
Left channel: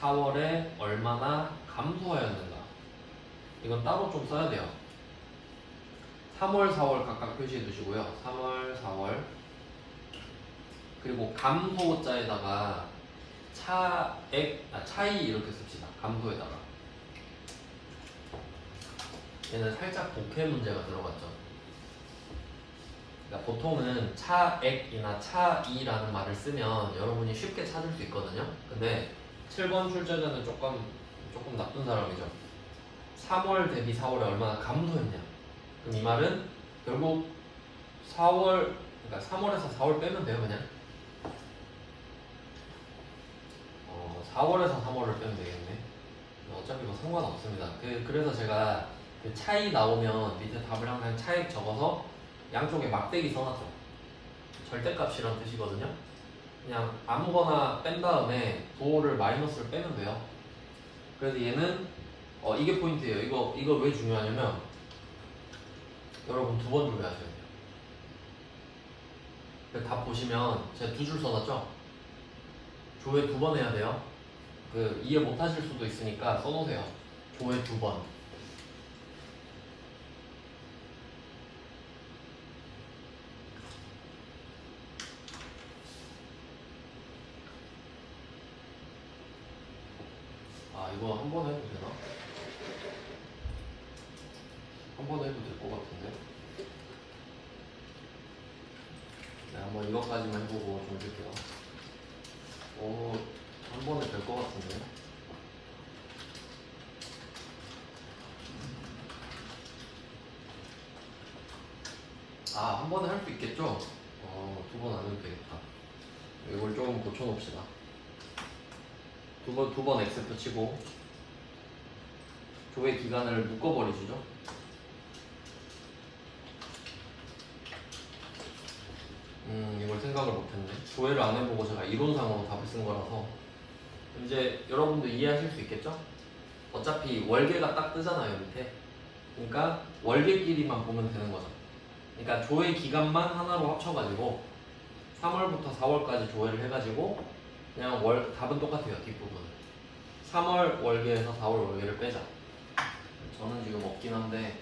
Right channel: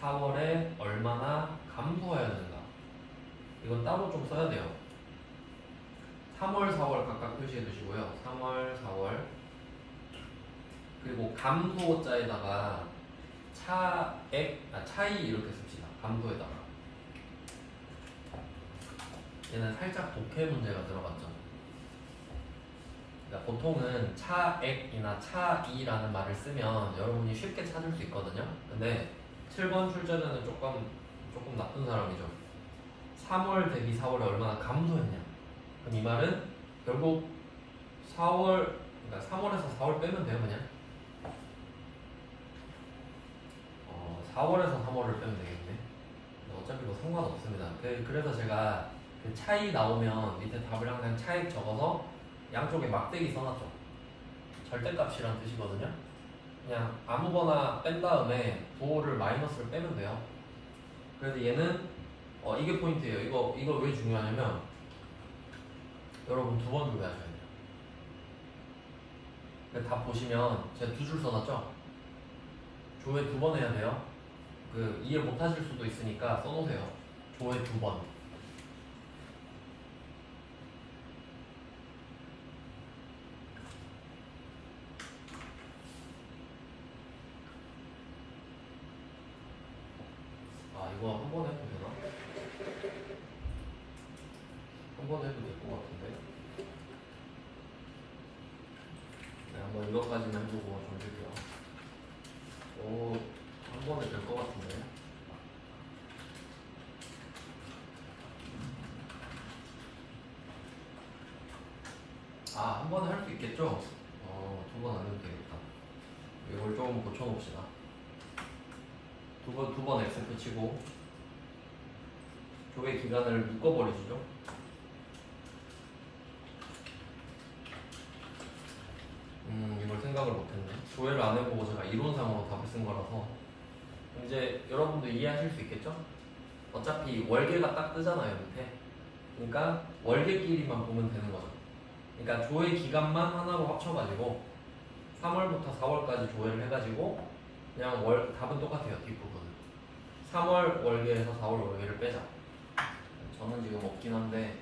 4월에 얼마나 감소하였는가, 이건 따로 좀 써야 돼요. 3월, 4월 각각 표시해 두시고요. 3월, 4월. 그리고 감소자에다가 차이 이렇게 씁시다. 감소에다가. 얘는 살짝 독해 문제가 들어갔죠. 그러니까 보통은 차액이나 차이라는 말을 쓰면 여러분이 쉽게 찾을 수 있거든요. 근데 7번 출제자는 조금 나쁜 사람이죠. 3월 대비 4월에 얼마나 감소했냐. 그럼 이 말은 결국 4월, 그러니까 3월에서 4월 빼면 돼요, 그냥. 4월에서 3월을 빼면 되겠네. 어차피 뭐 상관없습니다. 그래서 제가 그 차이 나오면 밑에 답을 항상 차액 적어서 양쪽에 막대기 써놨어. 절대값이란 뜻이거든요. 그냥 아무거나 뺀 다음에 부호를 마이너스를 빼면 돼요. 그래서 얘는 이게 포인트예요. 이거 왜 중요하냐면 여러분 두 번 조회하셔야 돼요. 답 보시면 제가 두 줄 써놨죠? 조회 두 번 해야 돼요. 이해 못 하실 수도 있으니까 써놓으세요. 조회 두 번. 이거 한 번 해도 되나? 한 번 해도 될 것 같은데. 네, 한번 이것까지만 해보고 좀 줄게요. 한 번은 될 것 같은데. 한 번은 할 수 있겠죠? 두 번 안 해도 되겠다. 이걸 조금 고쳐놓읍시다. 두 번 X표 치고, 조회 기간을 묶어버리시죠? 이걸 생각을 못했네. 조회를 안 해보고 제가 이론상으로 답을 쓴 거라서. 이제 여러분도 이해하실 수 있겠죠? 어차피 월계가 딱 뜨잖아요, 밑에. 그러니까 월계끼리만 보면 되는 거죠. 그러니까 조회 기간만 하나로 합쳐가지고 3월부터 4월까지 조회를 해가지고 그냥 답은 똑같아요, 뒷부분. 3월 월계에서 4월 월계를 빼자. 저는 지금 없긴 한데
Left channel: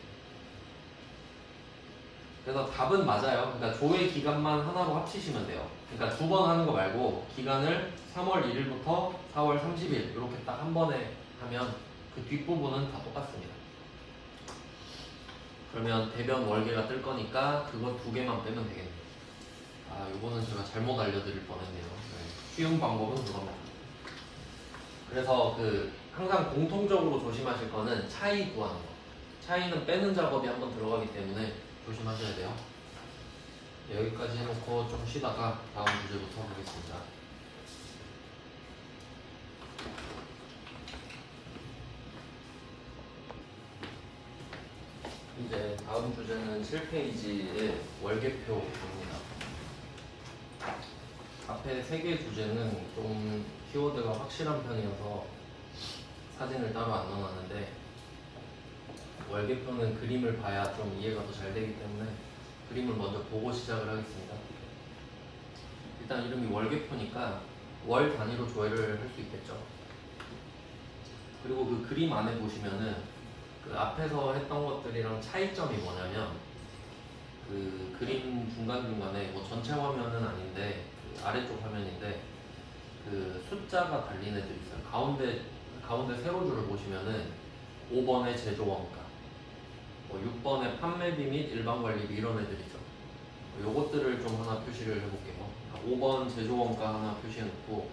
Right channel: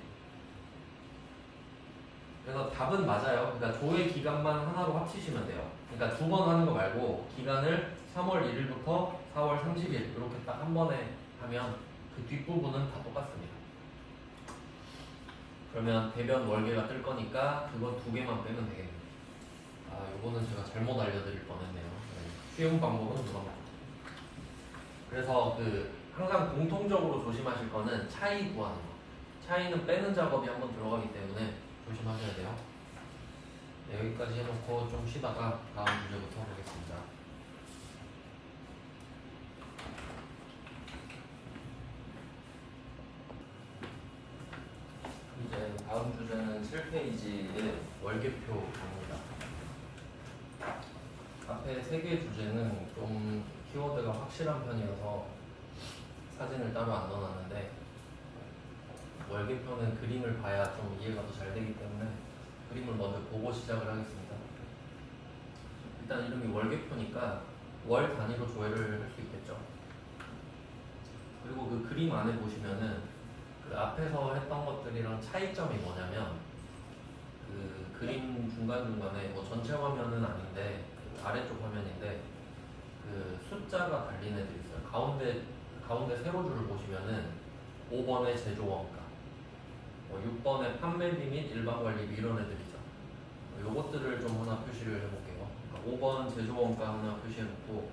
그래서 답은 맞아요. 그러니까 조회 기간만 하나로 합치시면 돼요. 그러니까 두 번 하는 거 말고 기간을 3월 1일부터 4월 30일 이렇게 딱 한 번에 하면 그 뒷부분은 다 똑같습니다. 그러면 대변 월계가 뜰 거니까 그거 두 개만 빼면 되겠네요. 요거는 제가 잘못 알려드릴 뻔했네요. 쉬운 방법은 그겁니다. 그래서 항상 공통적으로 조심하실 거는 차이 구하는 거. 차이는 빼는 작업이 한번 들어가기 때문에 조심하셔야 돼요. 네, 여기까지 해놓고 좀 쉬다가 다음 주제부터 가겠습니다. 이제 다음 주제는 7페이지의 월계표입니다. 앞에 3개 주제는 좀 키워드가 확실한 편이어서 사진을 따로 안 넣어놨는데 월계표는 그림을 봐야 좀 이해가 더 잘 되기 때문에 그림을 먼저 보고 시작을 하겠습니다. 일단 이름이 월계표니까 월 단위로 조회를 할 수 있겠죠. 그리고 그 그림 안에 보시면은 앞에서 했던 것들이랑 차이점이 뭐냐면 그림 중간중간에 전체 화면은 아닌데 아래쪽 화면인데 숫자가 달린 애들이 있어요. 가운데 세로줄을 보시면은 5번의 제조원가, 6번의 판매비 및 일반관리비 이런 애들이죠. 요것들을 좀 하나 표시를 해볼게요. 5번 제조원가 하나 표시해놓고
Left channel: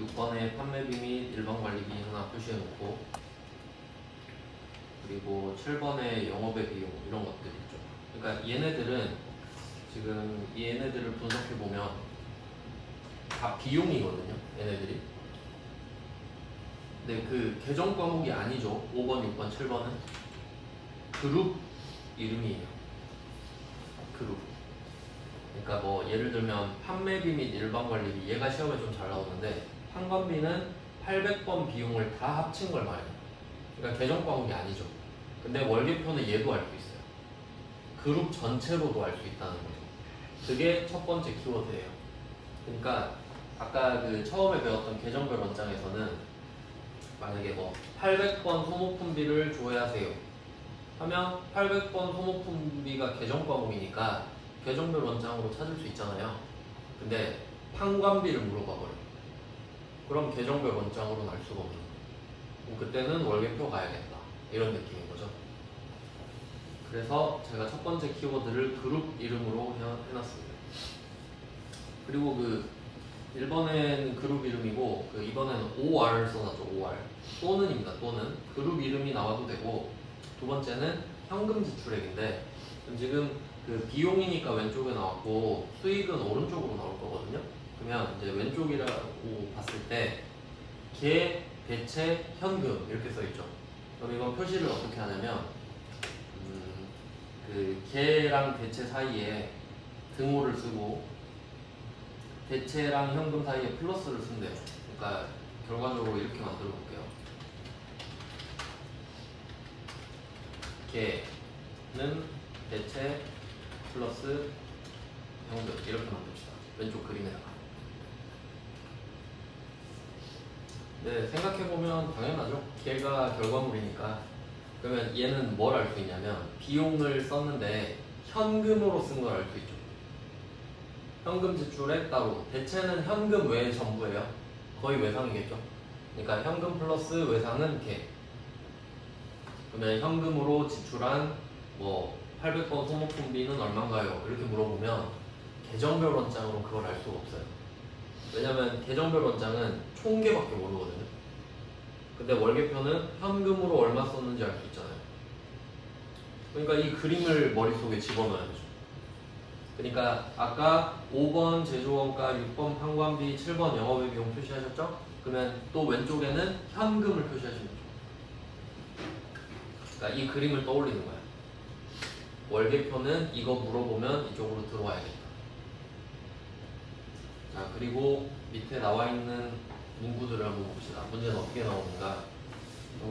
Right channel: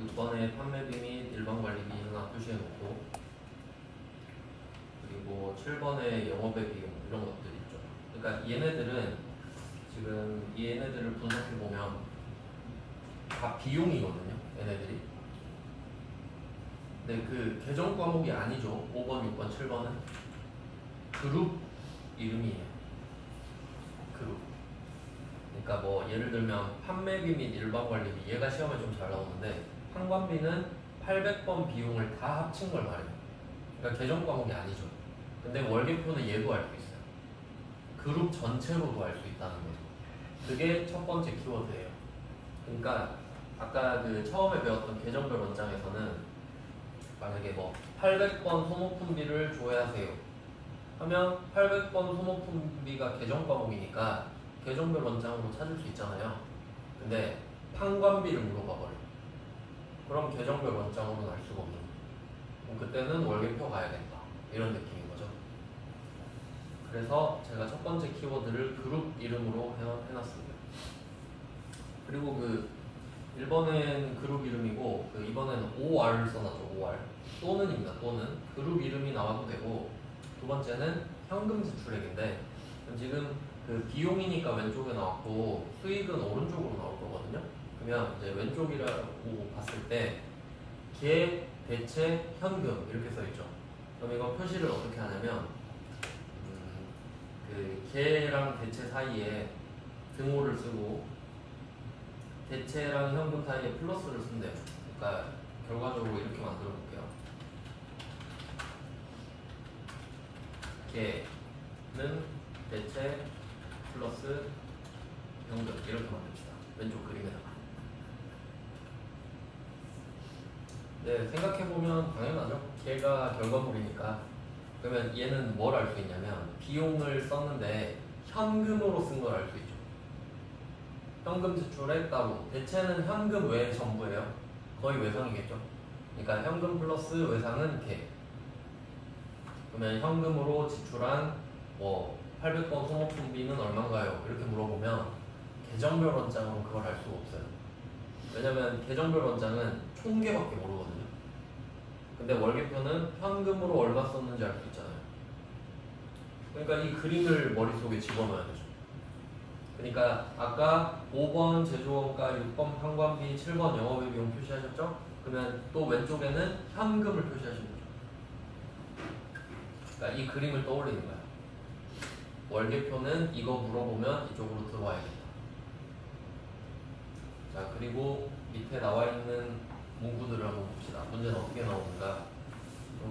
6번에 판매비 및 일반관리비 하나 표시해놓고 그리고 7번에 영업의 비용 이런 것들 있죠. 그러니까 얘네들은 지금 얘네들을 분석해보면 다 비용이거든요. 얘네들이. 근데 계정 과목이 아니죠. 5번, 6번, 7번은 그룹 이름이에요. 그룹. 그러니까 예를 들면 판매비 및 일반관리비 얘가 시험에 좀 잘 나오는데 판관비는 800번 비용을 다 합친 걸 말해요. 그러니까 계정 과목이 아니죠. 근데 월계표는 얘도 알 수 있어요. 그룹 전체로도 알 수 있다는 거죠. 그게 첫 번째 키워드예요. 그러니까 아까 처음에 배웠던 계정별 원장에서는 만약에 800번 소모품비를 조회하세요 하면 800번 소모품비가 계정 과목이니까 계정별 원장으로 찾을 수 있잖아요. 근데 판관비를 물어봐 버려요. 그럼 계정별 원장으로는 알 수가 없는 거예요. 그럼 그때는 월계표 가야겠다 이런 느낌인 거죠. 그래서 제가 첫 번째 키워드를 그룹 이름으로 해놨습니다. 그리고 1번에는 그룹 이름이고 2번에는 OR을 써놨죠. OR 또는입니다. 또는 그룹 이름이 나와도 되고 두 번째는 현금 지출액인데 지금 비용이니까 왼쪽에 나왔고 수익은 오른쪽으로 나올 거거든요. 그러면 이제 왼쪽이라고 봤을 때 개, 대체, 현금 이렇게 써있죠. 그럼 이건 표시를 어떻게 하냐면 개랑 대체 사이에 등호를 쓰고 대체랑 현금 사이에 플러스를 쓴대요. 그러니까 결과적으로 이렇게 만들어 볼게요. 개는 대체 플러스 현금 이렇게 만듭시다. 왼쪽 그림에다가. 네, 생각해보면 당연하죠. 걔가 결과물이니까. 그러면 얘는 뭘 알 수 있냐면 비용을 썼는데 현금으로 쓴 걸 알 수 있죠. 현금 지출에 따로 대체는 현금 외에 전부예요. 거의 외상이겠죠. 그러니까 현금 플러스 외상은 걔. 그러면 현금으로 지출한 뭐 800번 소모품비는 얼마인가요? 이렇게 물어보면 계정별 원장으로 그걸 알 수가 없어요. 왜냐면 계정별 원장은 총계밖에 모르거든요. 근데 월계표는 현금으로 얼마 썼는지 알 수 있잖아요. 그러니까 이 그림을 머릿속에 집어넣어야 되죠. 그러니까 아까 5번 제조원가, 6번 판관비, 7번 영업외 비용 표시하셨죠? 그러면 또 왼쪽에는 현금을 표시하시는 거죠. 그러니까 이 그림을 떠올리는 거예요. 월계표는 이거 물어보면 이쪽으로 들어와야겠다. 자, 그리고 밑에 나와 있는 문구들을 한번 봅시다. 문제는 어떻게 나오는가?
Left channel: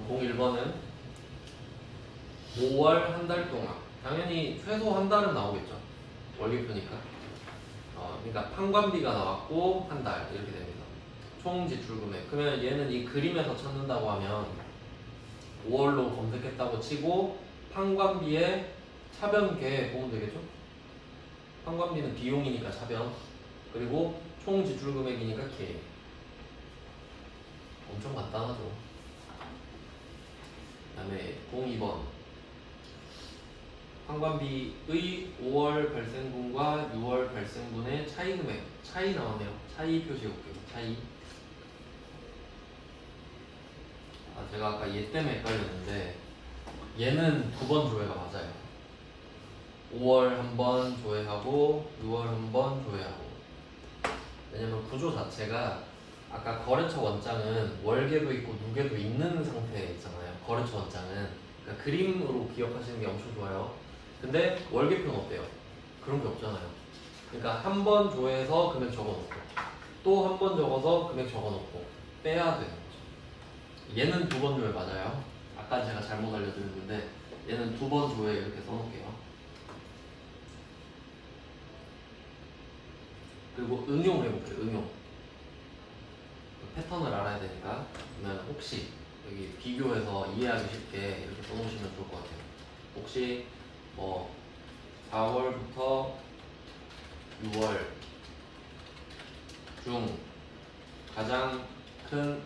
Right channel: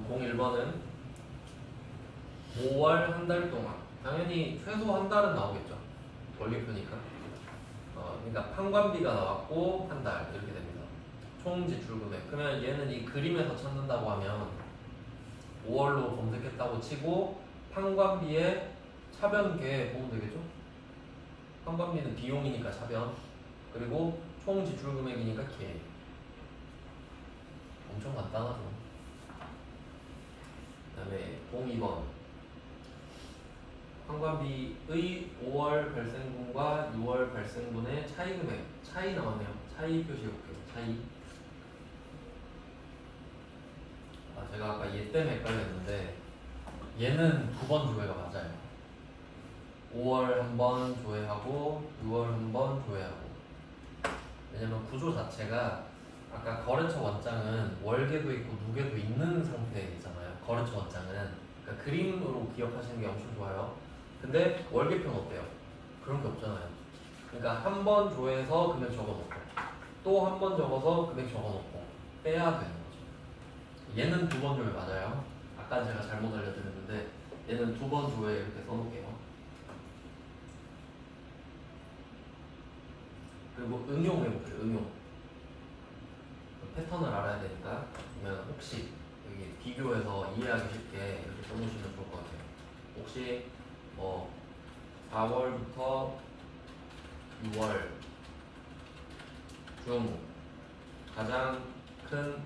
01번은 5월 한 달 동안 당연히 최소 한 달은 나오겠죠. 월계표니까. 그러니까 판관비가 나왔고 한 달 이렇게 됩니다. 총 지출 금액. 그러면 얘는 이 그림에서 찾는다고 하면 5월로 검색했다고 치고 판관비에 차변계 보면 되겠죠? 판관비는 비용이니까 차변. 그리고 총 지출 금액이니까 계. 엄청 간단하죠. 그 다음에 02번 판관비의 5월 발생분과 6월 발생분의 차이 금액. 차이 나왔네요. 차이 표시해볼게요. 차이. 제가 아까 얘 때문에 헷갈렸는데 얘는 9번 조회가 맞아요. 5월 한 번 조회하고 6월 한 번 조회하고. 왜냐면 구조 자체가 아까 거래처 원장은 월계도 있고 누계도 있는 상태에 있잖아요. 거래처 원장은. 그러니까 그림으로 기억하시는 게 엄청 좋아요. 근데 월계표는 어때요? 그런 게 없잖아요. 그러니까 한 번 조회해서 금액 적어놓고 또 한 번 적어서 금액 적어놓고 빼야 되는 거죠. 얘는 2번 조회 맞아요. 아까 제가 잘못 알려드렸는데 얘는 2번 조회 이렇게 써놓을게요. 그리고 응용해볼게요. 응용. 패턴을 알아야 되니까. 그러면 혹시 여기 비교해서 이해하기 쉽게 이렇게 써놓으시면 좋을 것 같아요. 혹시 뭐 4월부터 6월 중 가장 큰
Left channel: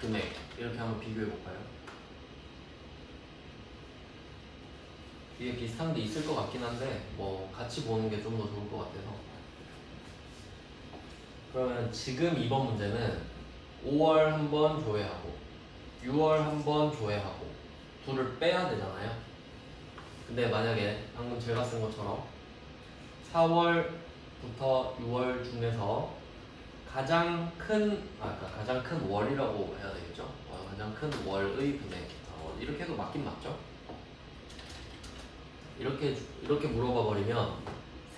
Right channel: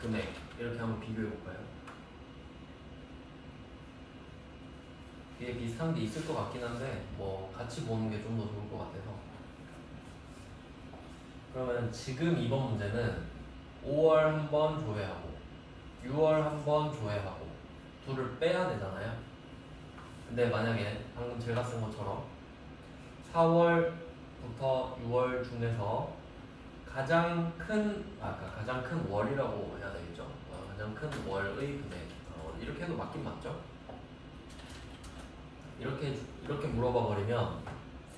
금액 이렇게 한번 비교해볼까요? 이게 비슷한 게 있을 것 같긴 한데 뭐 같이 보는 게 좀 더 좋을 것 같아서. 그러면 지금 이번 문제는 5월 한 번 조회하고 6월 한 번 조회하고 둘을 빼야 되잖아요. 근데 만약에 방금 제가 쓴 것처럼 4월부터 6월 중에서 가장 큰 월이라고 해야 되겠죠? 가장 큰 월의 금액. 이렇게 해도 맞긴 맞죠? 이렇게 물어봐 버리면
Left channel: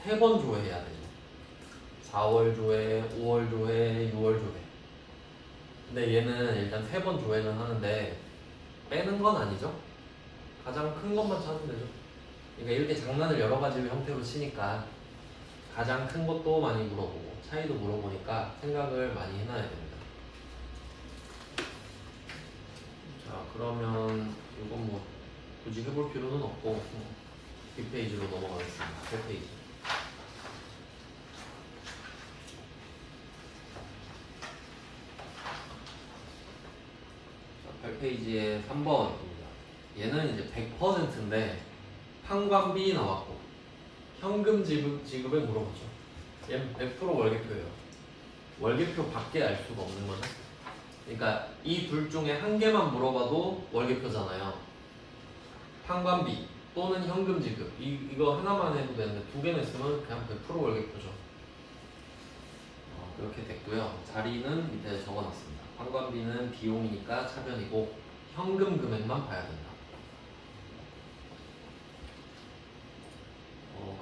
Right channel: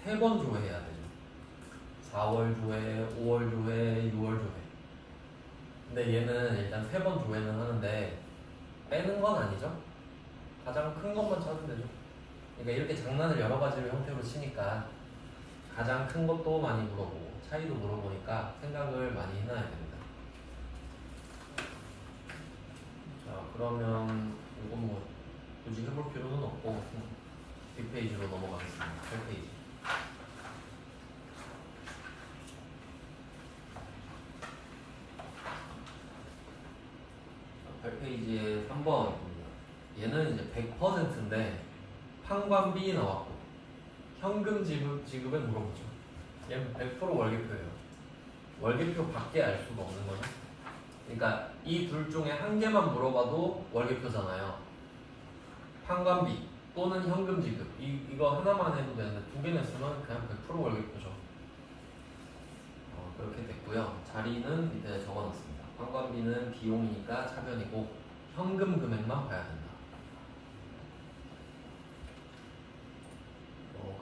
3번 조회해야 되죠. 4월 조회, 5월 조회, 6월 조회. 근데 얘는 일단 3번 조회는 하는데 빼는 건 아니죠? 가장 큰 것만 찾으면 되죠. 그러니까 이렇게 장난을 여러 가지 형태로 치니까 가장 큰 것도 많이 물어보고 차이도 물어보니까 생각을 많이 해놔야 됩니다. 자, 그러면 이건 뭐 굳이 해볼 필요는 없고 뒷페이지로 넘어가겠습니다. 8페이지. 8페이지에 3번입니다. 얘는 이제 100%인데 판관비 나왔고 현금 지급을 물어보죠. 얘는 100% 월계표예요. 월계표 밖에 알 수가 없는 거죠. 그러니까 이 둘 중에 한 개만 물어봐도 월계표잖아요. 판관비 또는 현금 지급 이거 하나만 해도 되는데 2개는 있으면 그냥 100% 월계표죠. 그렇게 됐고요. 자리는 밑에 적어놨습니다. 판관비는 비용이니까 차변이고 현금 금액만 봐야 된다.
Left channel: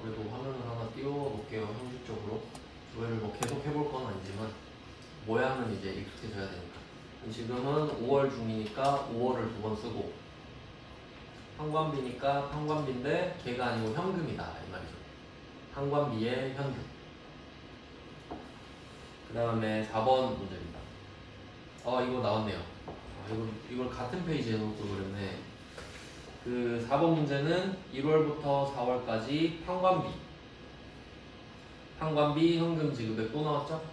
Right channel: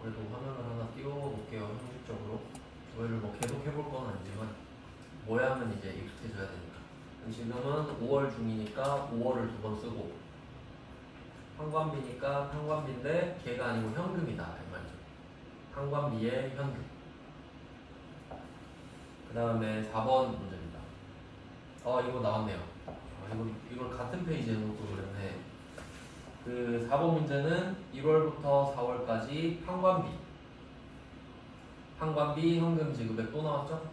그래도 화면을 하나 띄워놓을게요. 형식적으로 조회를 뭐 계속 해볼 건 아니지만 모양은 이제 익숙해져야 되니까. 지금은 5월 중이니까 5월을 2번 쓰고 판관비니까 판관비인데 걔가 아니고 현금이다 이 말이죠. 판관비의 현금. 그 다음에 4번 문제입니다. 이거 나왔네요. 이걸 같은 페이지에 놓고 그랬네. 그 4번 문제는 1월부터 4월까지 판관비 현금 지급액 또 나왔죠?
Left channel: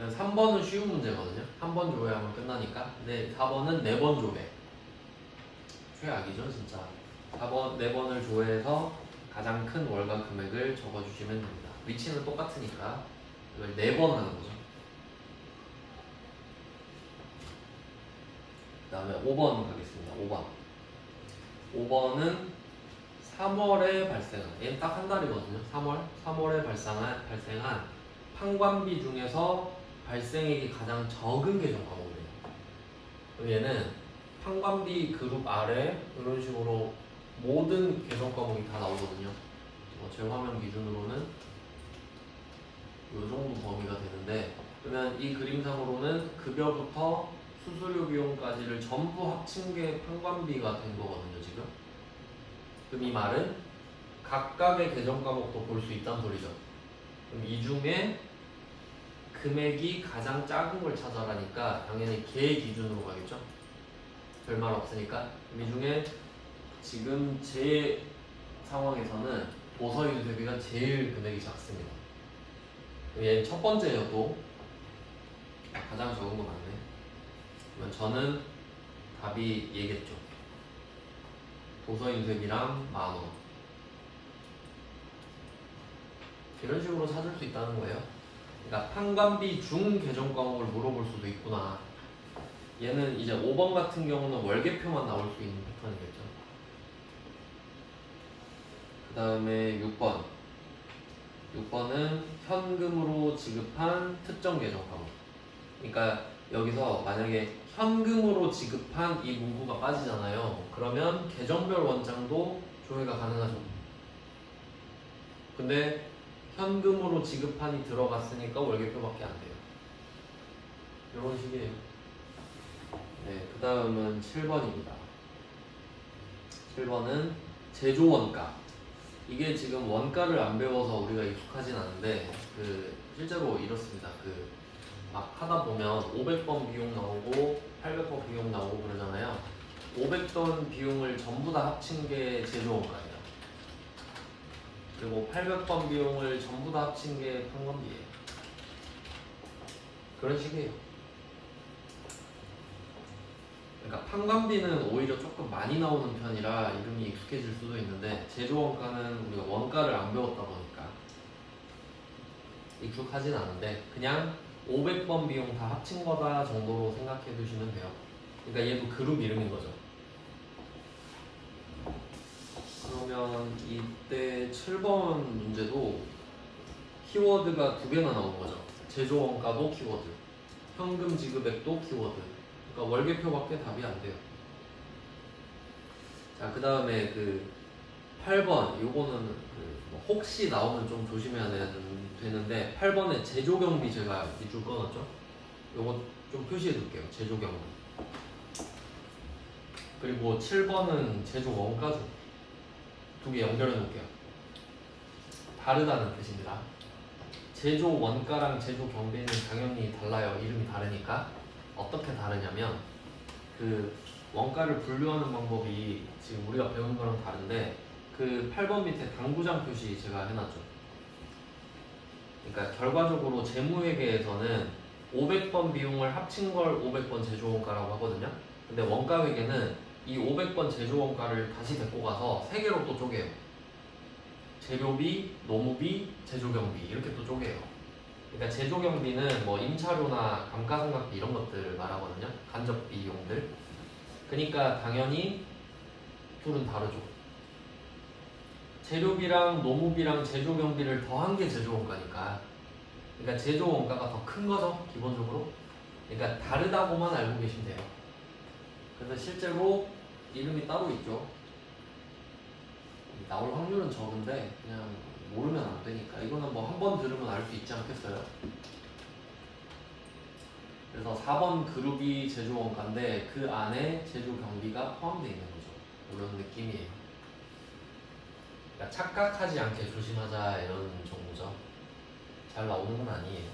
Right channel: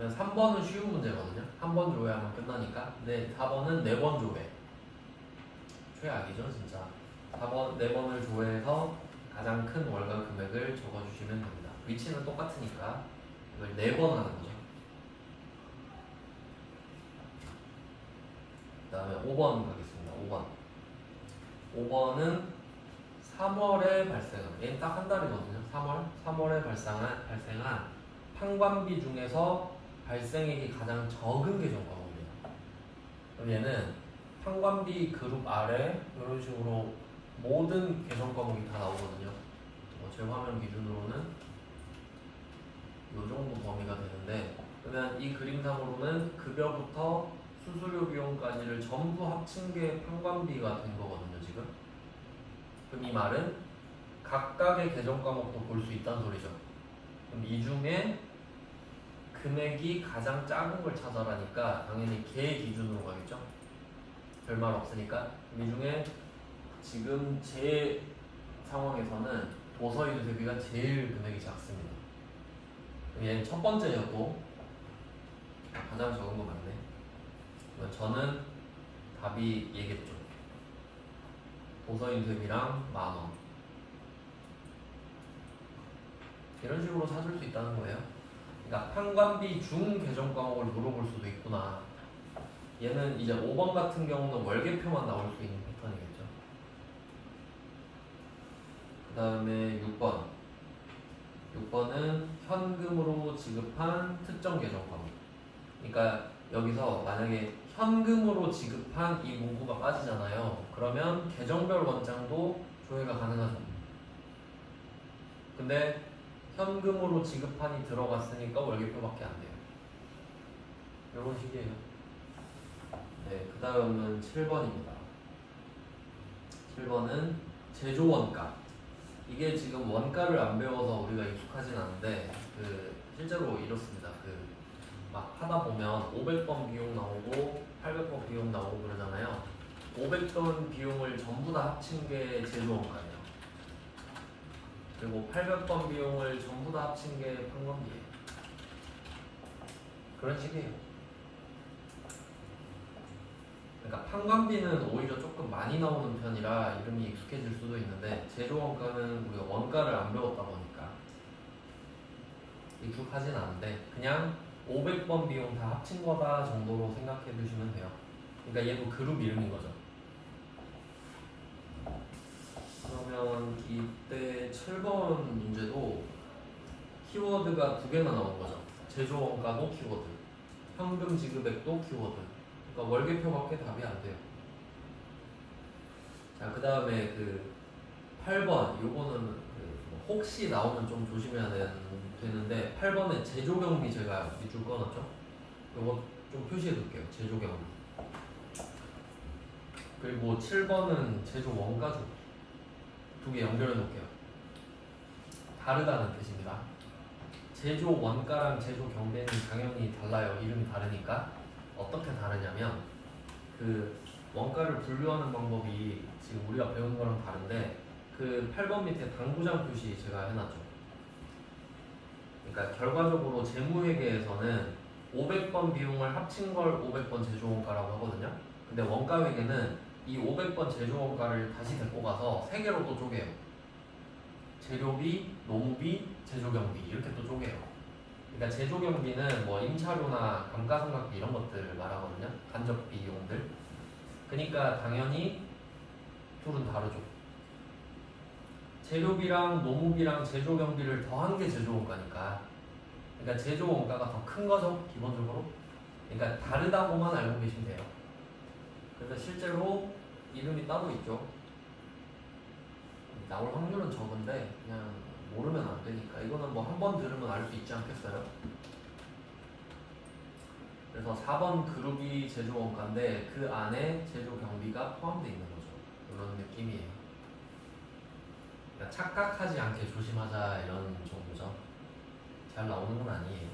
3번은 쉬운 문제거든요. 한 번 조회하면 끝나니까. 근데 4번은 4번 조회. 최악이죠 진짜. 4번 4번을 조회해서 가장 큰 월간 금액을 적어주시면 됩니다. 위치는 똑같으니까 이걸 4번 하는 거죠. 그 다음에 5번 가겠습니다. 5번은 3월에 발생한, 얘는 딱 한 달이거든요. 3월에 발생한 판관비 중에서 발생액이 가장 적은 계정 과목이에요. 그럼 얘는 판관비 그룹 아래 이런 식으로 모든 계정 과목이 다 나오거든요. 제 화면 기준으로는 이 정도 범위가 되는데, 그러면 이 그림상으로는 급여부터 수수료 비용까지를 전부 합친 게 판관비가 된 거거든요, 지금. 그럼 이 말은 각각의 계정 과목도 볼 수 있다는 소리죠. 그럼 이 중에 금액이 가장 작은 걸 찾아라니까 당연히 걔 기준으로 가겠죠. 별말 없으니까. 이 중에 지금 제 상황에서는 도서유 대비가 제일 금액이 작습니다. 얘는 첫 번째예요. 또 가장 적은 거 맞네. 그러면 저는 답이 얘겠죠. 도서유 대비랑 10,000원. 이런 식으로 찾을 수 있다는 거예요. 그러니까 판관비 중 계정 과목을 물어볼 수도 있구나. 얘는 이제 5번 같은 경우는 월계표만 나올 수 있는 패턴이겠죠. 그 다음에 6번은 현금으로 지급한 특정 계정 과목. 그러니까 여기서 만약에 현금으로 지급한 이 문구가 빠지잖아요. 그러면 계정별 원장도 조회가 가능하죠. 근데 현금으로 지급한이 들어갔으니까 월계표밖에 안 돼요. 이런 식이에요. 네, 그 다음은 7번입니다. 7번은 제조원가. 이게 지금 원가를 안 배워서 우리가 익숙하진 않은데 실제로 이렇습니다. 막 하다 보면 500번 비용 나오고 800번 비용 나오고 그러잖아요. 500번 비용을 전부 다 합친 게 제조원가예요. 그리고 800번 비용을 전부 다 합친 게 판관비예요. 그런 식이에요. 그러니까 판관비는 오히려 조금 많이 나오는 편이라 이름이 익숙해질 수도 있는데 제조원가는 우리가 원가를 안 배웠다 보니까 익숙하진 않은데 그냥 500번 비용 다 합친 거다 정도로 생각해 두시면 돼요. 그러니까 얘도 그룹 이름인 거죠. 그러면 이때 7번 문제도 키워드가 2개나 나온 거죠. 제조원가도 키워드, 현금 지급액도 키워드. 그러니까 월계표밖에 답이 안 돼요. 자, 그 다음에 8번, 요거는 혹시 나오면 좀 조심해야 되는데 8번에 제조경비 제가 밑줄 꺼놨죠? 요거 좀 표시해 둘게요. 제조경비. 그리고 7번은 제조원가죠. 2개 연결해 놓을게요. 다르다는 뜻입니다. 제조원가랑 제조경비는 당연히 달라요. 이름이 다르니까. 어떻게 다르냐면 원가를 분류하는 방법이 지금 우리가 배운 거랑 다른데 8번 밑에 당구장 표시 제가 해놨죠. 그러니까 결과적으로 재무회계에서는 500번 비용을 합친 걸 500번 제조원가라고 하거든요. 근데 원가회계는 이 500번 제조원가를 다시 데리고 가서 3개로 또 쪼개요. 재료비, 노무비, 제조경비 이렇게 또 쪼개요. 그러니까 제조경비는 뭐 임차료나 감가상각비 이런 것들을 말하거든요. 간접 비용들. 그러니까 당연히 둘은 다르죠. 재료비랑 노무비랑 제조경비를 더한 게 제조원가니까. 그러니까 제조원가가 더 큰 거죠, 기본적으로. 그러니까 다르다고만 알고 계시면 돼요. 그래서 실제로 이름이 따로 있죠. 나올 확률은 적은데 그냥 모르면 안 되니까. 이거는 뭐 한 번 들으면 알 수 있지 않겠어요? 그래서 4번 그룹이 제조원가인데 그 안에 제조경비가 포함되어 있는 거죠. 이런 느낌이에요. 그러니까 착각하지 않게 조심하자 이런 정도죠. 잘 나오는 건 아니에요.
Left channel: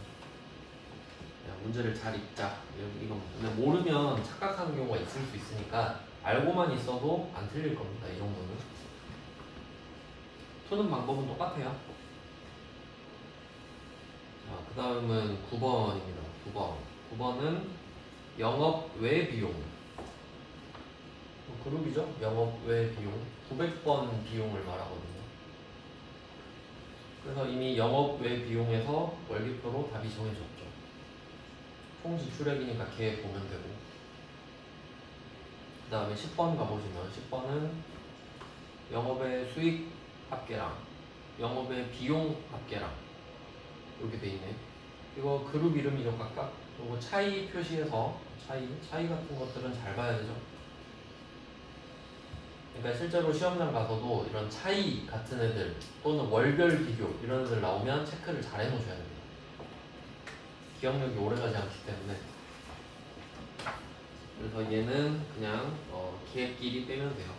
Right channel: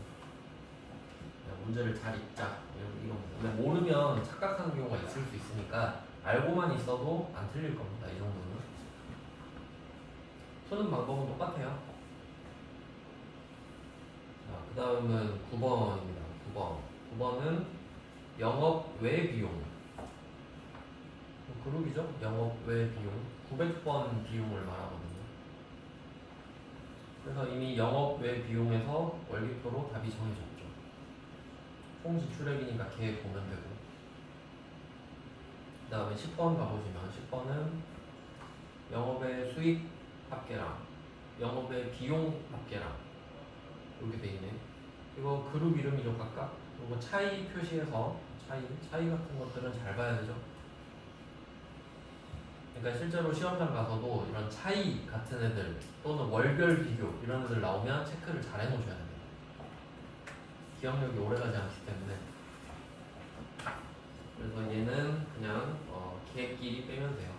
그냥 문제를 잘 읽자 이런 겁니다. 근데 모르면 착각하는 경우가 있을 수 있으니까 알고만 있어도 안 틀릴 겁니다. 이 정도는. 푸는 방법은 똑같아요. 자, 그 다음은 9번입니다. 9번. 9번은 영업 외 비용. 그룹이죠? 영업 외 비용. 900번 비용을 말하거든요. 그래서 이미 영업 외 비용에서 월기표로 답이 정해졌죠. 총 지출액이니까 걔 보면 되고. 그 다음에 10번 가보시면 10번은 영업의 수익 합계랑 영업의 비용 합계랑 이렇게 돼 있네. 이거 그룹 이름이죠 각각. 이거 차이 표시해서 차이 같은 것들은 잘 봐야 되죠. 그러니까 실제로 시험장 가서도 이런 차이 같은 애들 또는 월별 비교 이런 애들 나오면 체크를 잘 해놓으셔야 됩니다. 기억력이 오래가지 않기 때문에. 그래서 얘는 그냥 걔끼리 빼면 돼요.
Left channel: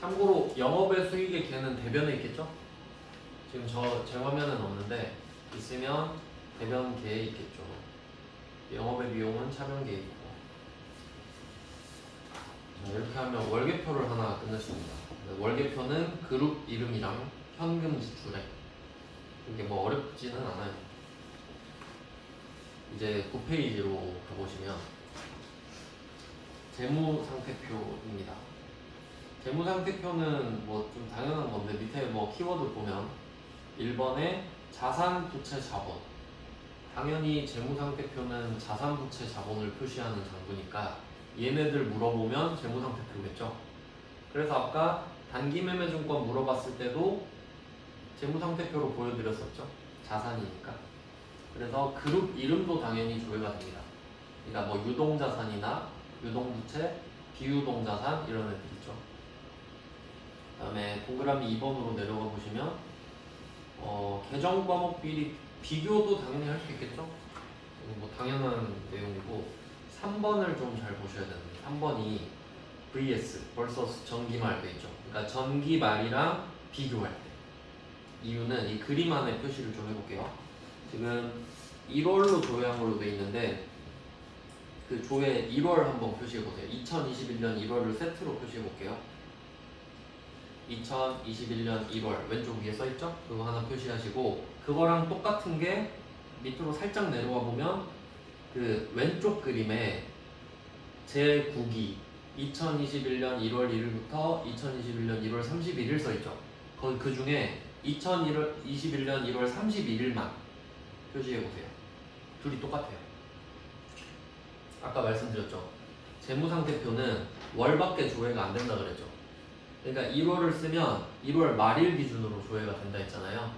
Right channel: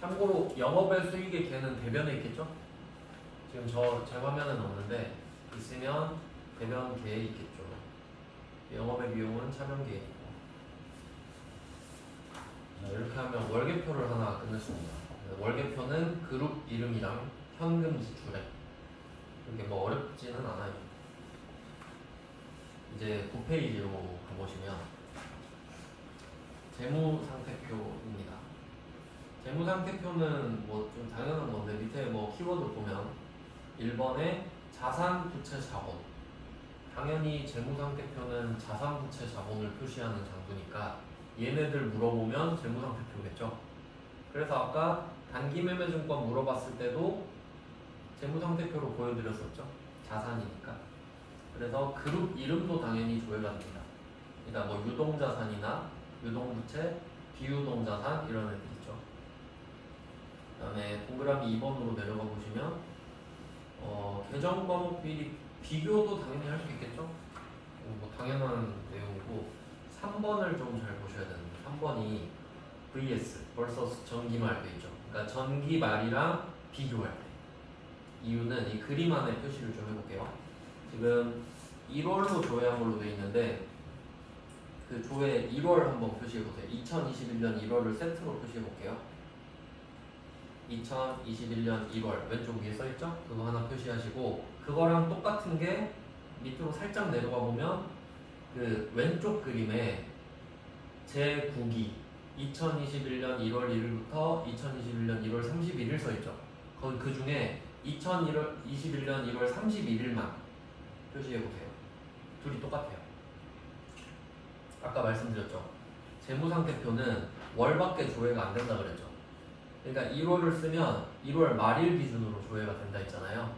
참고로 영업의 수익의 걔는 대변에 있겠죠? 지금 제 화면은 없는데 있으면 대변 걔에 있겠죠. 영업의 비용은 차변계에 있고. 자, 이렇게 하면 월계표를 하나 끝냈습니다. 월계표는 그룹 이름이랑 현금 지출액. 이게 뭐 어렵지는 않아요. 이제 9페이지로 가보시면 재무상태표입니다. 재무상태표는 뭐 좀 당연한 건데 밑에 뭐 키워드 보면 1번에 자산, 부채, 자본. 당연히 재무상태표는 자산, 부채, 자본을 표시하는 장부니까 얘네들 물어보면 재무상태표겠죠. 그래서 아까 단기매매증권 물어봤을 때도 재무상태표로 보여드렸었죠. 자산이니까. 그래서 그룹 이름도 당연히 조회가 됩니다. 그러니까 뭐 유동자산이나 유동부채, 비유동자산 이런 애들 있죠. 그 다음에 동그라미 2번으로 내려가 보시면 계정 과목 비리 비교도 당연히 할 수 있겠죠. 뭐 당연한 내용이고 3번을 좀 잘 보셔야 되는데 3번이 vs 벌써 전기말 돼 있죠. 그러니까 전기말이랑 비교할 때 이유는 이 그림 안에 표시를 좀 해볼게요. 지금 1월로 조회한 걸로 돼 있는데 그 조회 1월 한번 표시해보세요. 2021년 1월을 세트로 표시해볼게요. 2021년 1월 왼쪽 위에 써있죠? 그거 하나 표시하시고 그거랑 똑같은 게 밑으로 살짝 내려가 보면 그 왼쪽 그림에 제9기 2021년 1월 1일부터 2021년 1월 31일 써있죠? 거기 그 중에 2021년 1월 31일만 표시해보세요. 둘이 똑같아요. 아까 말씀드렸죠? 재무상태표는 월밖에 조회가 안 된다 그랬죠? 그러니까 1월을 쓰면 1월 말일 기준으로 조회가 된다 했잖아요.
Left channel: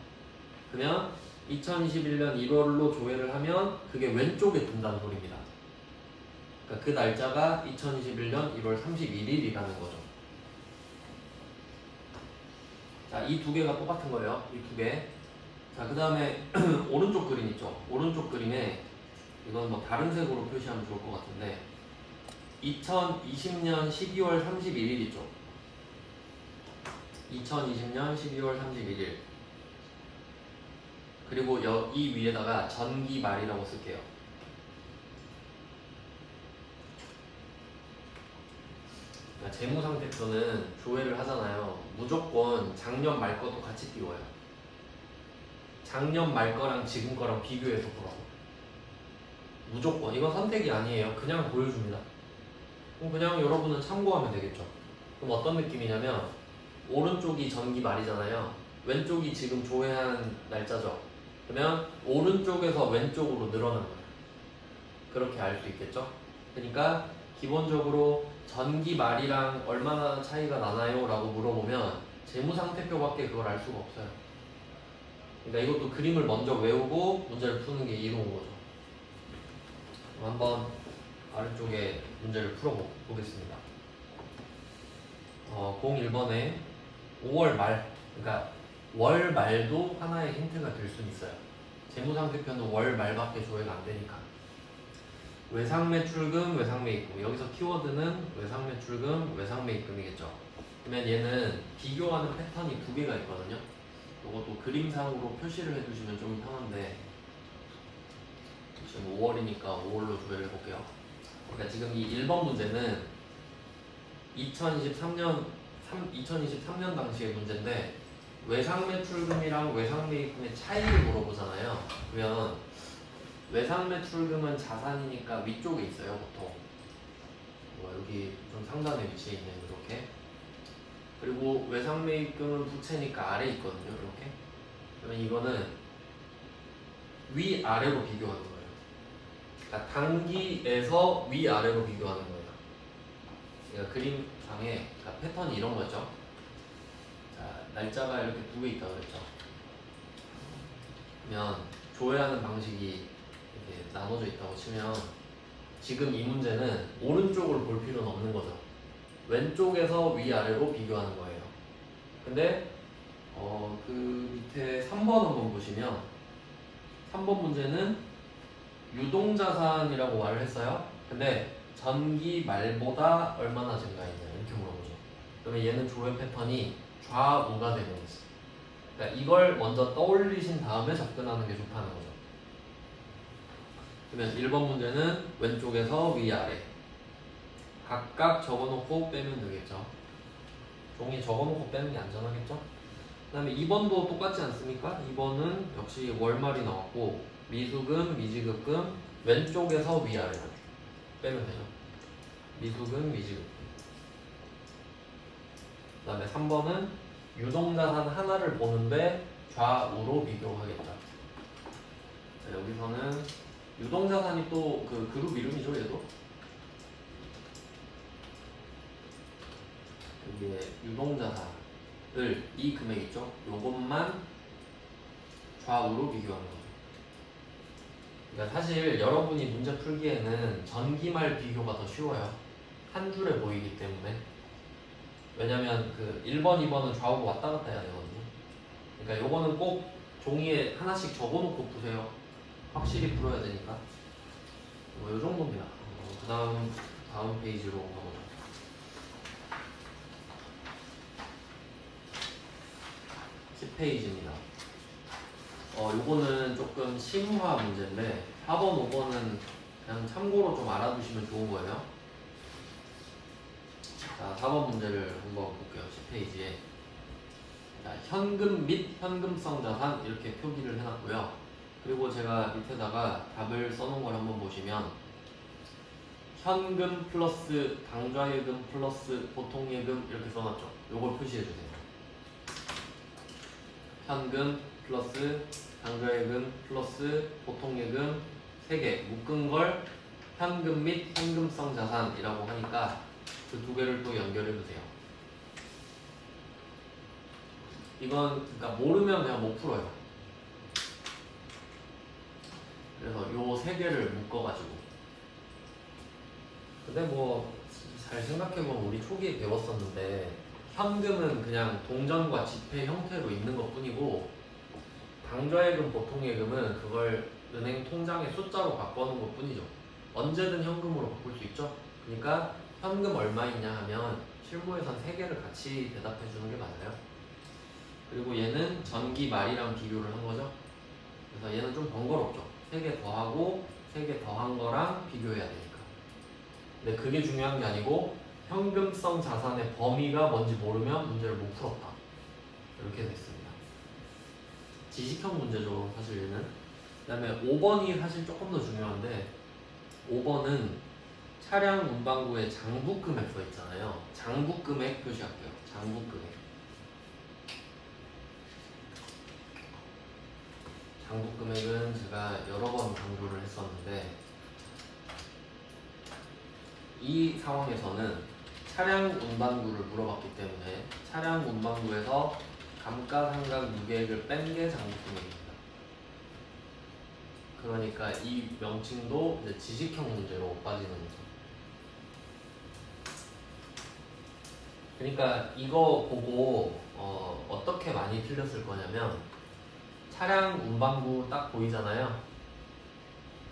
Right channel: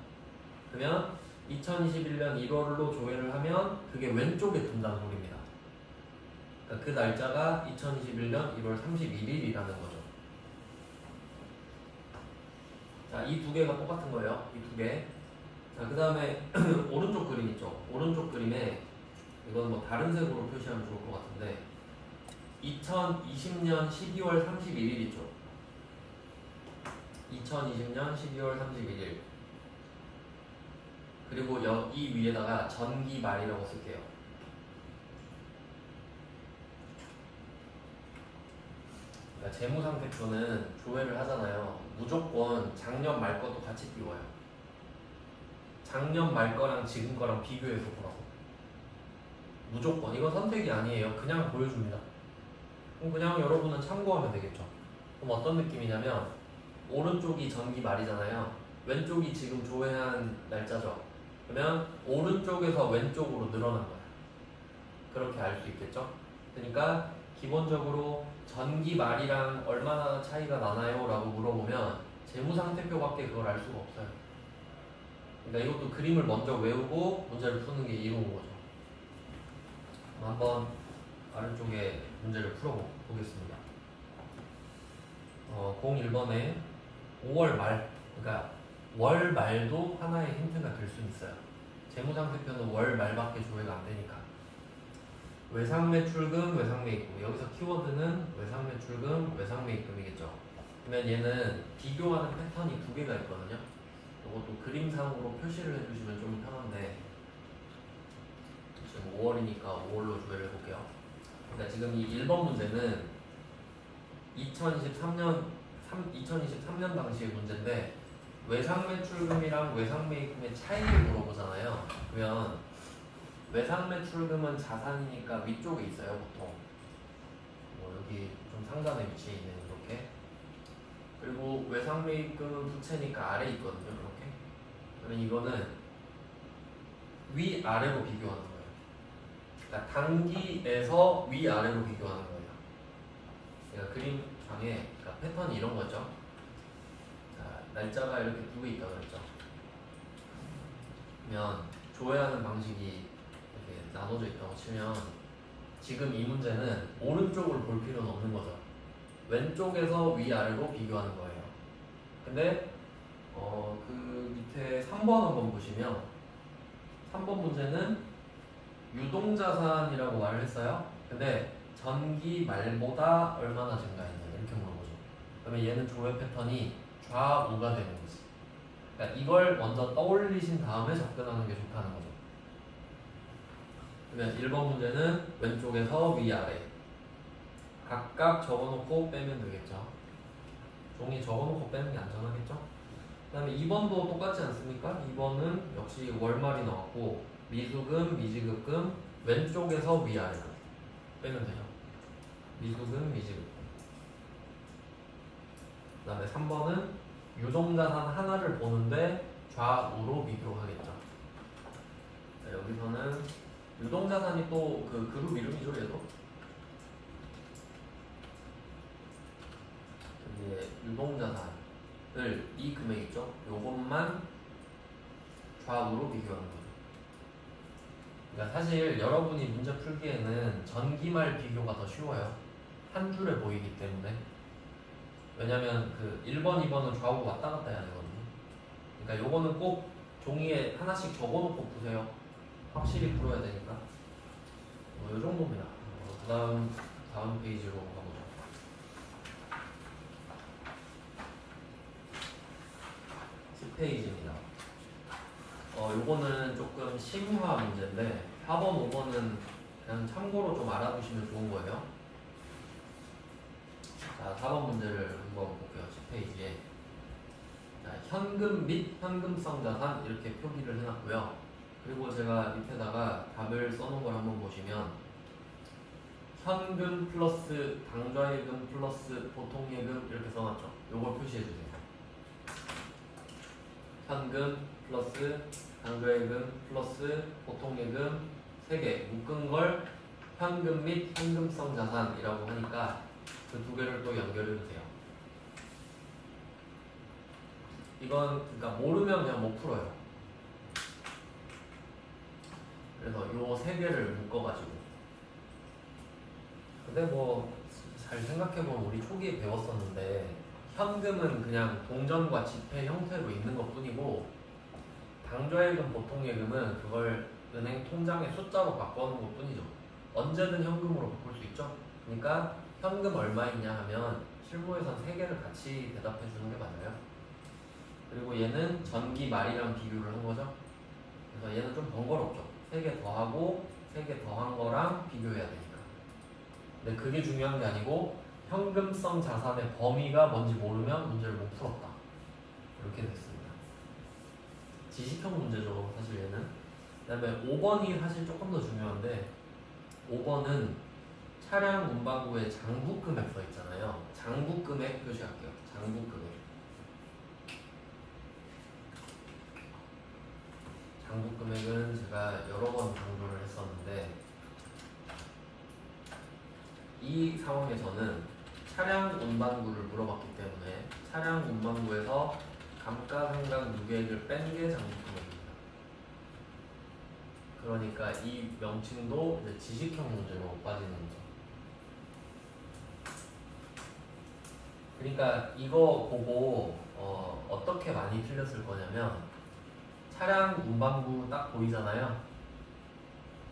그러면 2021년 1월로 조회를 하면 그게 왼쪽에 둔다는 소리입니다. 그러니까 그 날짜가 2021년 1월 31일이라는 거죠. 자, 이 두 개가 똑같은 거예요. 이 두 개. 자, 그 다음에 오른쪽 그림 있죠. 오른쪽 그림에 이건 뭐 다른 색으로 표시하면 좋을 것 같은데 2020년 12월 31일 있죠. 2020년 12월 31일 그리고 이 위에다가 전기말이라고 쓸게요. 그러니까 재무상태표는 조회를 하잖아요. 무조건 작년 말 것도 같이 띄워요. 작년 말 거랑 지금 거랑 비교해서 보라고. 무조건. 이건 선택이 아니에요. 그냥 보여줍니다. 그럼 그냥 여러분은 참고하면 되겠죠. 그럼 어떤 느낌이냐면 오른쪽이 전기 말이잖아요. 왼쪽이 지금 조회한 날짜죠. 그러면 오른쪽에서 왼쪽으로 늘어난 거예요. 그렇게 알 수 있겠죠. 그러니까 기본적으로 전기 말이랑 얼마나 차이가 나나요? 라고 물어보면 재무상태표밖에 그걸 알 수가 없어요. 그러니까 이것도 그림을 먼저 외우고 문제를 푸는 게 이로운 거죠. 한번 아래쪽에 문제를 풀어보겠습니다. 01번에 5월 말, 그러니까 월 말도 하나의 힌트가 될 수 있어요. 재무상태표는 월 말밖에 조회가 안 되니까. 외상매출금, 외상매입금. 여기서 키워드는 외상매출금, 외상매입금이겠죠. 그러면 얘는 비교하는 패턴이 두 개가 있거든요. 이것도 그림상으로 표시를 해두시면 좀 편한데 지금 5월이니까 5월로 조회를 해볼게요. 그러니까 지금 이 1번 문제는 2023년 당시의 문제인데 외상 매출금이랑 외상 매입금의 차이를 물어보잖아요. 그러면 외상 매출금은 자산이니까 위쪽에 있어요, 보통. 뭐 여기 좀 상단에 위치해 있는 이렇게. 그리고 외상 매입금은 부채니까 아래에 있거든요, 이렇게. 그러면 이거는 위아래로 비교하는 거예요. 그러니까 단기에서 위아래로 비교하는 거예요. 그러니까 그림상에 패턴이 이런 거죠. 자, 날짜가 이렇게 두 개 있다 그랬죠. 그러면 조회하는 방식이 이렇게 나눠져 있다고 치면 지금 이 문제는 오른쪽을 볼 필요는 없는 거죠. 왼쪽에서 위아래로 비교하는 거예요. 근데 그 밑에 3번 한번 보시면 3번 문제는 유동자산이라고 말을 했어요. 근데 전기 말보다 얼마나 증가했냐 이렇게 물어보죠. 그러면 얘는 조회 패턴이 좌우가 되는 거죠. 그러니까 이걸 먼저 떠올리신 다음에 접근하는 게 좋다는 거죠. 그러면 1번 문제는 왼쪽에서 위아래 각각 적어놓고 빼면 되겠죠. 종이 적어놓고 빼는 게 안전하겠죠. 그 다음에 2번도 똑같지 않습니까? 2번은 역시 월말이 나왔고 미수금, 미지급금 왼쪽에서 위아래로 빼면 되죠. 미수금, 미지급금. 그 다음에 3번은 유동자산 하나를 보는데 좌우로 비교하겠죠. 자, 여기서는 유동자산이 또 그 그룹 이름이죠, 얘도. 여기에 유동자산을 이 금액 있죠? 요것만 좌우로 비교하는 거예요. 그러니까 사실 여러분이 문제 풀기에는 전기말 비교가 더 쉬워요. 한 줄에 보이기 때문에. 왜냐면 그 1번, 2번은 좌우가 왔다 갔다 해야 되거든요. 그러니까 요거는 꼭 종이에 하나씩 적어놓고 푸세요. 확실히 풀어야 되니까. 뭐 요 정도입니다. 다음 페이지로 가보죠. 10페이지입니다. 요거는 조금 심화 문제인데 4번, 5번은 그냥 참고로 좀 알아두시면 좋은 거예요. 자, 4번 문제를 한번 볼게요. 10페이지에. 자, 현금 및 현금성 자산 이렇게 표기를 해놨고요. 그리고 제가 밑에다가 답을 써놓은 걸 한번 보시면 현금 플러스 당좌예금 플러스 보통예금 이렇게 써놨죠. 요걸 표시해주세요. 현금 플러스 당좌예금 플러스 보통예금 3개 묶은 걸 현금 및 현금성 자산이라고 하니까 그 두 개를 또 연결해주세요. 이건 그러니까 모르면 그냥 못 풀어요. 그래서 요 3개를 묶어가지고 근데 뭐 잘 생각해보면 우리 초기에 배웠었는데 현금은 그냥 동전과 지폐 형태로 있는 것 뿐이고 당좌예금, 보통예금은 그걸 은행 통장에 숫자로 바꿔놓은 것 뿐이죠. 언제든 현금으로 바꿀 수 있죠. 그러니까 현금 얼마 있냐 하면 실무에선 3개를 같이 대답해 주는 게 맞아요. 그리고 얘는 전기 말이랑 비교를 한 거죠. 그래서 얘는 좀 번거롭죠. 3개 더하고 3개 더한 거랑 비교해야 되니까. 근데 그게 중요한 게 아니고 현금성 자산의 범위가 뭔지 모르면 문제를 못 풀었다. 이렇게 됐습니다. 지식형 문제죠, 사실 얘는. 그 다음에 5번이 사실 조금 더 중요한데 5번은 차량 운반구에 장부금액 써 있잖아요. 장부금액 표시할게요. 장부금액. 장부금액은 제가 여러 번 강조를 했었는데 이 상황에서는 차량 운반구를 물어봤기 때문에 차량 운반구에서 감가상각 유계액을 뺀 게 장부금액입니다. 그러니까 이 명칭도 이제 지식형 문제로 빠지는 거죠. 그러니까 이거 보고 어떻게 많이 틀렸을 거냐면 차량 운반구 딱 보이잖아요.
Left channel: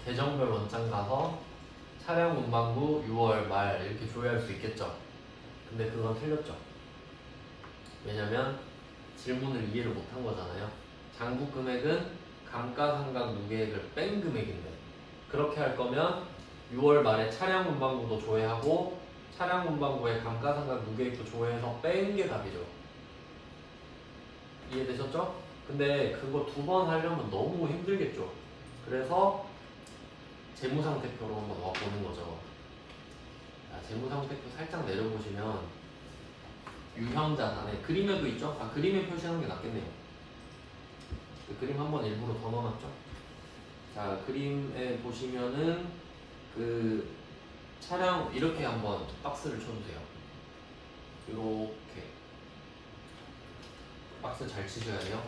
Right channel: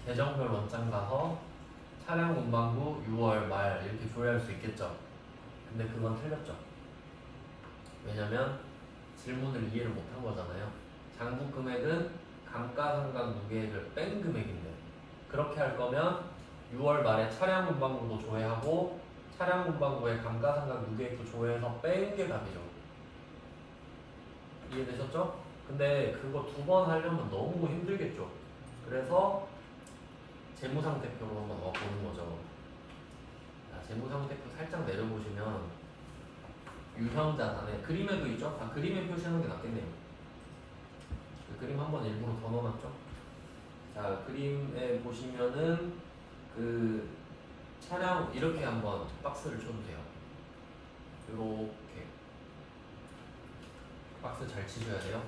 계정별 원장 가서 차량 운반구 6월 말 이렇게 조회할 수 있겠죠. 근데 그건 틀렸죠. 왜냐면 질문을 이해를 못한 거잖아요. 장부 금액은 감가상각 누계액을 뺀 금액인데, 그렇게 할 거면 6월 말에 차량 운반부도 조회하고 차량 운반부의 감가상각 누계액도 조회해서 뺀 게 답이죠. 이해되셨죠? 근데 그거 두 번 하려면 너무 힘들겠죠. 그래서 재무상태표로 한번 와보는 거죠. 재무상태표 살짝 내려보시면 유형자산에 그림에도 있죠? 그림에 표시하는 게 낫겠네요. 그림 한번 일부러 더 넣어놨죠? 자, 그림에 보시면은 그 차량 이렇게 한번 박스를 쳐주세요. 이렇게 박스 잘 치셔야 돼요.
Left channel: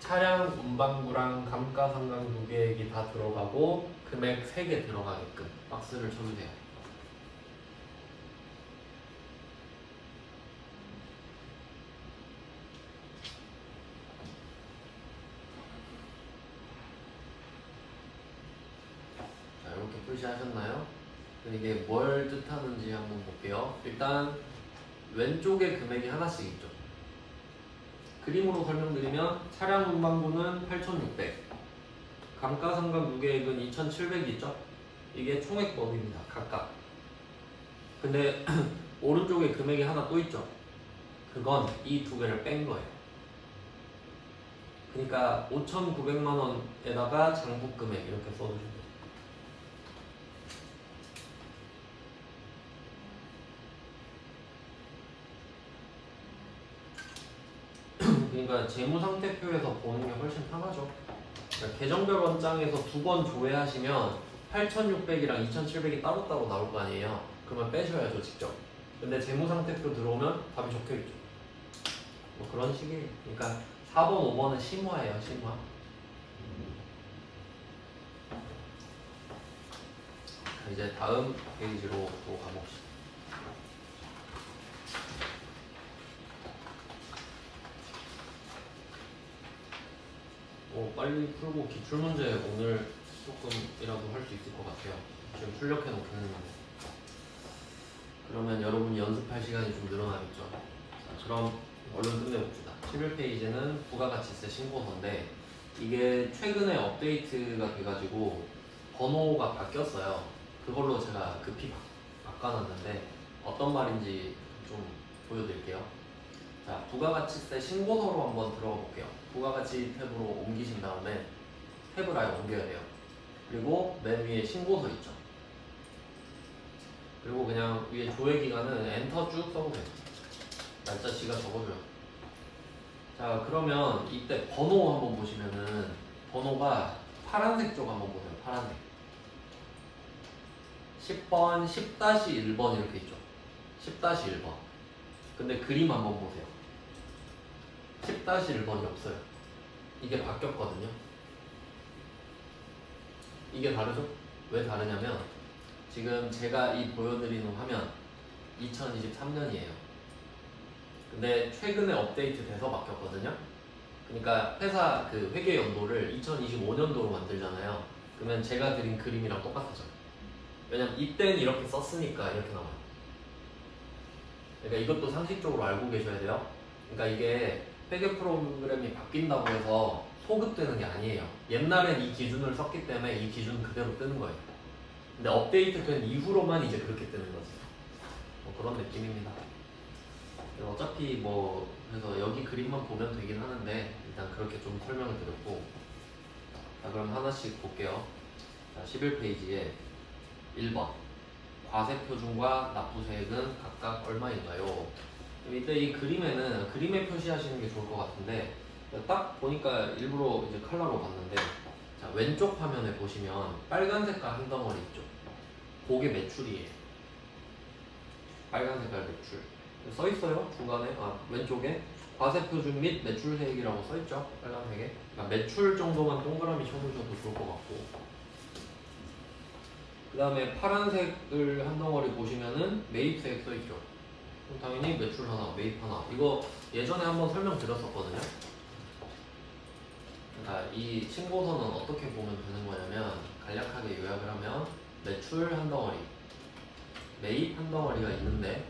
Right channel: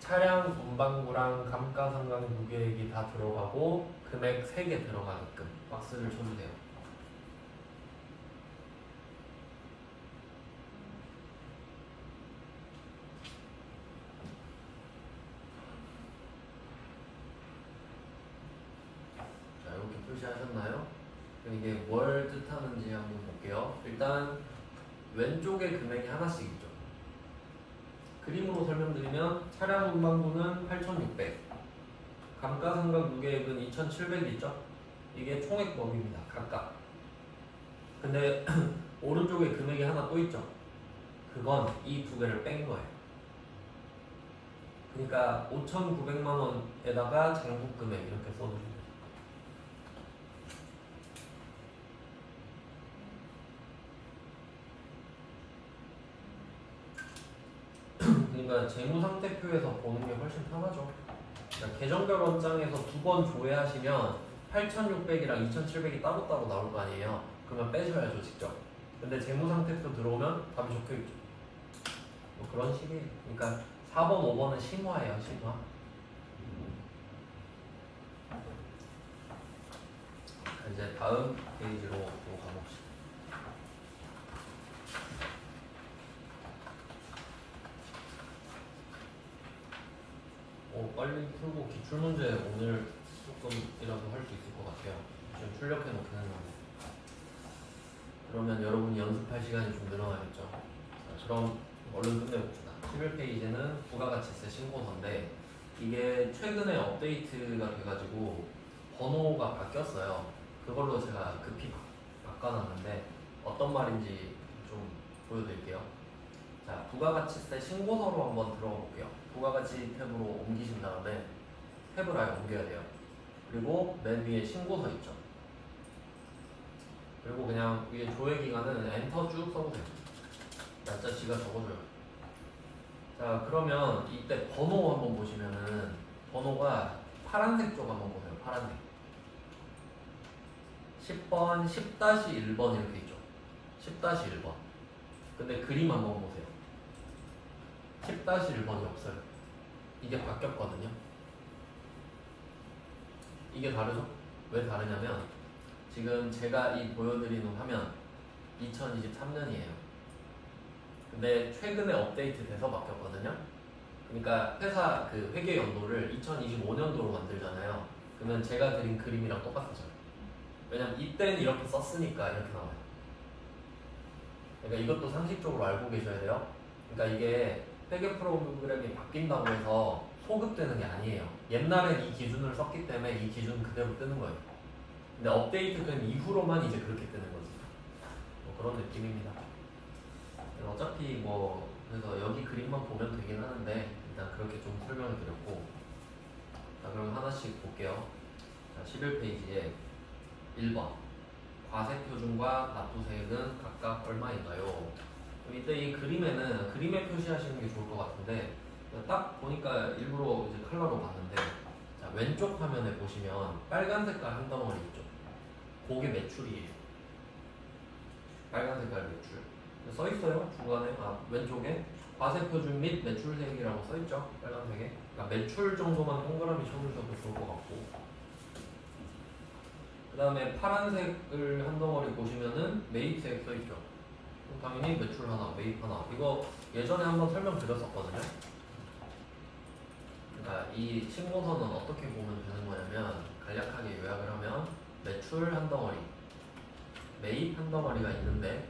차량 운반부랑 감가상각 누계액이 다 들어가고 금액 3개 들어가게끔 박스를 쳐주세요. 자, 이렇게 표시하셨나요? 이게 뭘 뜻하는지 한번 볼게요. 일단 왼쪽에 금액이 하나씩 있죠. 그림으로 설명드리면 차량 운반부는 8,600, 감가상각 누계액은 2,700 있죠? 이게 총액법입니다. 각각. 근데 오른쪽에 금액이 하나 또 있죠? 그건 이 두 개를 뺀 거예요. 그러니까 5,900만 원에다가 장부 금액 이렇게 써주시면 돼요. 그러니까 재무상태표에서 보는 게 훨씬 편하죠. 그러니까 계정별 원장에서 두 번 조회하시면 8,600이랑 2,700이 따로따로 나올 거 아니에요. 그러면 빼셔야죠, 직접. 근데 재무상태표 들어오면 답이 적혀있죠. 뭐 그런 식이에요. 그러니까 4번, 5번은 심화예요, 심화. 이제 다음 페이지로 또 가봅시다. 빨리 풀고 기출문제 오늘 조금이라도 할 수 있을 것 같아요. 지금 출력해 놓겠는데. 그러면 여러분이 연습할 시간이 좀 늘어나겠죠. 자, 그럼 얼른 끝내봅시다. 11페이지는 부가가치세 신고서인데 이게 최근에 업데이트가 돼가지고 번호가 바뀌었어요. 그걸로 제가 급히 바꿔놨는데 어떤 말인지 좀 보여드릴게요. 자, 부가가치세 신고서로 한번 들어가 볼게요. 부가가치 탭으로 옮기신 다음에 탭을 아예 옮겨야 돼요. 그리고 맨 위에 신고서 있죠. 그리고 그냥 위에 조회기간은 엔터 쭉 써보세요. 날짜 지가 적어줘요. 자, 그러면 이때 번호 한번 보시면은 번호가 파란색 쪽 한번 보세요. 파란색 10번, 10-1번 이렇게 있죠. 10-1번. 근데 그림 한번 보세요. 10-1번이 없어요. 이게 바뀌었거든요. 이게 다르죠? 왜 다르냐면 지금 제가 이 보여드리는 화면 2023년이에요. 근데 최근에 업데이트 돼서 바뀌었거든요. 그러니까 회사 그 회계 연도를 2025년도로 만들잖아요. 그러면 제가 그린 그림이랑 똑같아져요. 왜냐면 이때는 이렇게 썼으니까 이렇게 나와요. 그러니까 이것도 상식적으로 알고 계셔야 돼요. 그러니까 이게 회계 프로그램이 바뀐다고 해서 소급되는 게 아니에요. 옛날엔 이 기준을 썼기 때문에 이 기준 그대로 뜨는 거예요. 근데 업데이트 된 이후로만 이제 그렇게 뜨는 거지. 뭐 그런 느낌입니다. 어차피 뭐 그래서 여기 그림만 보면 되긴 하는데 일단 그렇게 좀 설명을 드렸고, 자 그럼 하나씩 볼게요. 자 11페이지에 1번 과세표준과 납부세액은 각각 얼마인가요? 이때 이 그림에는 그림에 표시하시는 게 좋을 것 같은데 딱 보니까 일부러 이제 컬러로 봤는데, 자 왼쪽 화면에 보시면 빨간 색깔 한 덩어리 있죠. 그게 매출이에요. 빨간 색깔 매출 써 있어요. 중간에 왼쪽에 과세표준 및 매출세액이라고 써 있죠. 빨간색에. 그러니까 매출 정도만 동그라미 쳐주셔도 좋을 것 같고, 그 다음에 파란색을 한 덩어리 보시면은 매입세액 써 있죠. 그럼 당연히 매출 하나, 매입 하나. 이거 예전에 한번 설명드렸었거든요. 그러니까 이 신고서는 어떻게 보면 되는 거냐면 간략하게 요약을 하면 매출 한 덩어리, 매입 한 덩어리가 있는데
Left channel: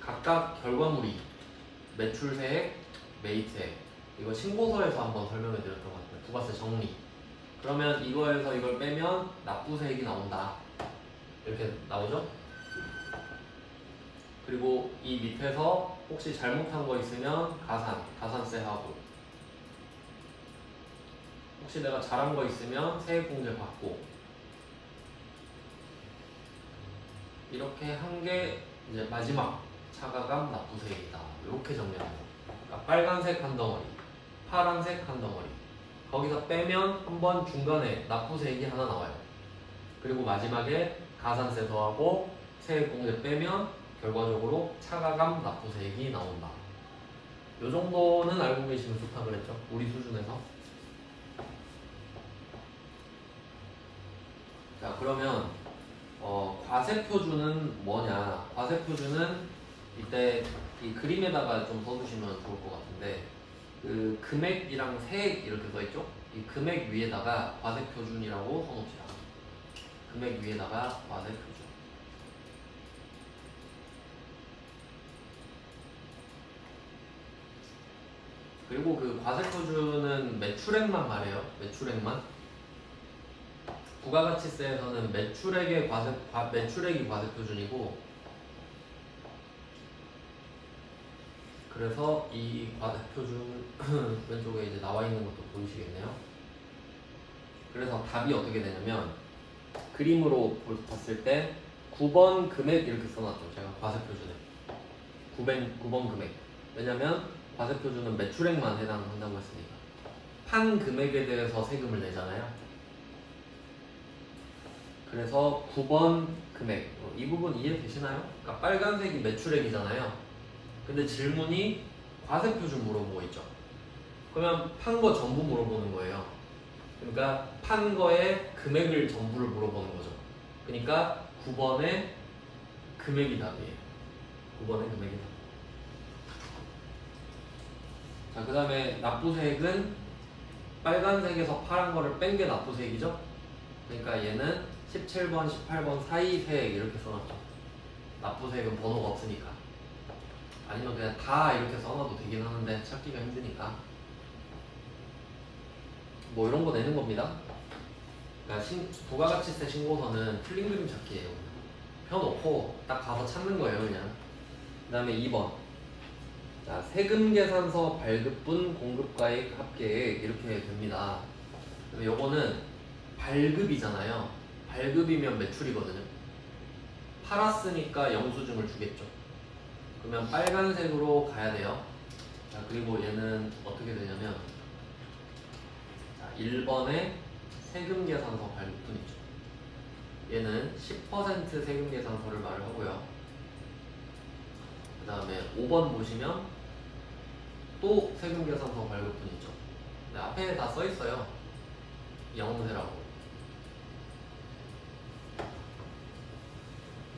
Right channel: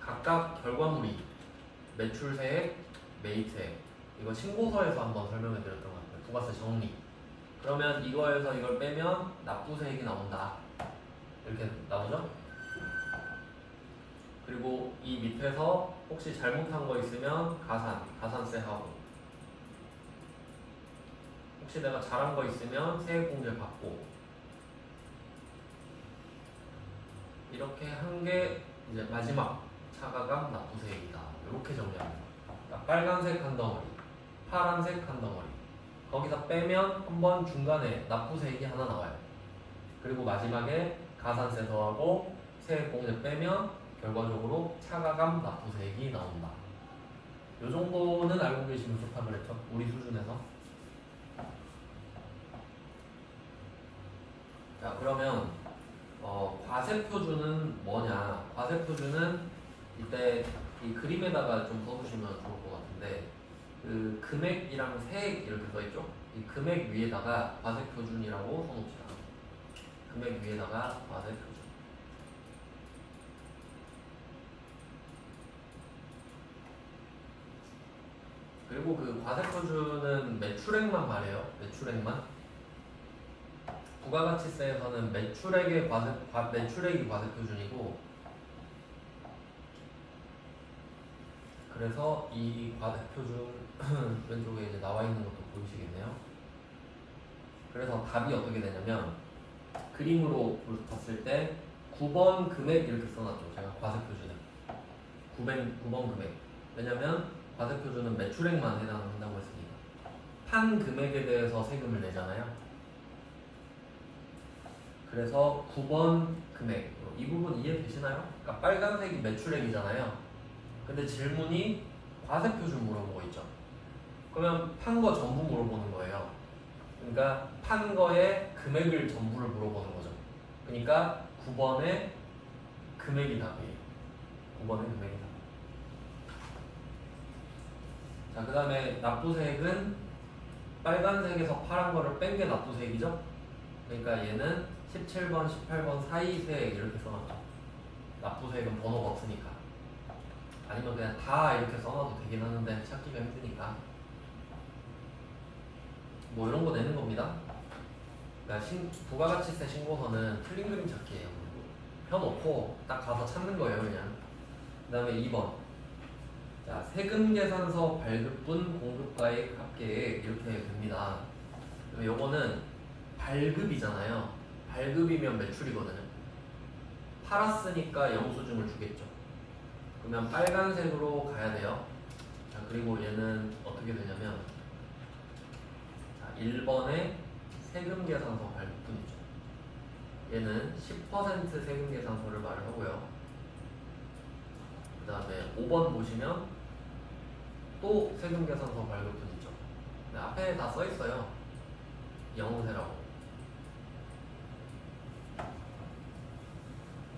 각각 결과물이 매출세액, 메이트액. 이거 신고서에서 한번 설명해 드렸던 것 같아요. 부가세 정리. 그러면 이거에서 이걸 빼면 납부세액이 나온다. 이렇게 나오죠? 그리고 이 밑에서 혹시 잘못한 거 있으면 가산세 하고, 혹시 내가 잘한 거 있으면 세액공제 받고, 이렇게 한 게 이제 마지막 차가감 납부세액이다. 이렇게 정리합니다. 그러니까 빨간색 한 덩어리, 파란색 한 덩어리. 거기서 빼면 한번 중간에 납부세액이 하나 나와요. 그리고 마지막에 가산세 더하고 세액공제 빼면 결과적으로 차가감 납부세액이 나온다. 이 정도는 알고 계시면 좋다 그랬죠? 우리 수준에서. 자, 그러면 과세표준은 뭐냐? 과세표준은 이때 이 그림에다가 좀 써주시면 좋을 것 같은데, 그 금액이랑 세액 이렇게 써있죠? 이 금액 위에다가 과세표준이라고 써놓읍시다. 금액 위에다가 과세표준. 그리고 그 과세표준은 매출액만 말해요. 매출액만. 부가가치세에서는 매출액이 과세표준이고, 그래서 이 과세표준 왼쪽에 이제 나와 있는 것도 보이시겠네요. 그래서 답이 어떻게 되냐면, 그림으로 봤을 때 9번 금액 이렇게 써놨죠. 제가 과세표준에 9번 금액. 왜냐면 과세표준은 매출액만 해당한다고 했으니까. 판 금액에 대해서 세금을 내잖아요. 그래서 9번 금액, 이 부분 이해되시나요? 그러니까 빨간색이 매출액이잖아요. 근데 질문이 과세표준 물어보고 있죠. 그러면 판 거 전부 물어보는 거예요. 그러니까 판 거의 금액을 전부를 물어보는 거죠. 그러니까 9번의 금액이 답이에요. 9번의 금액이 답. 자, 그 다음에 납부세액은 빨간색에서 파란 거를 뺀 게 납부세액이죠. 그러니까 얘는 17번, 18번 사이 세액 이렇게 써놨죠. 납부세액은 번호가 없으니까. 아니면 그냥 다 이렇게 써놔도 되긴 하는데 찾기가 힘드니까. 뭐 이런 거 내는 겁니다. 그러니까 부가가치세 신고서는 틀린 그림 찾기예요. 펴놓고 딱 가서 찾는 거예요, 그냥. 그 다음에 2번. 자, 세금계산서 발급분 공급가액 합계액 이렇게 됩니다. 요거는 발급이잖아요. 발급이면 매출이거든요. 팔았으니까 영수증을 주겠죠. 그러면 빨간색으로 가야 돼요. 자, 그리고 얘는 어떻게 되냐면, 자, 1번에 세금계산서 발급분이죠. 얘는 10% 세금계산서를 말을 하고요. 그 다음에 5번 보시면 또 세금계산서 발급분이죠. 앞에 다 써있어요. 영세라고.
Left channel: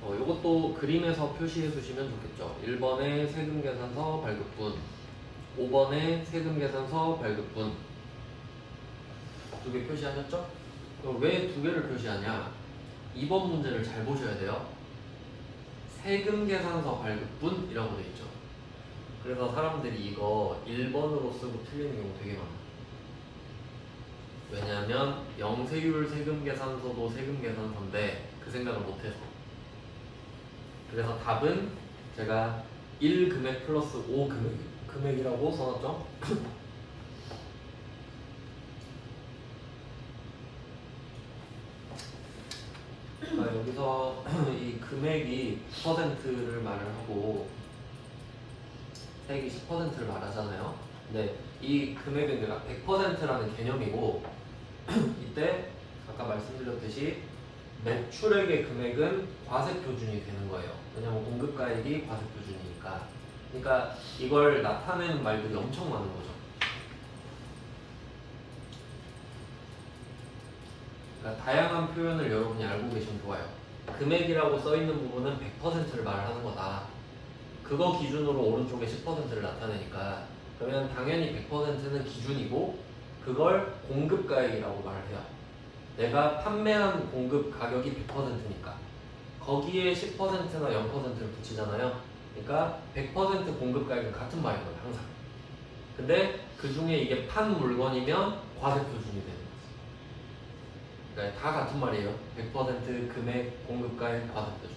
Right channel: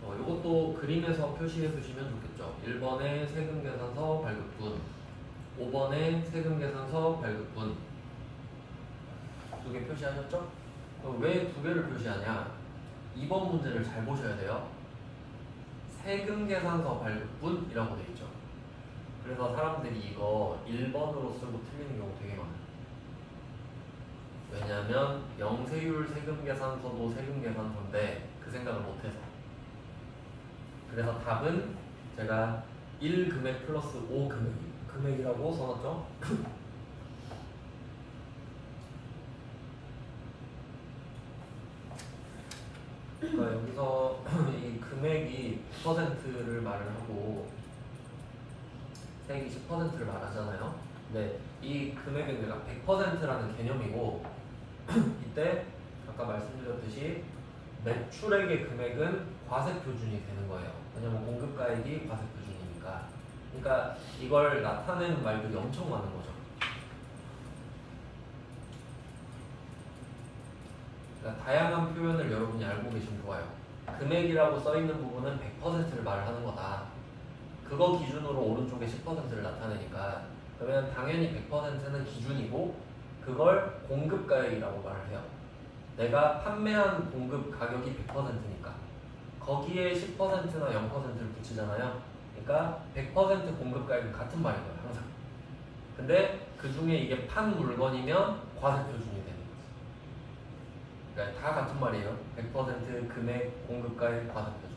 이것도 그림에서 표시해 주시면 좋겠죠. 1번에 세금계산서 발급분, 5번에 세금계산서 발급분. 두 개 표시하셨죠? 그럼 왜 두 개를 표시하냐? 2번 문제를 잘 보셔야 돼요. 세금계산서 발급분 이라고 되어 있죠. 그래서 사람들이 이거 1번으로 쓰고 틀리는 경우 되게 많아요. 왜냐하면 영세율 세금계산서도 세금계산서인데 그 생각을 못해서. 그래서 답은 제가 1금액 플러스 5금액이라고 써놨죠. 그러니까 여기서 이 금액이 9%를 말을 하고 세액이 10%를 말하잖아요. 근데 이 금액은 내가 100%라는 개념이고 이때 아까 말씀드렸듯이 매출액의 금액은 과세표준이 되는 거예요. 왜냐면 공급가액이 과세표준이니까. 그러니까 이걸 나타내는 말들이 엄청 많은 거죠. 그러니까 다양한 표현을 여러분이 알고 계시면 좋아요. 금액이라고 써있는 부분은 100%를 말하는 거다. 그거 기준으로 오른쪽에 10%를 나타내니까 그러면 당연히 100%는 기준이고 그걸 공급가액이라고 말을 해요. 내가 판매한 공급 가격이 100%니까 거기에 10%나 0%를 붙이잖아요. 그러니까 100% 공급가액은 같은 말인 거예요. 항상. 근데 그 중에 이게 판 물건이면 과세표준이 되는 거지. 그러니까 다 같은 말이에요. 100% 금액 공급가액 과세표준.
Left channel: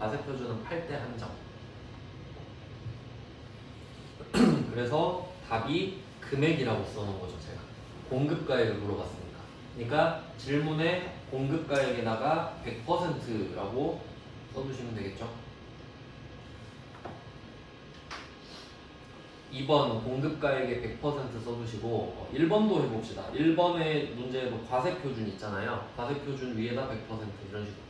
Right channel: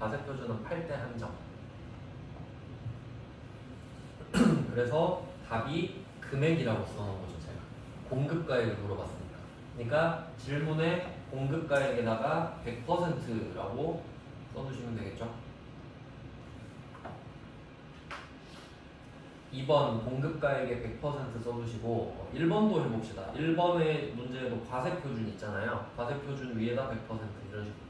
과세표준은 팔 때 한정. 그래서 답이 금액이라고 써놓은 거죠, 제가. 공급가액을 물어봤으니까. 그러니까 질문에 공급가액에다가 100%라고 써주시면 되겠죠. 2번 공급가액에 100% 써주시고 1번도 해봅시다. 1번의 문제에도 과세표준 있잖아요. 과세표준 위에다 100% 이런 식으로.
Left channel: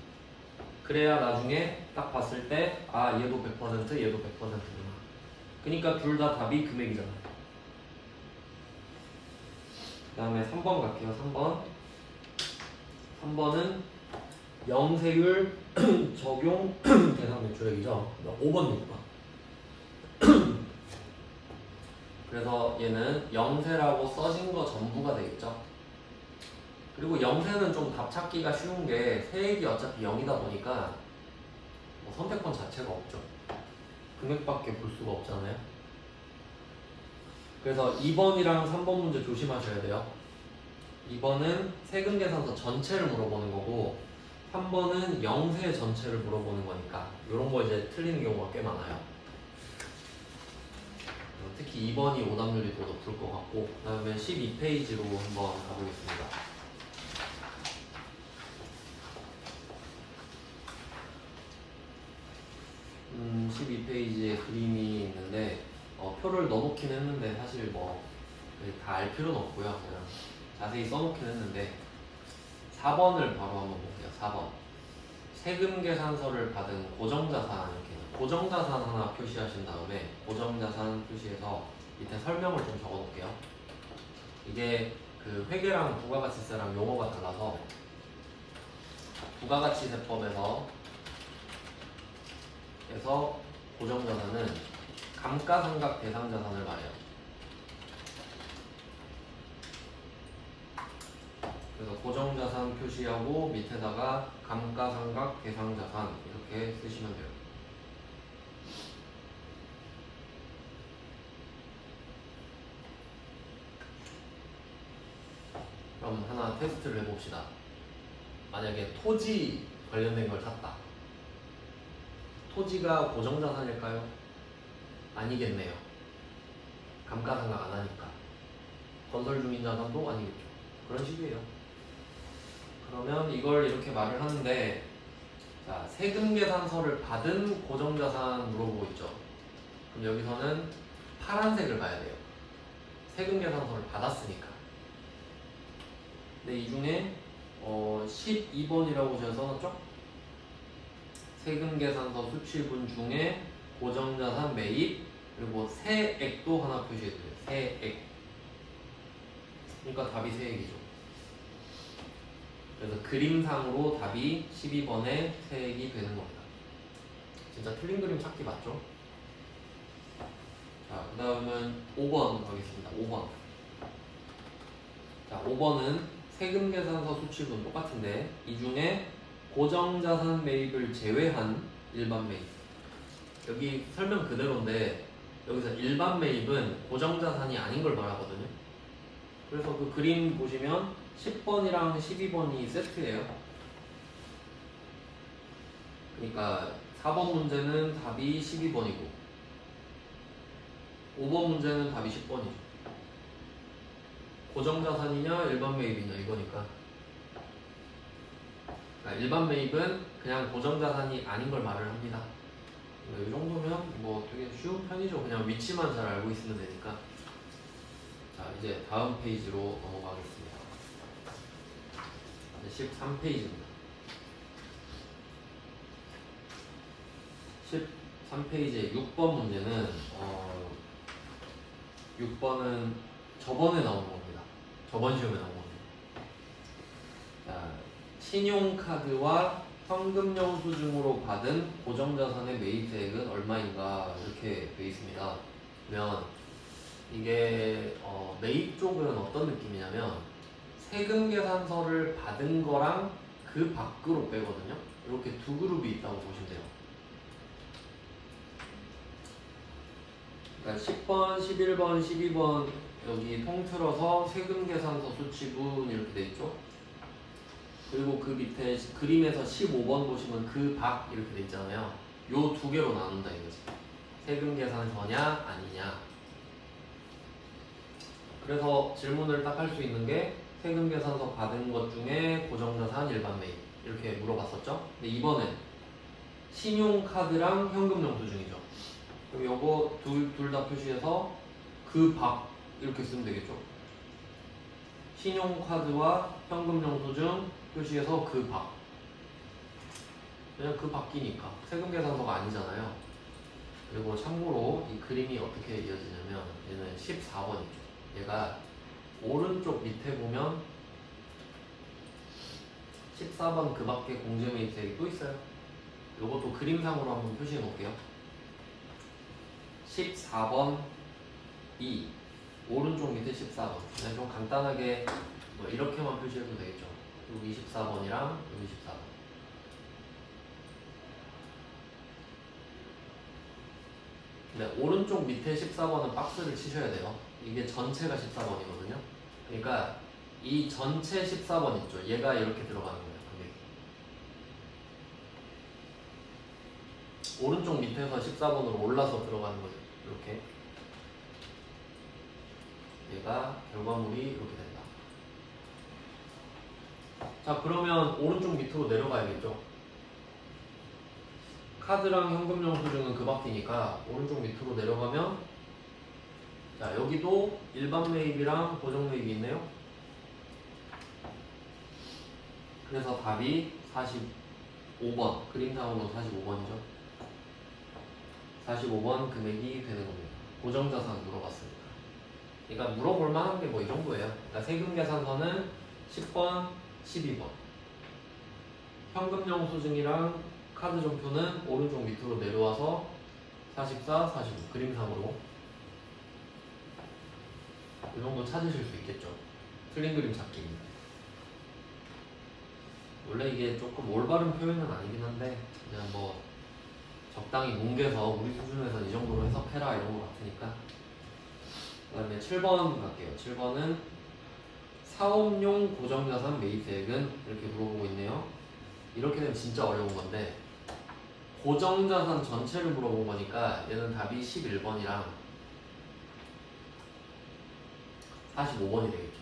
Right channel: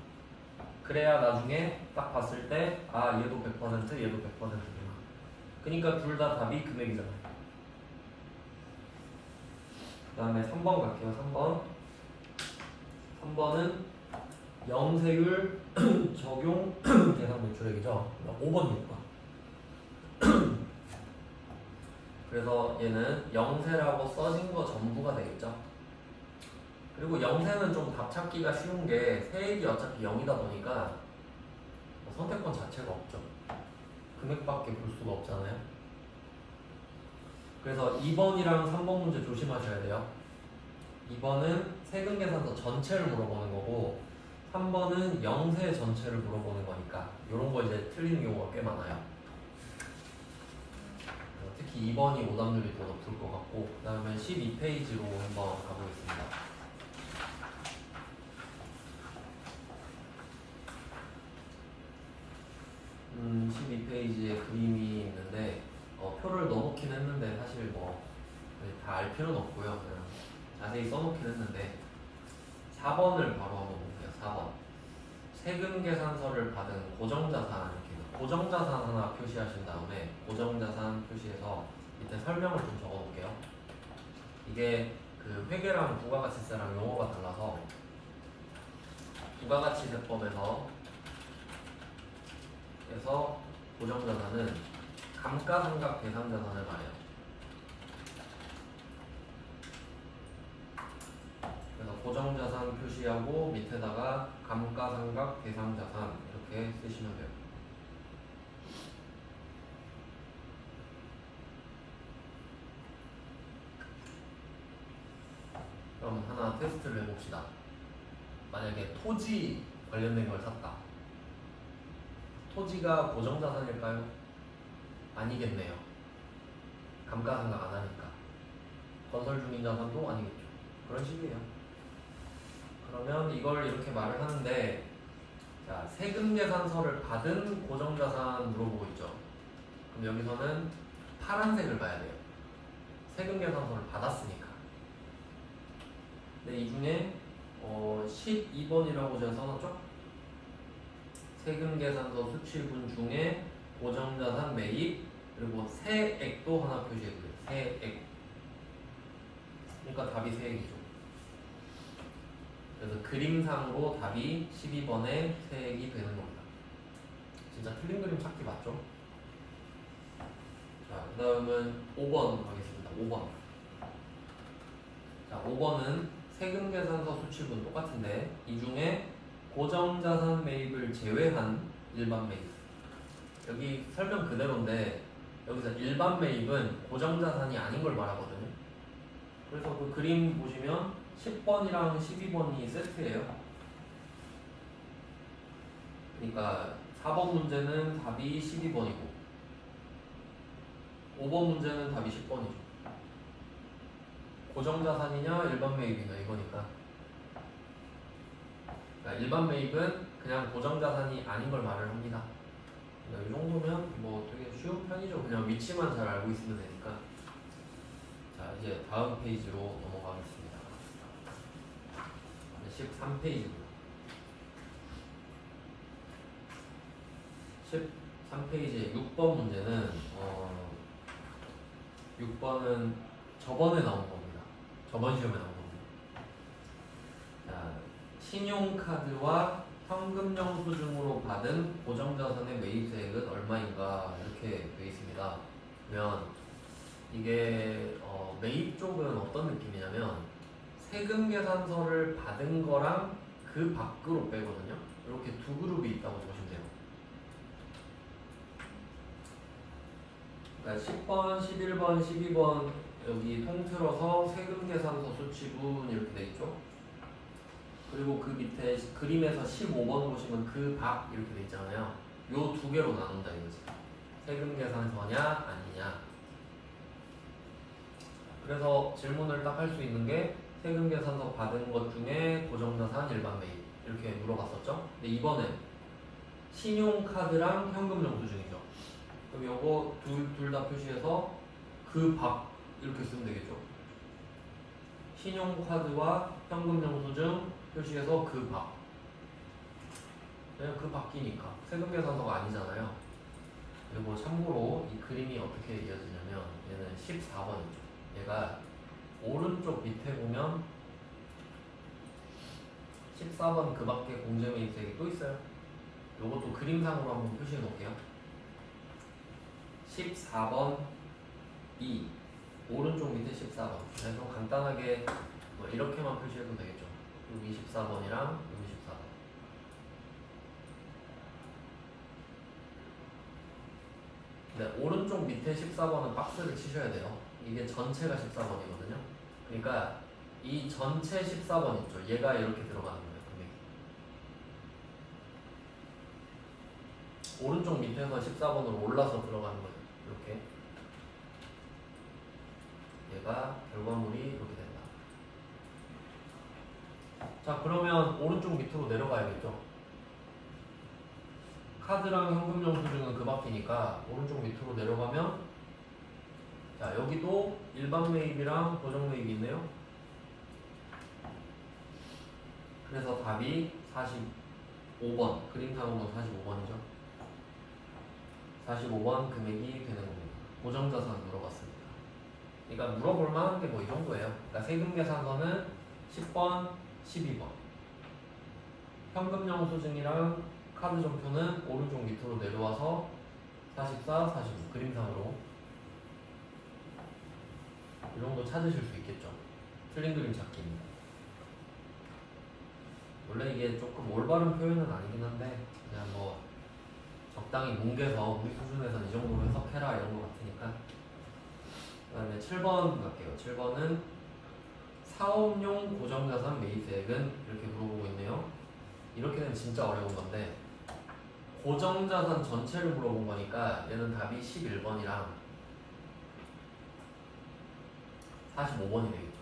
그래야 나중에 딱 봤을 때 아 얘도 100% 얘도 100%구나. 그러니까 둘 다 답이 금액이잖아. 그 다음에 3번 갈게요. 3번은 영세율 적용 대상 매출액이죠. 5번 6번. 그래서 얘는 영세라고 써진 거 전부가 되겠죠. 그리고 영세는 좀 답 찾기가 쉬운 게 세액이 어차피 0이다 보니까 뭐 선택권 자체가 없죠. 금액밖에 볼 수가 없잖아요. 그래서 2번이랑 3번 문제 조심하셔야 돼요. 2번은 세금 계산서 전체를 물어보는 거고 3번은 영세 전체를 물어보는 거니까 이런 거 이제 틀리는 경우가 꽤 많아요. 특히 2번이 오답률이 더 높을 것 같고 그 다음에 12페이지로 한번 가보겠습니다. 12페이지에 그림이 있는데 표를 넣어놓긴 했는데 사실 뭐 다 알 필요는 없고요. 그냥 자세히 써놓긴 했는데 4번을 바로 한번 볼게요. 4번 세금 계산서를 받은 고정자산 이렇게 고정자산 하나 표시하신 다음에 고정자산 표시해서 밑에 설명을 좀 적어놓을게요. 이게 그 회계랑 부가가치세랑 용어가 달라서 부가가치세법에서 고정자산은 감가상각 대상자산을 말해요. 그래서 고정자산 표시하고 밑에다가 감가상각 대상자산 이렇게 쓰시면 돼요. 그럼 하나 테스트를 해봅시다. 만약에 토지 관련된 걸 샀다. 토지가 고정자산일까요? 아니겠네요. 감가상각 안 하니까. 건설주민자산도 아니겠죠. 그런 식이에요. 그러면 이걸 이렇게 말을 하는데 자, 세금계산서를 받은 고정자산 물어보고 있죠. 그럼 여기서는 파란색을 봐야 돼요. 세금계산서를 받았으니까. 근데 이 중에 12번이라고 제가 써놨죠? 세금계산서 수취분 중에 고정자산 매입 그리고 세액도 하나 표시해줘요. 세액. 그러니까 답이 세액이죠. 그래서 그림상으로 답이 12번의 세액이 되는 겁니다. 진짜 틀린 그림 찾기 맞죠? 자, 그 다음은 5번 가겠습니다. 5번. 자, 5번은 세금계산서 수취분 똑같은데 이 중에 고정자산 매입을 제외한 일반 매입. 여기 설명 그대로인데 여기서 일반 매입은 고정자산이 아닌 걸 말하거든요. 그래서 그 그림 보시면 10번이랑 12번이 세트예요. 그러니까 4번 문제는 답이 12번이고 5번 문제는 답이 10번이죠. 고정자산이냐 일반 매입이냐 이거니까. 일반 매입은 그냥 고정자산이 아닌 걸 말을 합니다. 이 정도면 뭐 되게 쉬운 편이죠. 그냥 위치만 잘 알고 있으면 되니까. 자, 이제 다음 페이지로 넘어가겠습니다. 13페이지입니다. 13페이지의 6번 문제는 6번은 저번에 나온 겁니다. 저번 시험에 나온 겁니다. 자, 신용카드와 현금영수증으로 받은 고정자산의 매입세액은 얼마인가 이렇게 되어 있습니다. 그러면 이게 매입 쪽은 어떤 느낌이냐면 세금 계산서를 받은 거랑 그 밖으로 빼거든요. 이렇게 두 그룹이 있다고 보시면 돼요. 그러니까 10번, 11번, 12번 여기 통틀어서 세금계산서 수치분 이렇게 돼 있죠. 그리고 그 밑에 그림에서 15번 보시면 그 밖 이렇게 돼 있잖아요. 요 두 개로 나눈다 이거지. 세금계산서냐 아니냐. 그래서 질문을 딱 할 수 있는 게 세금계산서 받은 것 중에 고정자산 일반 매입 이렇게 물어봤었죠. 근데 이번엔 신용카드랑 현금영수증이죠. 그럼 요거 둘 다 표시해서 그 밖 이렇게 쓰면 되겠죠. 신용카드와 현금영수증 표시해서 그 밖. 그냥 그 밖이니까 세금계산서가 아니잖아요. 그리고 참고로 이 그림이 어떻게 이어지냐면 얘는 14번이죠. 얘가 오른쪽 밑에 보면 14번 그 밖에 공제매입세액이 또 있어요. 요것도 그림상으로 한번 표시해 놓을게요. 14번 2 오른쪽 밑에 14번 그냥 좀 간단하게 뭐 이렇게만 표시해도 되겠죠. 여기 24번이랑 여기 14번. 네, 오른쪽 밑에 14번은 박스를 치셔야 돼요. 이게 전체가 14번이거든요. 그러니까 이 전체 14번 있죠. 얘가 이렇게 들어가는 거예요. 오른쪽 밑에서 14번으로 올라서 들어가는 거예요. 이렇게. 얘가 결과물이 이렇게 된다. 자, 그러면 오른쪽 밑으로 내려가야겠죠. 카드랑 현금영수증은 그 밖이니까 오른쪽 밑으로 내려가면 자, 여기도 일반 매입이랑 고정 매입이 있네요. 그래서 답이 45번, 그림상으로 45번이죠. 45번 금액이 되는 겁니다. 고정자산 물어봤습니다. 그러니까 물어볼 만한 게 뭐 이 정도예요. 그러니까 세금계산서는 10번, 12번. 현금영수증이랑 카드점표는 오른쪽 밑으로 내려와서 44, 45 그림상으로 이 정도 찾으실 수 있겠죠. 틀린 그림 찾기입니다. 원래 이게 조금 올바른 표현은 아니긴 한데 그냥 뭐 적당히 뭉개서 우리 수준에서 이 정도로 해석해라 이런 거 같으니까. 그 다음에 7번 갈게요. 7번은 사업용 고정자산 매입세액은 이렇게 물어보고 있네요. 이렇게 되면 진짜 어려운 건데 고정자산 전체를 물어본 거니까 얘는 답이 11번이랑 45번이 되겠죠.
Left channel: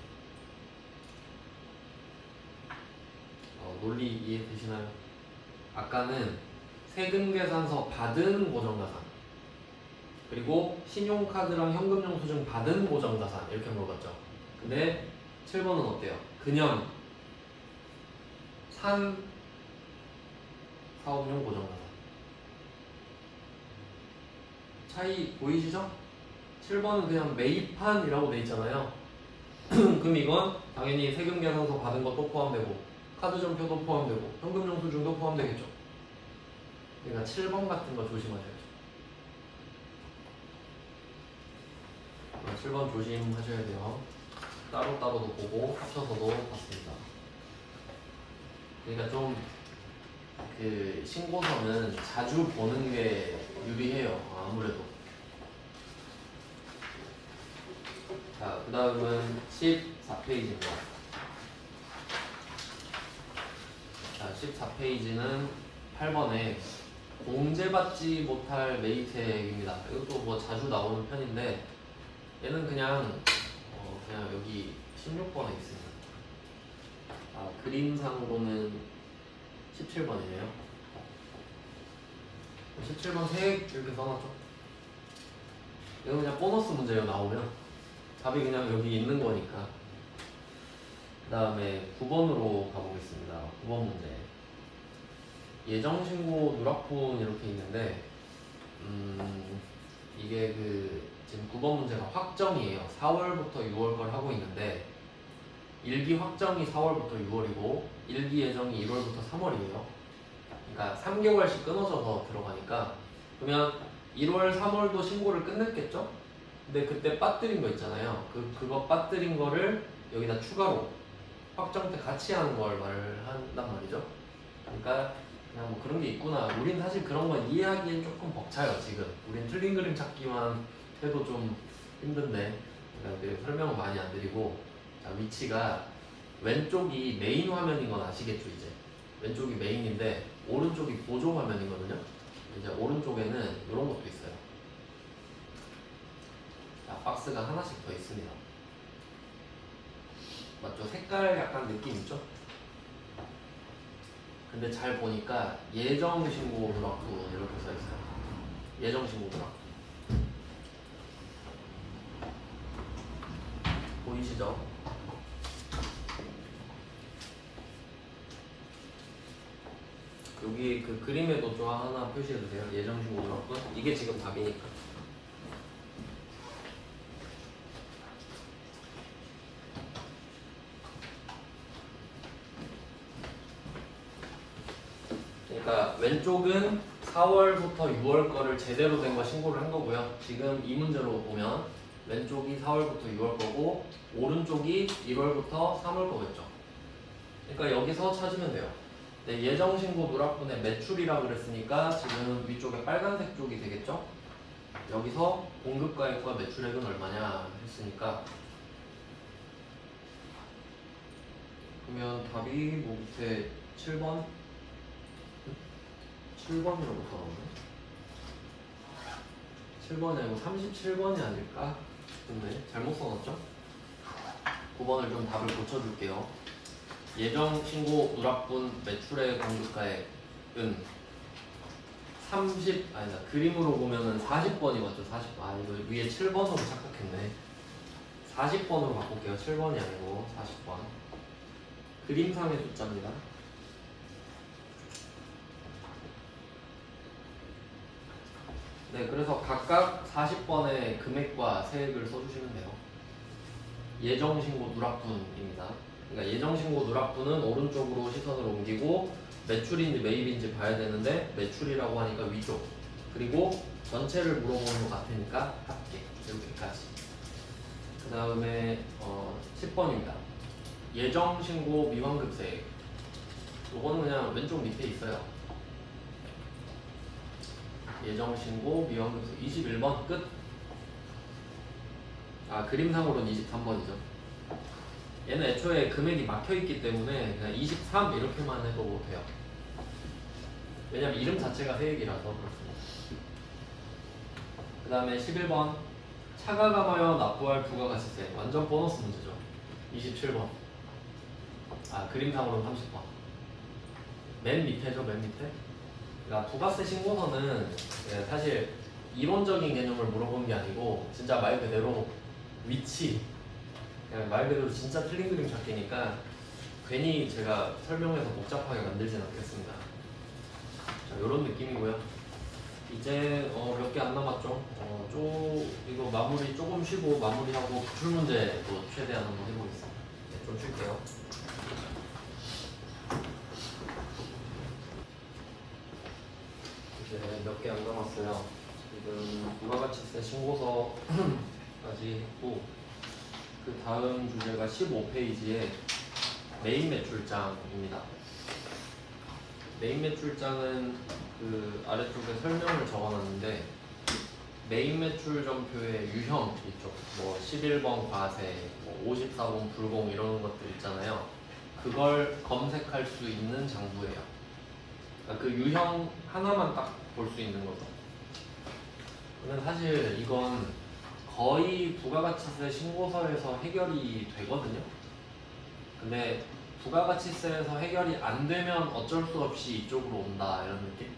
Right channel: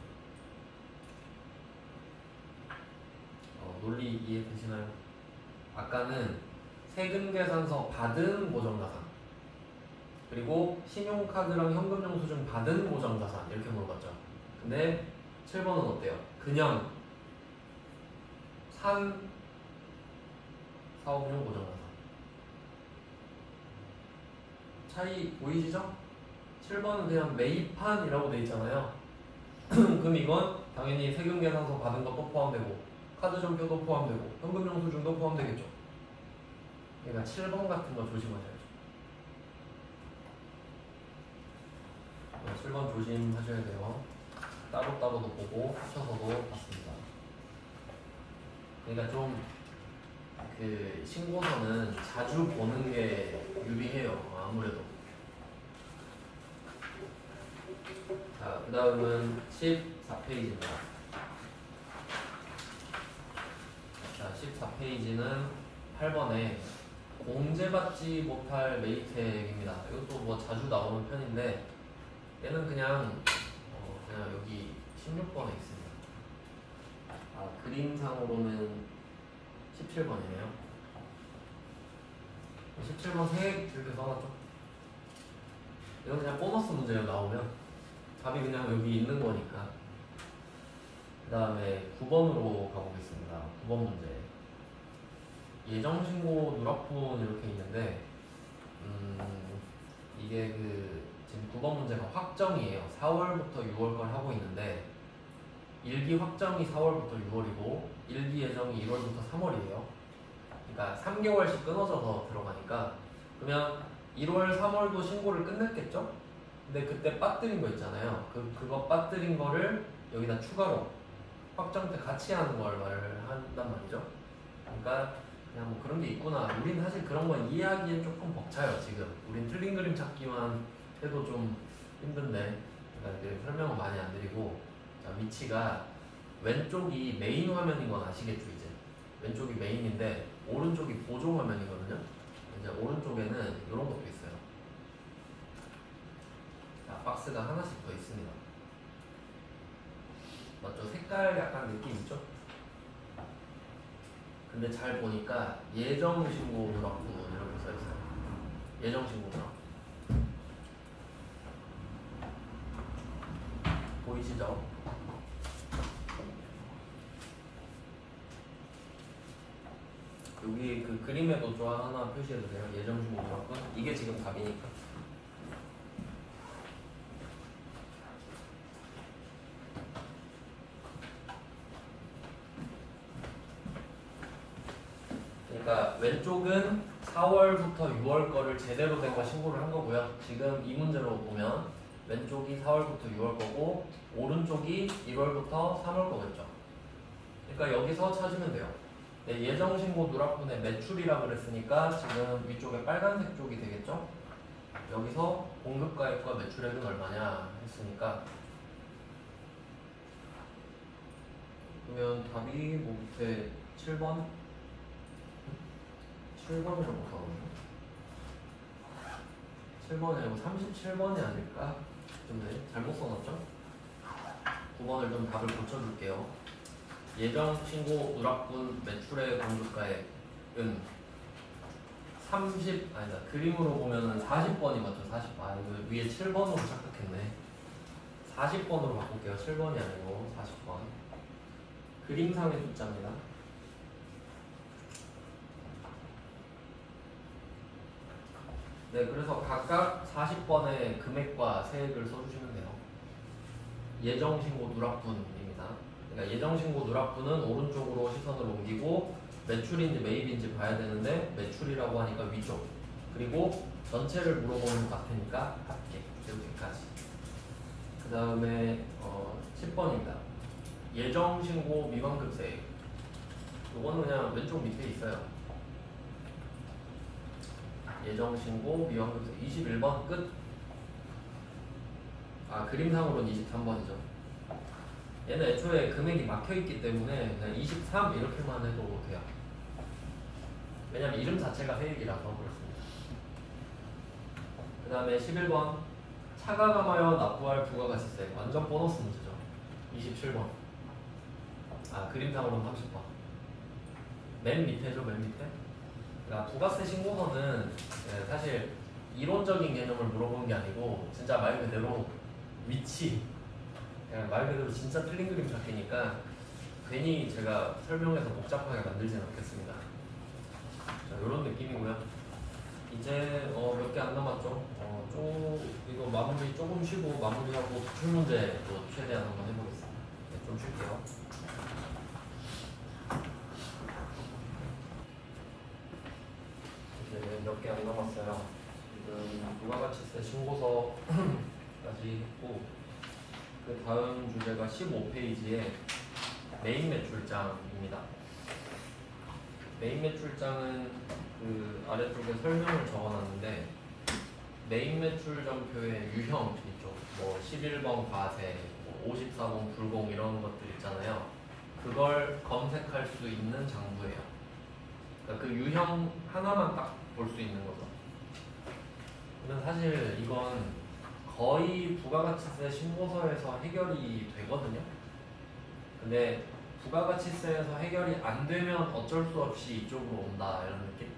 논리 이해되시나요? 아까는 세금계산서 받은 고정자산 그리고 신용카드랑 현금영수증 받은 고정자산 이렇게 물어봤죠. 근데 7번은 어때요? 그냥 산 사업용 고정자산 차이 보이시죠? 7번은 그냥 매입한이라고 돼 있잖아요. 그럼 이건 당연히 세금계산서 받은 것도 포함되고 카드점표도 포함되고 현금영수증도 포함되겠죠. 그러니까 7번 같은 거 조심하셔야죠. 7번 조심하셔야 돼요. 따로따로도 보고 합쳐서도 봤습니다. 그러니까 좀 그 신고서는 자주 보는 게 유리해요. 아무래도. 자, 그 다음은 14페이지입니다. 자, 14페이지는 8번에 공제받지 못할 매입세액입니다. 이것도 뭐 자주 나오는 편인데 얘는 그냥 여기 16번에 있습니다. 그림상으로는 17번이네요. 17번 세액 이렇게 써놨죠. 이건 그냥 보너스 문제로 나오면 답이 그냥 여기 있는 거니까. 그 다음에 9번으로 가보겠습니다. 9번 문제. 예정신고 누락분 이렇게 있는데 이게 지금 9번 문제가 확정이에요. 4월부터 6월 걸 하고 있는데 일기 확정이 4월부터 6월이고 일기 예정이 1월부터 3월이에요. 그러니까 3개월씩 끊어져서 들어가니까 그러면 1월, 3월도 신고를 끝냈겠죠? 근데 그때 빠뜨린 거 있잖아요. 그거 빠뜨린 거를 여기다 추가로 확정 때 같이 하는 걸 말한단 말이죠. 그러니까 그냥 뭐 그런 게 있구나. 우린 사실 그런 건 이해하기엔 조금 벅차요. 지금 우린 틀린 그림 찾기만 해도 좀 힘든데 그러니까 설명을 많이 안 드리고, 자, 위치가 왼쪽이 메인 화면인 건 아시겠죠 이제. 왼쪽이 메인인데 오른쪽이 보조 화면이거든요. 이제 오른쪽에는 이런 것도 있어요. 자, 박스가 하나씩 더 있습니다. 맞죠? 색깔 약간 느낌 있죠? 근데 잘 보니까 예정신고 누락부 이렇게 써 있어요. 예정신고 누락. 보이시죠? 여기 그 그림에도 좀 하나 표시해주세요. 예정신고 누락부. 이게 지금 답이니까. 그러니까 왼쪽은 4월부터 6월 거를 제대로 된 거 신고를 한 거고요. 지금 이 문제로 보면 왼쪽이 4월부터 6월 거고 오른쪽이 1월부터 3월 거겠죠. 그러니까 여기서 찾으면 돼요. 네, 예정신고 누락분의 매출이라고 그랬으니까 지금 위쪽에 빨간색 쪽이 되겠죠. 여기서 공급가액과 매출액은 얼마냐 했으니까, 그러면 답이 뭐 밑에 7번? 7번이라고 써보네. 7번이 아니고 37번이 아닐까 싶은데 잘못 써놨죠? 9번을 좀 답을 고쳐줄게요. 예정신고 누락분 매출의 공급가액은 아니다. 그림으로 보면은 40번이 맞죠? 40번. 아, 이거 위에 7번으로 착각했네. 40번으로 바꿀게요. 7번이 아니고 40번. 그림상의 숫자입니다. 네, 그래서 각각 40번의 금액과 세액을 써주시면 돼요. 예정신고 누락분입니다. 그러니까 예정신고 누락분은 오른쪽으로 시선을 옮기고 매출인지 매입인지 봐야 되는데 매출이라고 하니까 위쪽, 그리고 전체를 물어보는 것 같으니까 합계, 이렇게까지. 그 다음에 10번입니다. 예정신고 미환급세액. 요거는 그냥 왼쪽 밑에 있어요. 예정신고 미환급세 21번 끝. 아, 그림상으로는 23번이죠. 얘는 애초에 금액이 막혀있기 때문에 그냥 23 이렇게만 해도 돼요. 왜냐면 이름 자체가 세액이라서 그렇습니다. 그 다음에 11번 차가 감하여 납부할 부가가치세. 완전 보너스 문제죠. 27번. 아, 그림상으로는 30번. 맨 밑에죠, 맨 밑에. 그러니까 부가세 신고서는 사실 이론적인 개념을 물어보는 게 아니고 진짜 말 그대로 위치, 말 그대로 진짜 틀린 그림 찾기니까 괜히 제가 설명해서 복잡하게 만들진 않겠습니다. 자, 이런 느낌이고요. 이제 몇 개 안 남았죠. 이거 마무리 조금 쉬고 마무리하고 기출문제 또 최대한 한번 해보겠습니다. 네, 좀 쉴게요. 이제 몇 개 안 남았어요. 지금 부가가치세 신고서까지 했고, 그 다음 주제가 15페이지에 메인 매출장입니다. 메인 매출장은 그 아래쪽에 설명을 적어놨는데, 메인 매출점표의 유형 있죠. 뭐 11번 과세, 뭐 54번 불공 이런 것들 있잖아요. 그걸 검색할 수 있는 장부예요. 그러니까 그 유형 하나만 딱 볼 수 있는 거죠. 근데 사실 이건 거의 부가가치세 신고서에서 해결이 되거든요. 근데 부가가치세에서 해결이 안 되면 어쩔 수 없이 이쪽으로 온다, 이런 느낌?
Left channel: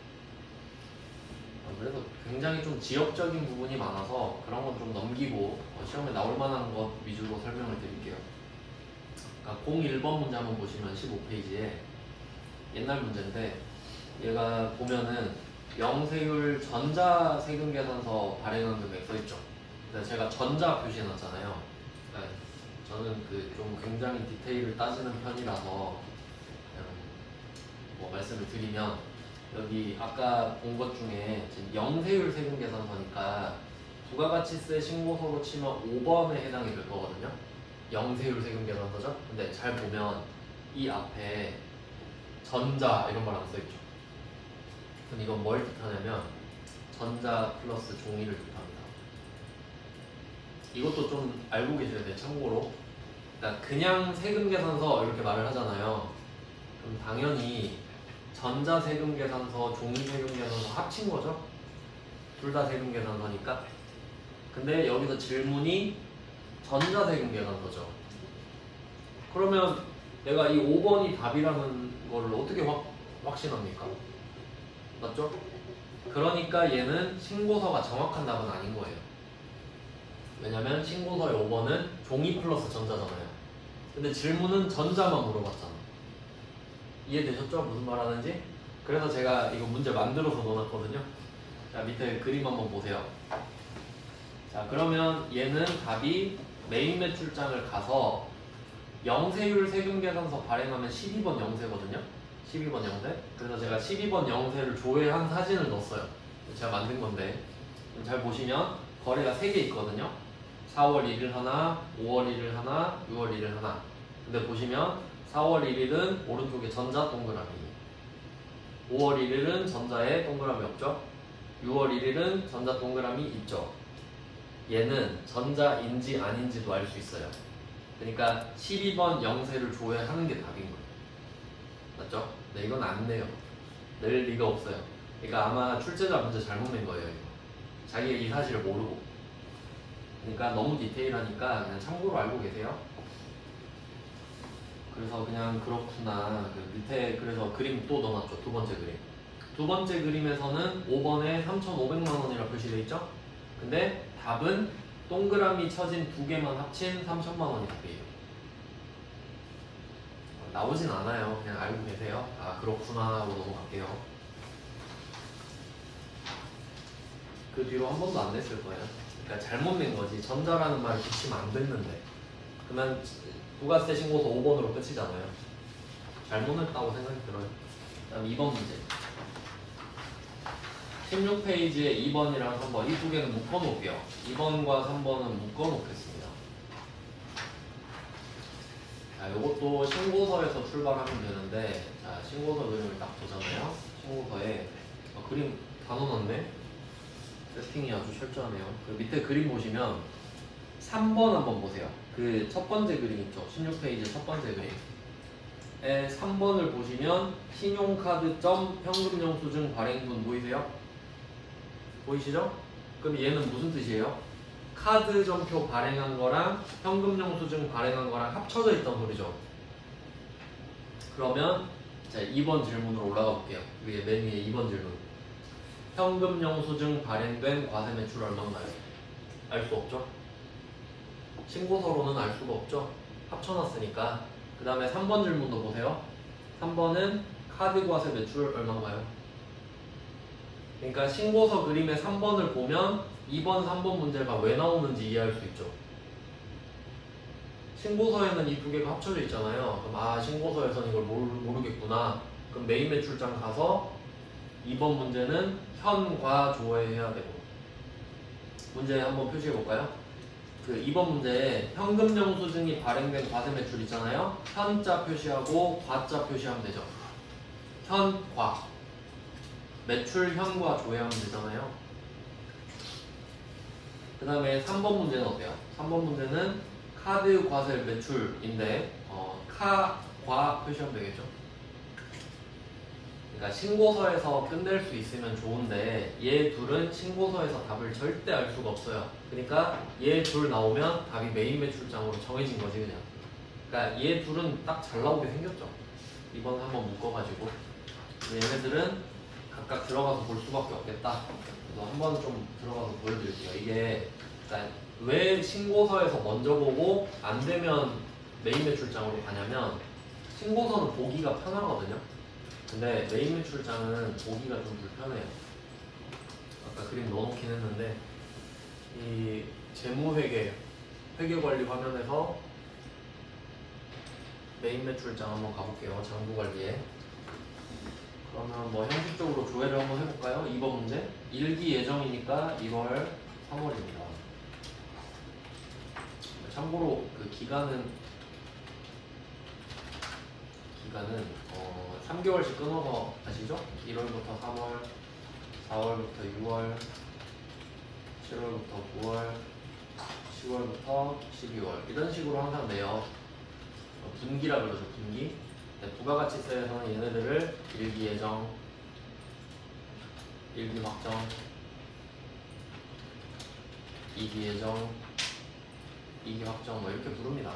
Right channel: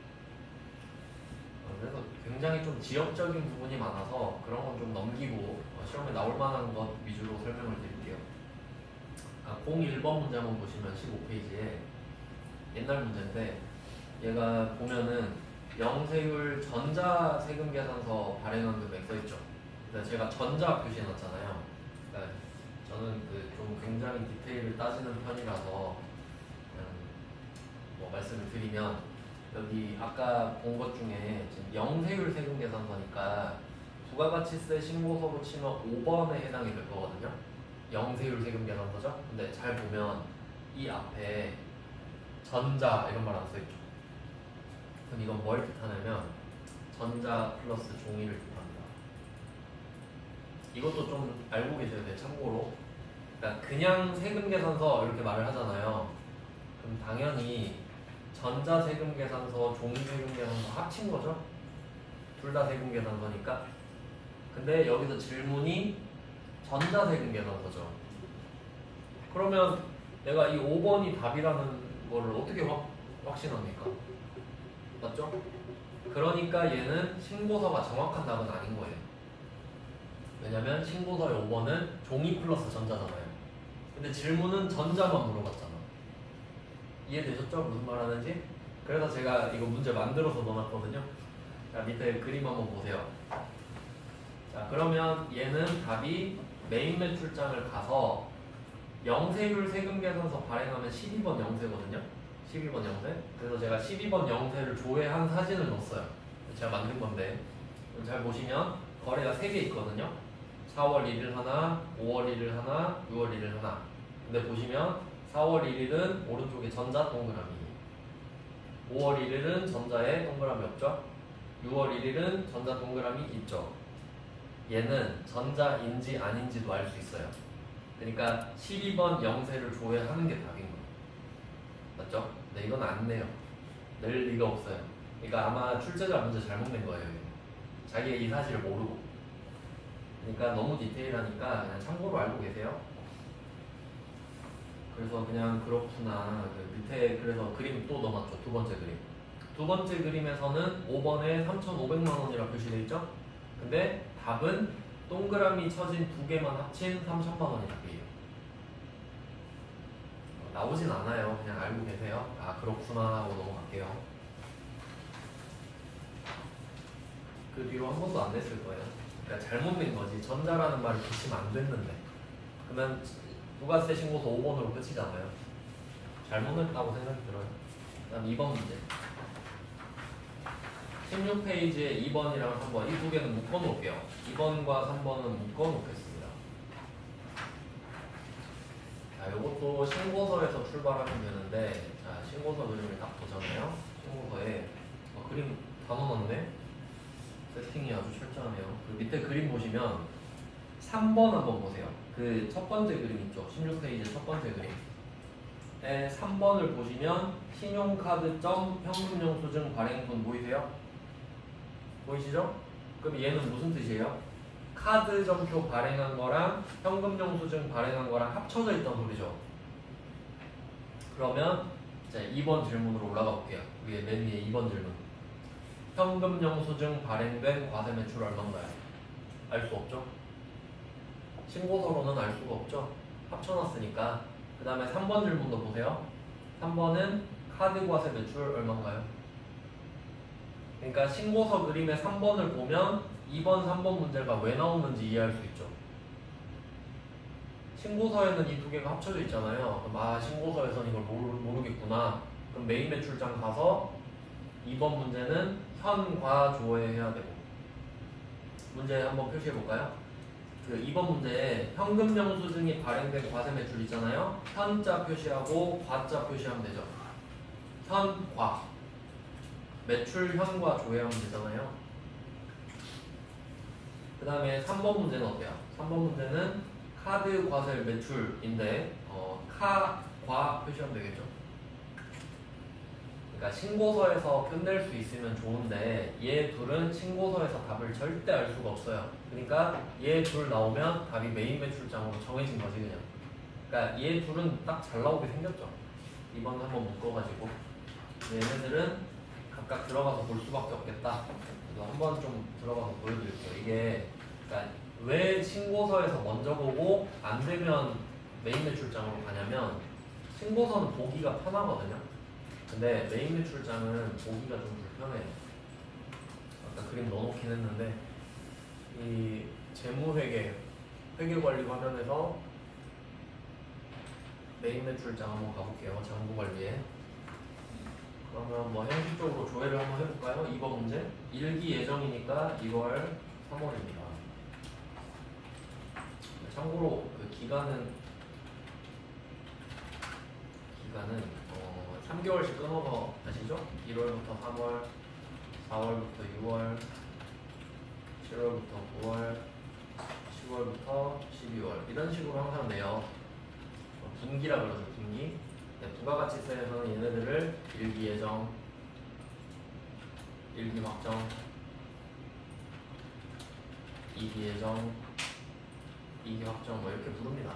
그래서 굉장히 좀 지역적인 부분이 많아서 그런 건 좀 넘기고 시험에 나올 만한 것 위주로 설명을 드릴게요. 그러니까 01번 문제 한번 보시면 15페이지에 옛날 문제인데, 얘가 보면은 영세율 전자세금계산서 발행한 금액 써있죠. 그래서 제가 전자 표시해놨잖아요. 그러니까 저는 그 좀 굉장히 디테일을 따지는 편이라서 그냥 뭐 말씀을 드리면, 여기 아까 본 것 중에 지금 영세율 세금계산서니까 부가가치세 신고서로 치면 5번에 해당이 될 거거든요. 영세율 세금계산서죠. 근데 잘 보면 이 앞에 전자 이런 말 안 써있죠. 그럼 이건 뭘 뜻하냐면 전자 플러스 종이를 뜻합니다. 이것도 좀 알고 계셔야 돼요. 참고로. 그러니까 그냥 세금 계산서 이렇게 말을 하잖아요. 그럼 당연히 전자세금 계산서, 종이세금 계산서 합친 거죠. 둘 다 세금 계산서니까. 근데 여기서 질문이 전자세금 계산서죠. 그러면 내가 이 5번이 답이라는 거를 어떻게 확신합니까? 맞죠? 그러니까 얘는 신고서가 정확한 답은 아닌 거예요. 왜냐면 신고서의 5번은 종이 플러스 전자잖아요. 근데 질문은 전자만 물어봤잖아. 이해되셨죠? 무슨 말 하는지? 그래서 제가 이거 문제 만들어서 넣어놨거든요. 자, 밑에 그림 한번 보세요. 자, 그러면 얘는 답이 메인 매출장을 가서 영세율 세금 계산서 발행하면 12번 영세거든요. 12번 영세. 그래서 제가 12번 영세를 조회한 사진을 넣었어요. 제가 만든 건데 잘 보시면 거래가 3개 있거든요. 4월 1일 하나, 5월 1일 하나, 6월 1일 하나. 근데 보시면 4월 1일은 오른쪽에 전자 동그라미, 5월 1일은 전자에 동그라미 없죠. 6월 1일은 전자 동그라미 있죠. 얘는 전자인지 아닌지도 알 수 있어요. 그러니까 12번 영세를 조회하는 게 답인 거예요. 맞죠? 네, 이건 안 내요. 낼 리가 없어요. 그러니까 아마 출제자 문제 잘못 낸 거예요. 이거. 자기가 이 사실을 모르고. 그러니까 너무 디테일하니까 그냥 참고로 알고 계세요. 그래서 그냥 그렇구나. 그 밑에 그래서 그림 또 넣어놨죠. 두 번째 그림. 두 번째 그림에서는 5번에 3,500만 원이라고 표시되어 있죠. 근데 답은 동그라미 쳐진 두 개만 합친 3,000만 원이 답이에요. 나오진 않아요. 그냥 알고 계세요. 아 그렇구나 하고 넘어갈게요. 그 뒤로 한 번도 안 냈을 거예요. 그러니까 잘못 낸 거지. 전자라는 말을 붙이면 안 됐는데. 그러면 부가세 신고서 5번으로 끝이잖아요. 잘못했다고 생각이 들어요. 그다음 2번 문제. 16페이지에 2번이랑 3번 이 두 개는 묶어놓을게요. 2번과 3번은 묶어놓겠습니다. 자, 이것도 신고서에서 출발하면 되는데, 자, 신고서 그림을 딱 보잖아요. 신고서에 그림 다 넣어놨네. 세팅이 아주 철저하네요. 그 밑에 그림 보시면 3번 한번 보세요. 그 첫 번째 그림 있죠. 16페이지 첫 번째 그림에 3번을 보시면 신용카드점 현금영수증 발행분 보이세요? 보이시죠? 그럼 얘는 무슨 뜻이에요? 카드 점표 발행한 거랑 현금 영수증 발행한 거랑 합쳐져 있던 소리죠. 그러면 자 2번 질문으로 올라가 볼게요. 위에 맨 위에 2번 질문. 현금 영수증 발행된 과세 매출 얼마인가요? 알 수 없죠? 신고서로는 알 수가 없죠? 합쳐놨으니까. 그 다음에 3번 질문도 보세요. 3번은 카드 과세 매출 얼마인가요? 그러니까 신고서 그림의 3번을 보면 2번, 3번 문제가 왜 나오는지 이해할 수 있죠. 신고서에는 이 두 개가 합쳐져 있잖아요. 그럼 아 신고서에서는 이걸 모르겠구나. 그럼 메인 매출장 가서 2번 문제는 현과 조회해야 되고. 문제 한번 표시해 볼까요? 그 2번 문제에 현금 영수증이 발행된 과세 매출 있잖아요. 현자 표시하고 과자 표시하면 되죠. 현과 매출 현과 조회하면 되잖아요. 그 다음에 3번 문제는 어때요? 3번 문제는 카드 과세 매출인데 카과 표시하면 되겠죠. 그러니까 신고서에서 끝낼 수 있으면 좋은데 얘 둘은 신고서에서 답을 절대 알 수가 없어요. 그러니까 얘 둘 나오면 답이 메인 매출장으로 정해진 거지 그냥. 그러니까 얘 둘은 딱 잘 나오게 생겼죠. 이번 한번 묶어가지고 얘네들은 각각 들어가서 볼 수밖에 없겠다. 그래서 한번 좀 들어가서 보여드릴게요. 이게 그러니까 왜 신고서에서 먼저 보고 안 되면 메인 매출장으로 가냐면 신고서는 보기가 편하거든요. 근데 메인 매출장은 보기가 좀 불편해요. 아까 그림 넣어놓긴 했는데 이 재무회계 회계관리 화면에서 메인 매출장 한번 가볼게요. 장부관리에. 그러면 뭐 형식적으로 조회를 한번 해볼까요? 2번 문제. 일기 예정이니까 1월, 3월입니다. 참고로 그 기간은 3개월씩 끊어서 아시죠? 1월부터 3월, 4월부터 6월, 7월부터 9월, 10월부터 12월 이런 식으로 항상 내요. 분기라 그러죠. 분기. 네, 부가가치세에서는 얘네들을 일기 예정, 일기 확정, 2기 예정, 2기 확정 뭐 이렇게 부릅니다.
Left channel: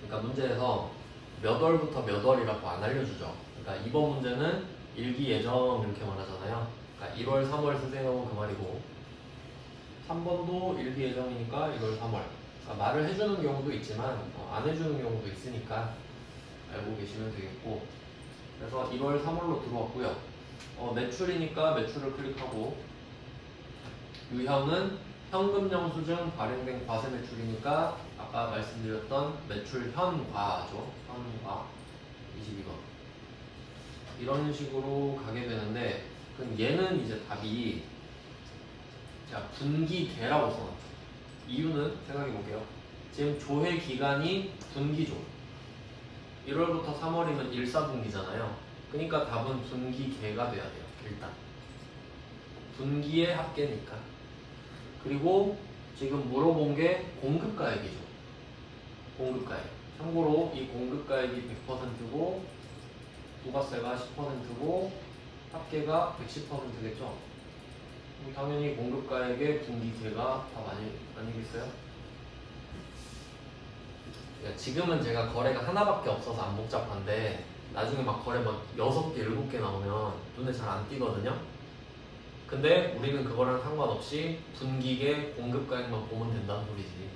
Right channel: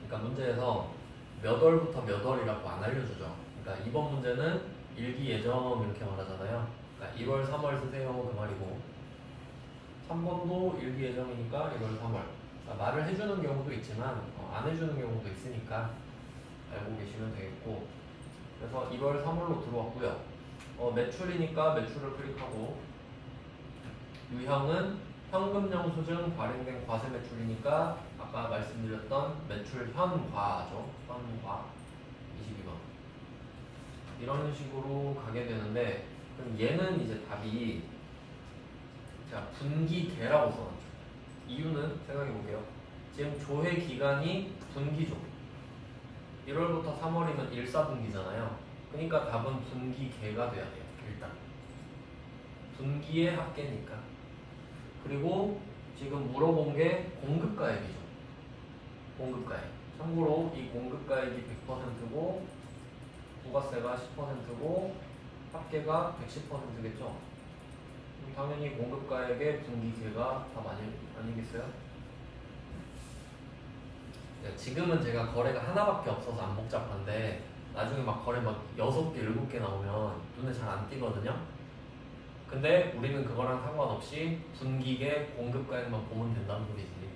그러니까 문제에서 몇 월부터 몇 월이라고 안 알려주죠. 그러니까 이번 문제는 일기 예정 이렇게 말하잖아요. 그러니까 1월, 3월 쓰세요 그 말이고 3번도 일기 예정이니까 1월, 3월. 그러니까 말을 해주는 경우도 있지만 안 해주는 경우도 있으니까 알고 계시면 되겠고 그래서 1월, 3월로 들어왔고요. 매출이니까 매출을 클릭하고 유형은 현금 영수증 발행된 과세 매출이니까 아까 말씀드렸던 매출 현과죠. 현과 22번 이런 식으로 가게 되는데 그럼 얘는 이제 답이 자 분기계라고 써놨죠. 이유는 생각해 볼게요. 지금 조회 기간이 분기죠. 1월부터 3월이면 1사분기잖아요. 그러니까 답은 분기계가 돼야 돼요. 일단 분기의 합계니까. 그리고 지금 물어본 게 공급가액이죠. 공급가액. 참고로 이 공급가액이 100%고 부가세가 10%고 합계가 110%겠죠. 당연히 공급가액의 분기계가 답 아니겠어요? 지금은 제가 거래가 하나밖에 없어서 안 복잡한데 나중에 막 거래 막 6개, 7개 나오면 눈에 잘 안 띄거든요. 근데 우리는 그거랑 상관없이 분기계 공급가액만 보면 된다는 소리지.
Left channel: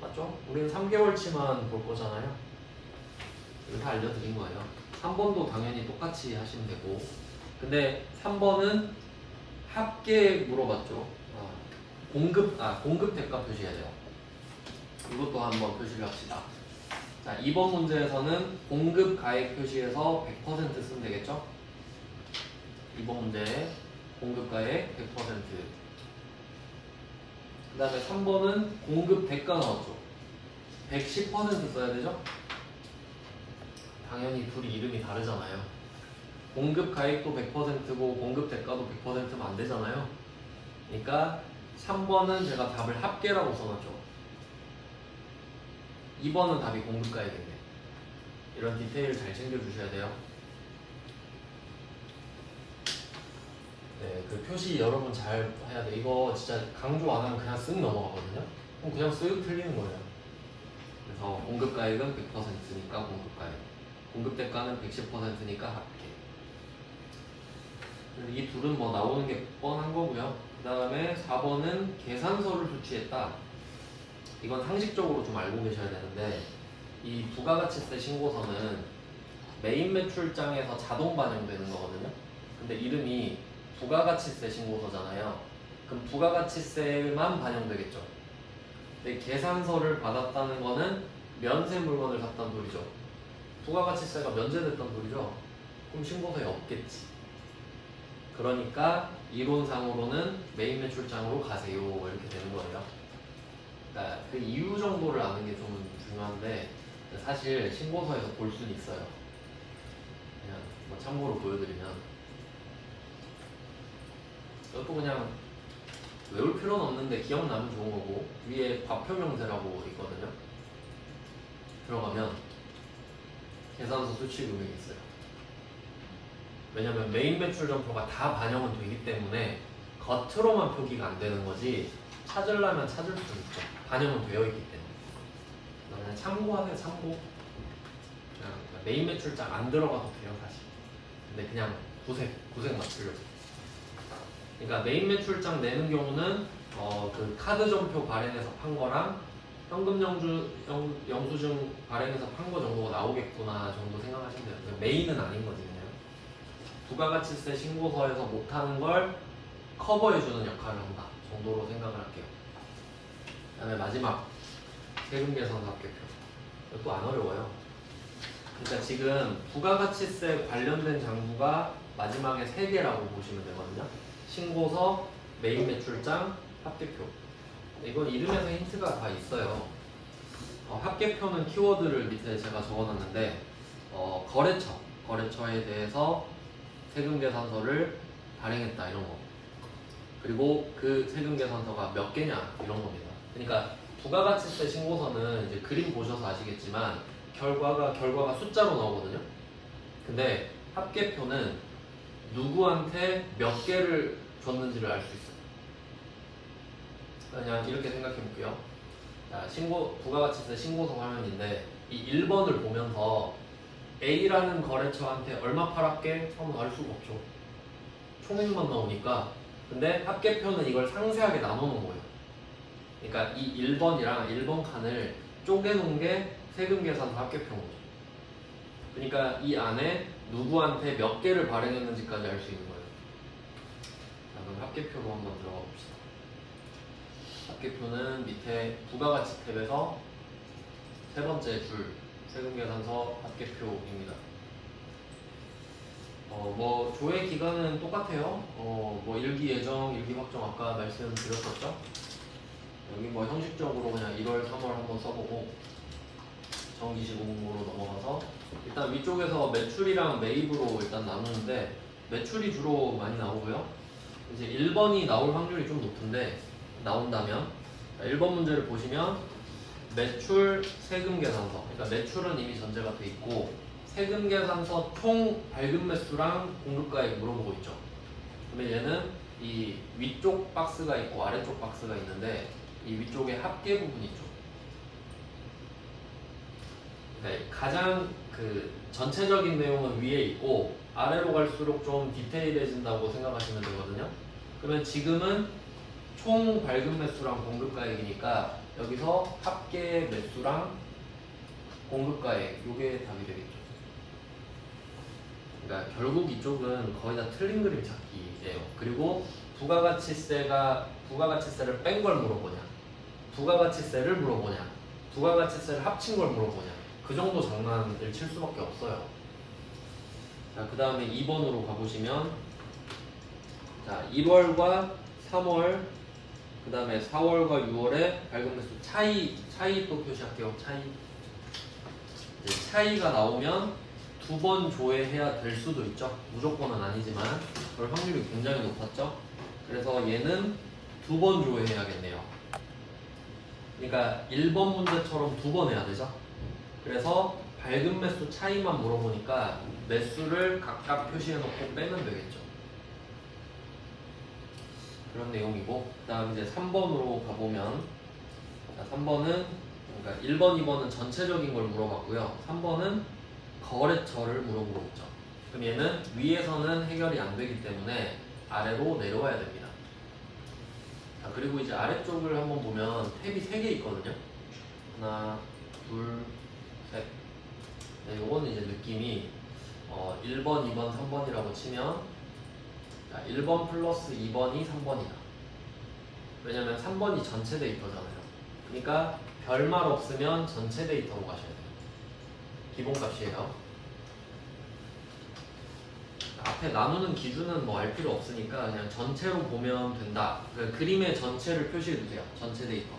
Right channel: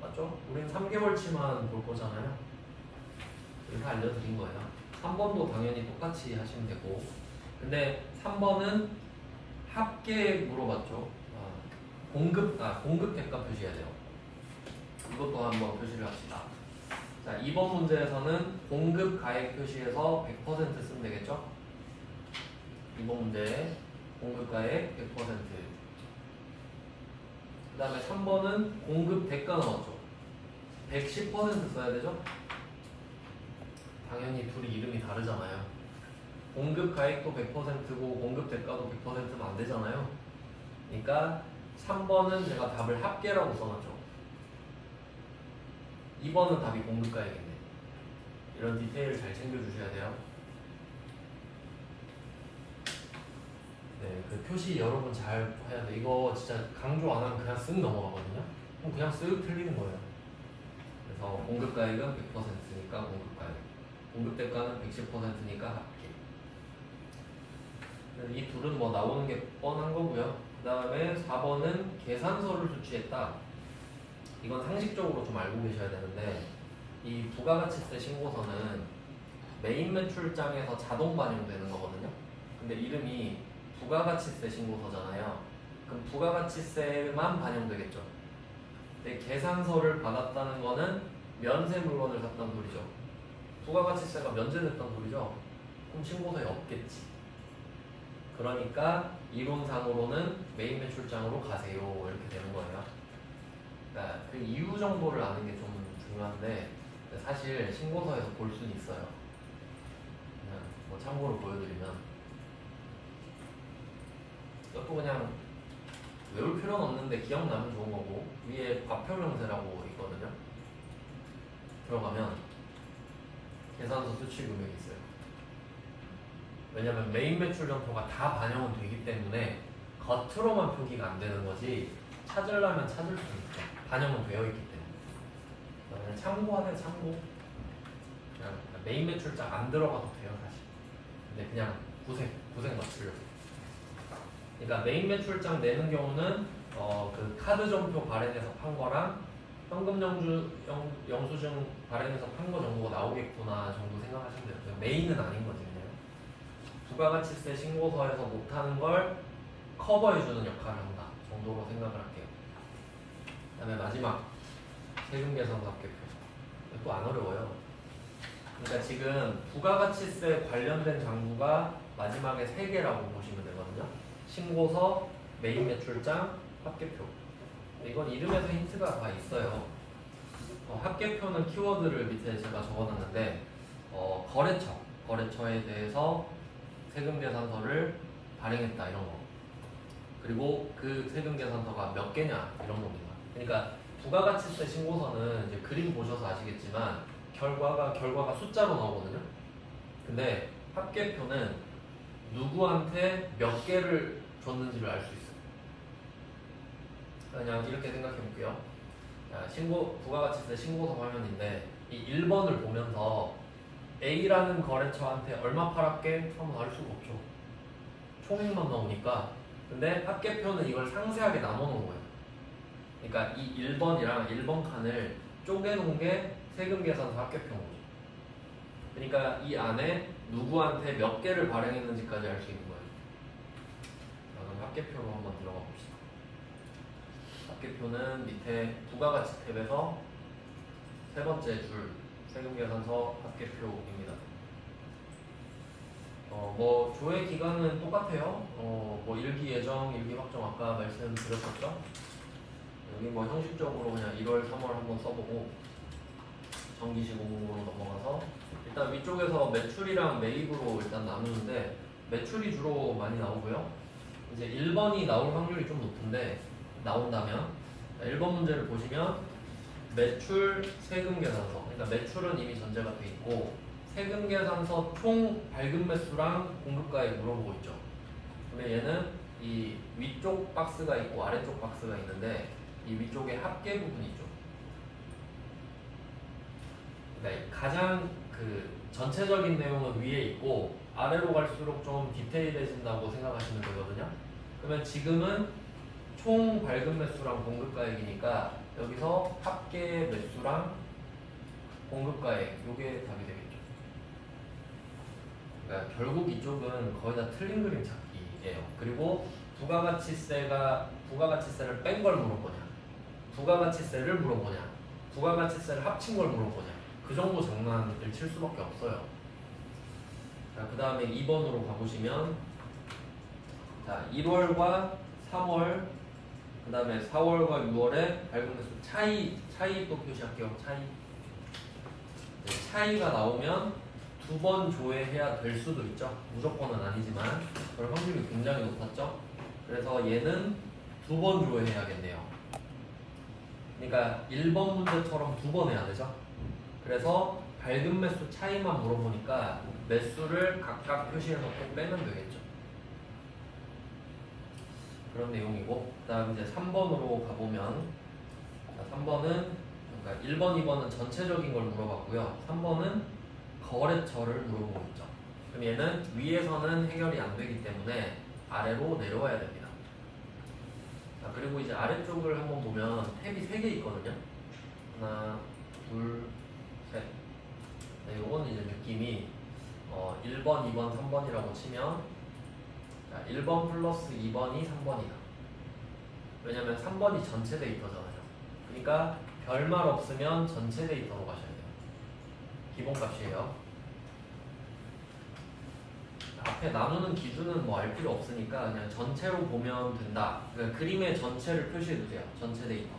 맞죠? 우린 3개월치만 볼 거잖아요. 이거 다 알려드린 거예요. 3번도 당연히 똑같이 하시면 되고 근데 3번은 합계 물어봤죠. 공급 대가 표시해야 돼요. 이것도 한번 표시를 합시다. 자, 이번 문제에서는 공급 가액 표시해서 100% 쓰면 되겠죠? 이번 문제 공급 가액 100%. 그 다음에 3번은 공급 대가 나왔죠? 110% 써야 되죠? 당연히 둘이 이름이 다르잖아요. 공급 가액도 100%고 공급 대가도 100%면 안 되잖아요. 그러니까 3번은 제가 답을 합계라고 써놨죠. 2번은 답이 공급가액이네. 이런 디테일 잘 챙겨주셔야 돼요. 네, 그 표시 여러분 잘 해야 돼. 이거 진짜 강조 안 하면 그냥 쓱 넘어가거든요. 그럼 그냥 쓱 틀리는 거예요. 그래서 공급가액은 100%니까 공급가액, 공급대가는 110%니까 합계. 이 둘은 뭐 나오는 게 뻔한 거고요. 그 다음에 4번은 계산서를 수취했다. 이건 상식적으로 좀 알고 계셔야 되는데 이 부가가치세 신고서는 메인 매출장에서 자동 반영되는 거거든요. 근데 이름이 부가가치세 신고서잖아요. 그럼 부가가치세만 반영되겠죠. 근데 계산서를 받았다는 거는 면세 물건을 샀다는 소리죠. 부가가치세가 면제됐다는 소리죠. 그럼 신고서에 없겠지. 그러니까 이론상으로는 메인 매출장으로 가세요 이렇게 되는 거예요. 그러니까 그 이유 정도를 아는 게 좀 중요한데 사실 신고서에서 볼 수는 있어요. 그냥 뭐 참고로 보여드리면 이것도 그냥 외울 필요는 없는데 기억나면 좋은 거고 위에 과표명세라고 있거든요. 들어가면 계산서 수취 금액이 있어요. 왜냐면 메인 매출 점표가 다 반영은 되기 때문에 겉으로만 표기가 안 되는 거지 찾으려면 찾을 수 있죠. 반영은 되어 있기 때문에. 그냥 참고하세요. 참고. 그냥 메인 매출장 안 들어가도 돼요 사실. 근데 그냥 구색 맞추려고. 그러니까 메인 매출장 내는 경우는 그 카드 점표 발행해서 판 거랑 현금 영수증 발행해서 판 거 정도가 나오겠구나 정도 생각하시면 돼요. 메인은 아닌 거지 그냥. 부가가치세 신고서에서 못하는 걸 커버해주는 역할을 한다 정도로 생각을 할게요. 그 다음에 마지막 세금계산납계표. 이것도 안 어려워요. 그러니까 지금 부가가치세 관련된 장부가 마지막에 3개라고 보시면 되거든요. 신고서, 메인 매출장, 합계표. 이건 이름에서 힌트가 다 있어요. 합계표는 키워드를 밑에 제가 적어놨는데 거래처에 대해서 세금계산서를 발행했다 이런 거. 그리고 그 세금계산서가 몇 개냐 이런 겁니다. 그러니까 부가가치세 신고서는 이제 그림 보셔서 아시겠지만 결과가 숫자로 나오거든요. 근데 합계표는 누구한테 몇 개를 줬는지를 알 수 있어요. 그냥 이렇게 생각해 볼게요. 자, 부가가치세 신고서 화면인데 이 1번을 보면서 A라는 거래처한테 얼마 팔았게? 하면 알 수가 없죠. 총액만 나오니까. 근데 합계표는 이걸 상세하게 나눠놓은 거예요. 그러니까 이 1번이랑 1번 칸을 쪼개놓은 게 세금계산서 합계표인 거죠. 그러니까 이 안에 누구한테 몇 개를 발행했는지까지 알 수 있는 거예요. 자, 그럼 합계표로 한번 들어가 봅시다. 합계표는 밑에 부가가치 탭에서 세 번째 줄 세금계산서 합계표입니다. 뭐 조회 기간은 똑같아요. 뭐 일기 예정, 일기 확정 아까 말씀드렸었죠. 여기 뭐 형식적으로 그냥 1월, 3월 한번 써보고 정기시 공고로 넘어가서 일단 위쪽에서 매출이랑 매입으로 일단 나누는데 매출이 주로 많이 나오고요. 이제 1번이 나올 확률이 좀 높은데 나온다면 1번 문제를 보시면 매출 세금 계산서, 그러니까 매출은 이미 전제가 돼 있고 세금 계산서 총 발급 매수랑 공급가액 물어보고 있죠. 그러면 얘는 이 위쪽 박스가 있고 아래쪽 박스가 있는데 이 위쪽에 합계 부분이 있죠. 그러니까 가장 그 전체적인 내용은 위에 있고 아래로 갈수록 좀 디테일해진다고 생각하시면 되거든요. 그러면 지금은 총 발급 매수랑 공급가액이니까 여기서 합계 매수랑 공급가액 요게 답이 되겠죠. 그러니까 결국 이쪽은 거의 다 틀린 그림 찾기예요. 그리고 부가가치세를 뺀 걸 물어보냐, 부가가치세를 물어보냐, 부가가치세를 합친 걸 물어보냐, 그 정도 장난을 칠 수밖에 없어요. 자, 그 다음에 2번으로 가보시면 자, 1월과 3월 그 다음에 4월과 6월에 발급 매수 차이 또 표시할게요. 차이가 나오면 두 번 조회해야 될 수도 있죠. 무조건은 아니지만 그럴 확률이 굉장히 높았죠. 그래서 얘는 두 번 조회해야겠네요. 그러니까 1번 문제처럼 두 번 해야 되죠. 그래서 발급 매수 차이만 물어보니까 매수를 각각 표시해놓고 빼면 되겠죠. 그런 내용이고, 그 다음 이제 3번으로 가보면 3번은 그러니까 1번, 2번은 전체적인 걸 물어봤고요. 3번은 거래처를 물어보고 있죠. 그럼 얘는 위에서는 해결이 안 되기 때문에 아래로 내려와야 됩니다. 자, 그리고 이제 아래쪽을 한번 보면 탭이 3개 있거든요. 하나, 둘, 셋. 네, 요거는 이제 느낌이 1번, 2번, 3번이라고 치면 자, 1번 플러스 2번이 3번이다. 왜냐면 3번이 전체 데이터잖아요. 그러니까 별말 없으면 전체 데이터로 가셔야 돼요. 기본값이에요. 앞에 나누는 기준은 뭐 알 필요 없으니까 그냥 전체로 보면 된다. 그러니까 그림의 전체를 표시해두세요. 전체 데이터.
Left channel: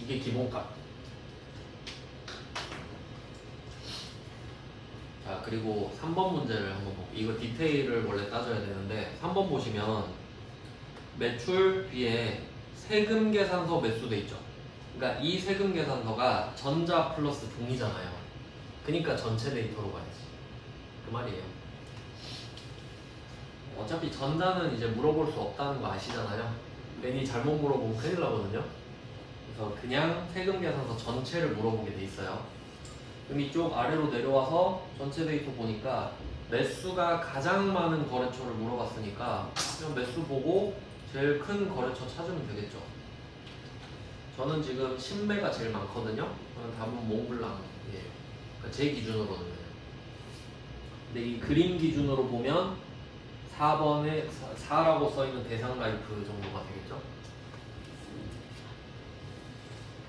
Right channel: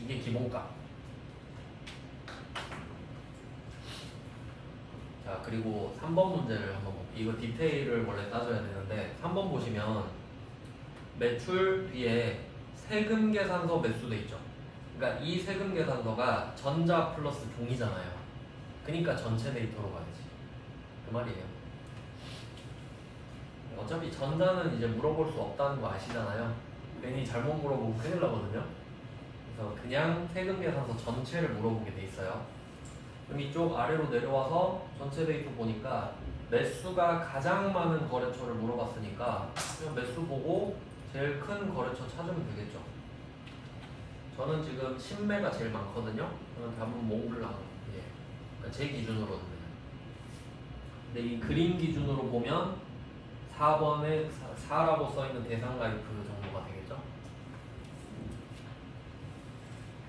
이게 기본값. 자, 그리고 3번 문제를 한번 볼게요. 이거 디테일을 원래 따져야 되는데 3번 보시면 매출 뒤에 세금 계산서 매수돼 있죠. 그러니까 이 세금 계산서가 전자 플러스 종이잖아요. 그러니까 전체 데이터로 가야지. 그 말이에요. 어차피 전자는 이제 물어볼 수 없다는 거 아시잖아요. 괜히 잘못 물어보면 큰일 나거든요. 그래서 그냥 세금 계산서 전체를 물어보게 돼 있어요. 그럼 이쪽 아래로 내려와서 전체 데이터 보니까 매수가 가장 많은 거래처를 물어봤으니까 그냥 매수 보고 제일 큰 거래처 찾으면 되겠죠. 저는 지금 신매가 제일 많거든요. 저는 답은 몽블랑. 그러니까 제 기준으로는. 근데 이 그림 기준으로 보면 4번에 4라고 써있는 대상가입 그 정도가 되겠죠.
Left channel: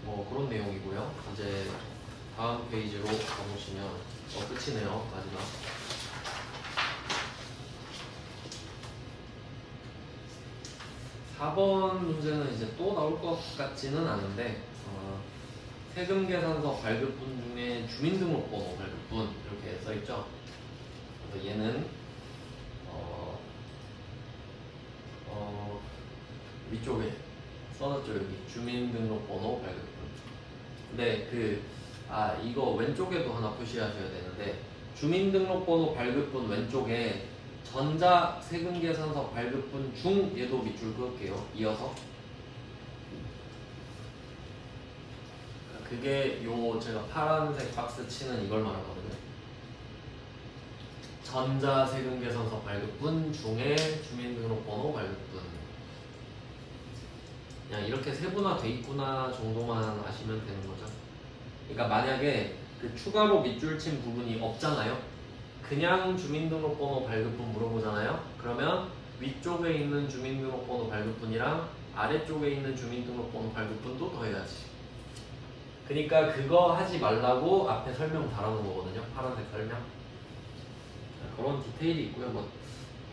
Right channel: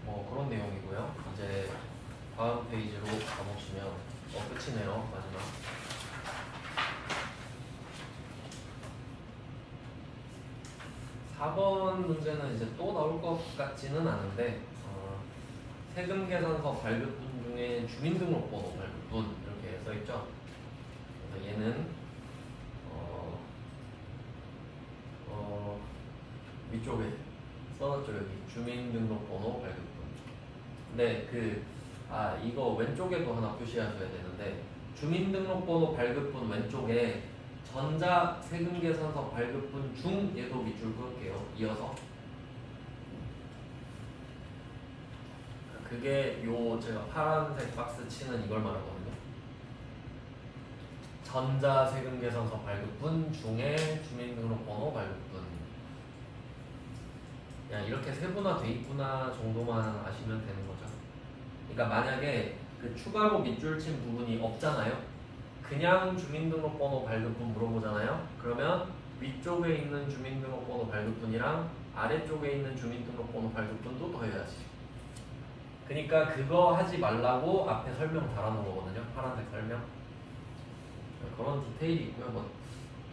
뭐 그런 내용이고요. 이제 다음 페이지로 가보시면 끝이네요. 마지막. 4번 문제는 이제 또 나올 것 같지는 않은데 세금계산서 발급분 중에 주민등록번호 발급분 이렇게 써있죠. 그래서 얘는 위쪽에 써놨죠. 여기 주민등록번호 발급분. 근데 이거 왼쪽에도 하나 표시하셔야 되는데, 주민등록번호 발급분 왼쪽에 전자세금계산서 발급분 중 얘도 밑줄 그을게요. 이어서 그게 요 제가 파란색 박스 치는 이걸 말하거든요. 전자세금계산서 발급분 중에 주민등록번호 발급분. 그냥 이렇게 세분화돼 있구나 정도만 아시면 되는 거죠. 그러니까 만약에 그 추가로 밑줄 친 부분이 없잖아요. 그냥 주민등록번호 발급분 물어보잖아요. 그러면 위쪽에 있는 주민등록번호 발급분이랑 아래쪽에 있는 주민등록번호 발급분도 더해야지. 그러니까 그거 하지 말라고 앞에 설명 달아놓은 거거든요. 파란색 설명. 그런 디테일이 있고요. 뭐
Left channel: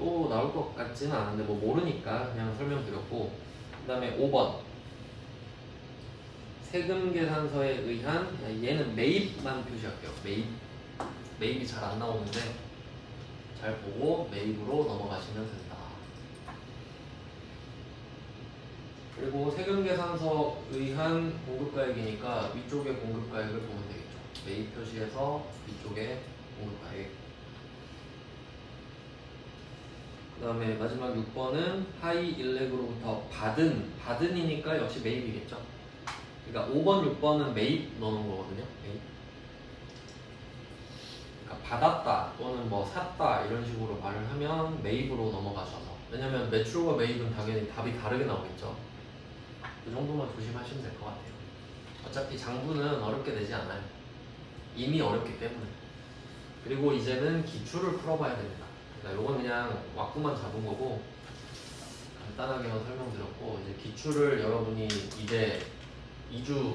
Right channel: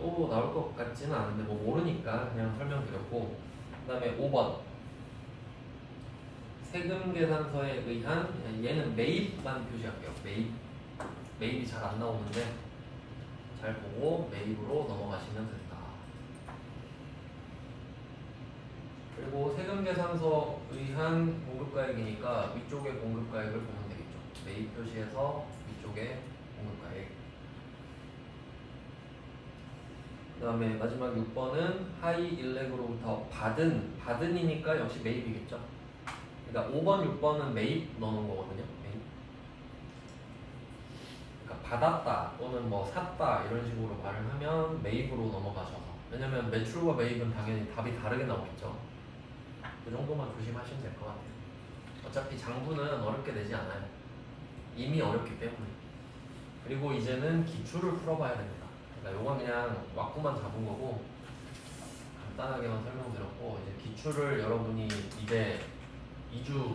또 나올 것 같지는 않은데 뭐 모르니까 그냥 설명드렸고, 그 다음에 5번 세금계산서에 의한, 얘는 매입만 표시할게요. 매입이 잘 안 나오는데 잘 보고 매입으로 넘어가시면 된다. 그리고 세금계산서 의한 공급가액이니까 위쪽에 공급가액을 보면 되겠죠. 매입 표시해서 위쪽에 공급가액. 그 다음에 마지막 6번은 하이 일렉으로부터 받은이니까 역시 매입이겠죠. 그러니까 5번, 6번은 매입 넣는 거거든요. 매입. 그러니까 받았다 또는 뭐 샀다 이런 식으로 말을 하면 매입으로 넘어가셔서, 왜냐면 매출과 매입은 당연히 답이 다르게 나오겠죠. 그 정도만 조심하시면 될 것 같아요. 어차피 장부는 어렵게 되지 않아요. 이미 어렵기 때문에. 그리고 이제는 기출을 풀어봐야 됩니다. 그러니까 이건 그냥 왁구만 잡은 거고 간단하게만 설명드렸고, 이제 기출을 여러분이 이제 2주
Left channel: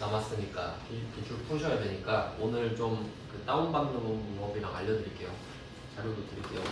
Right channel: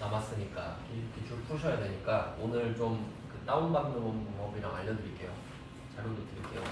남았으니까 기출 푸셔야 되니까 오늘 좀 그 다운받는 방법이랑 알려드릴게요. 자료도 드릴게요.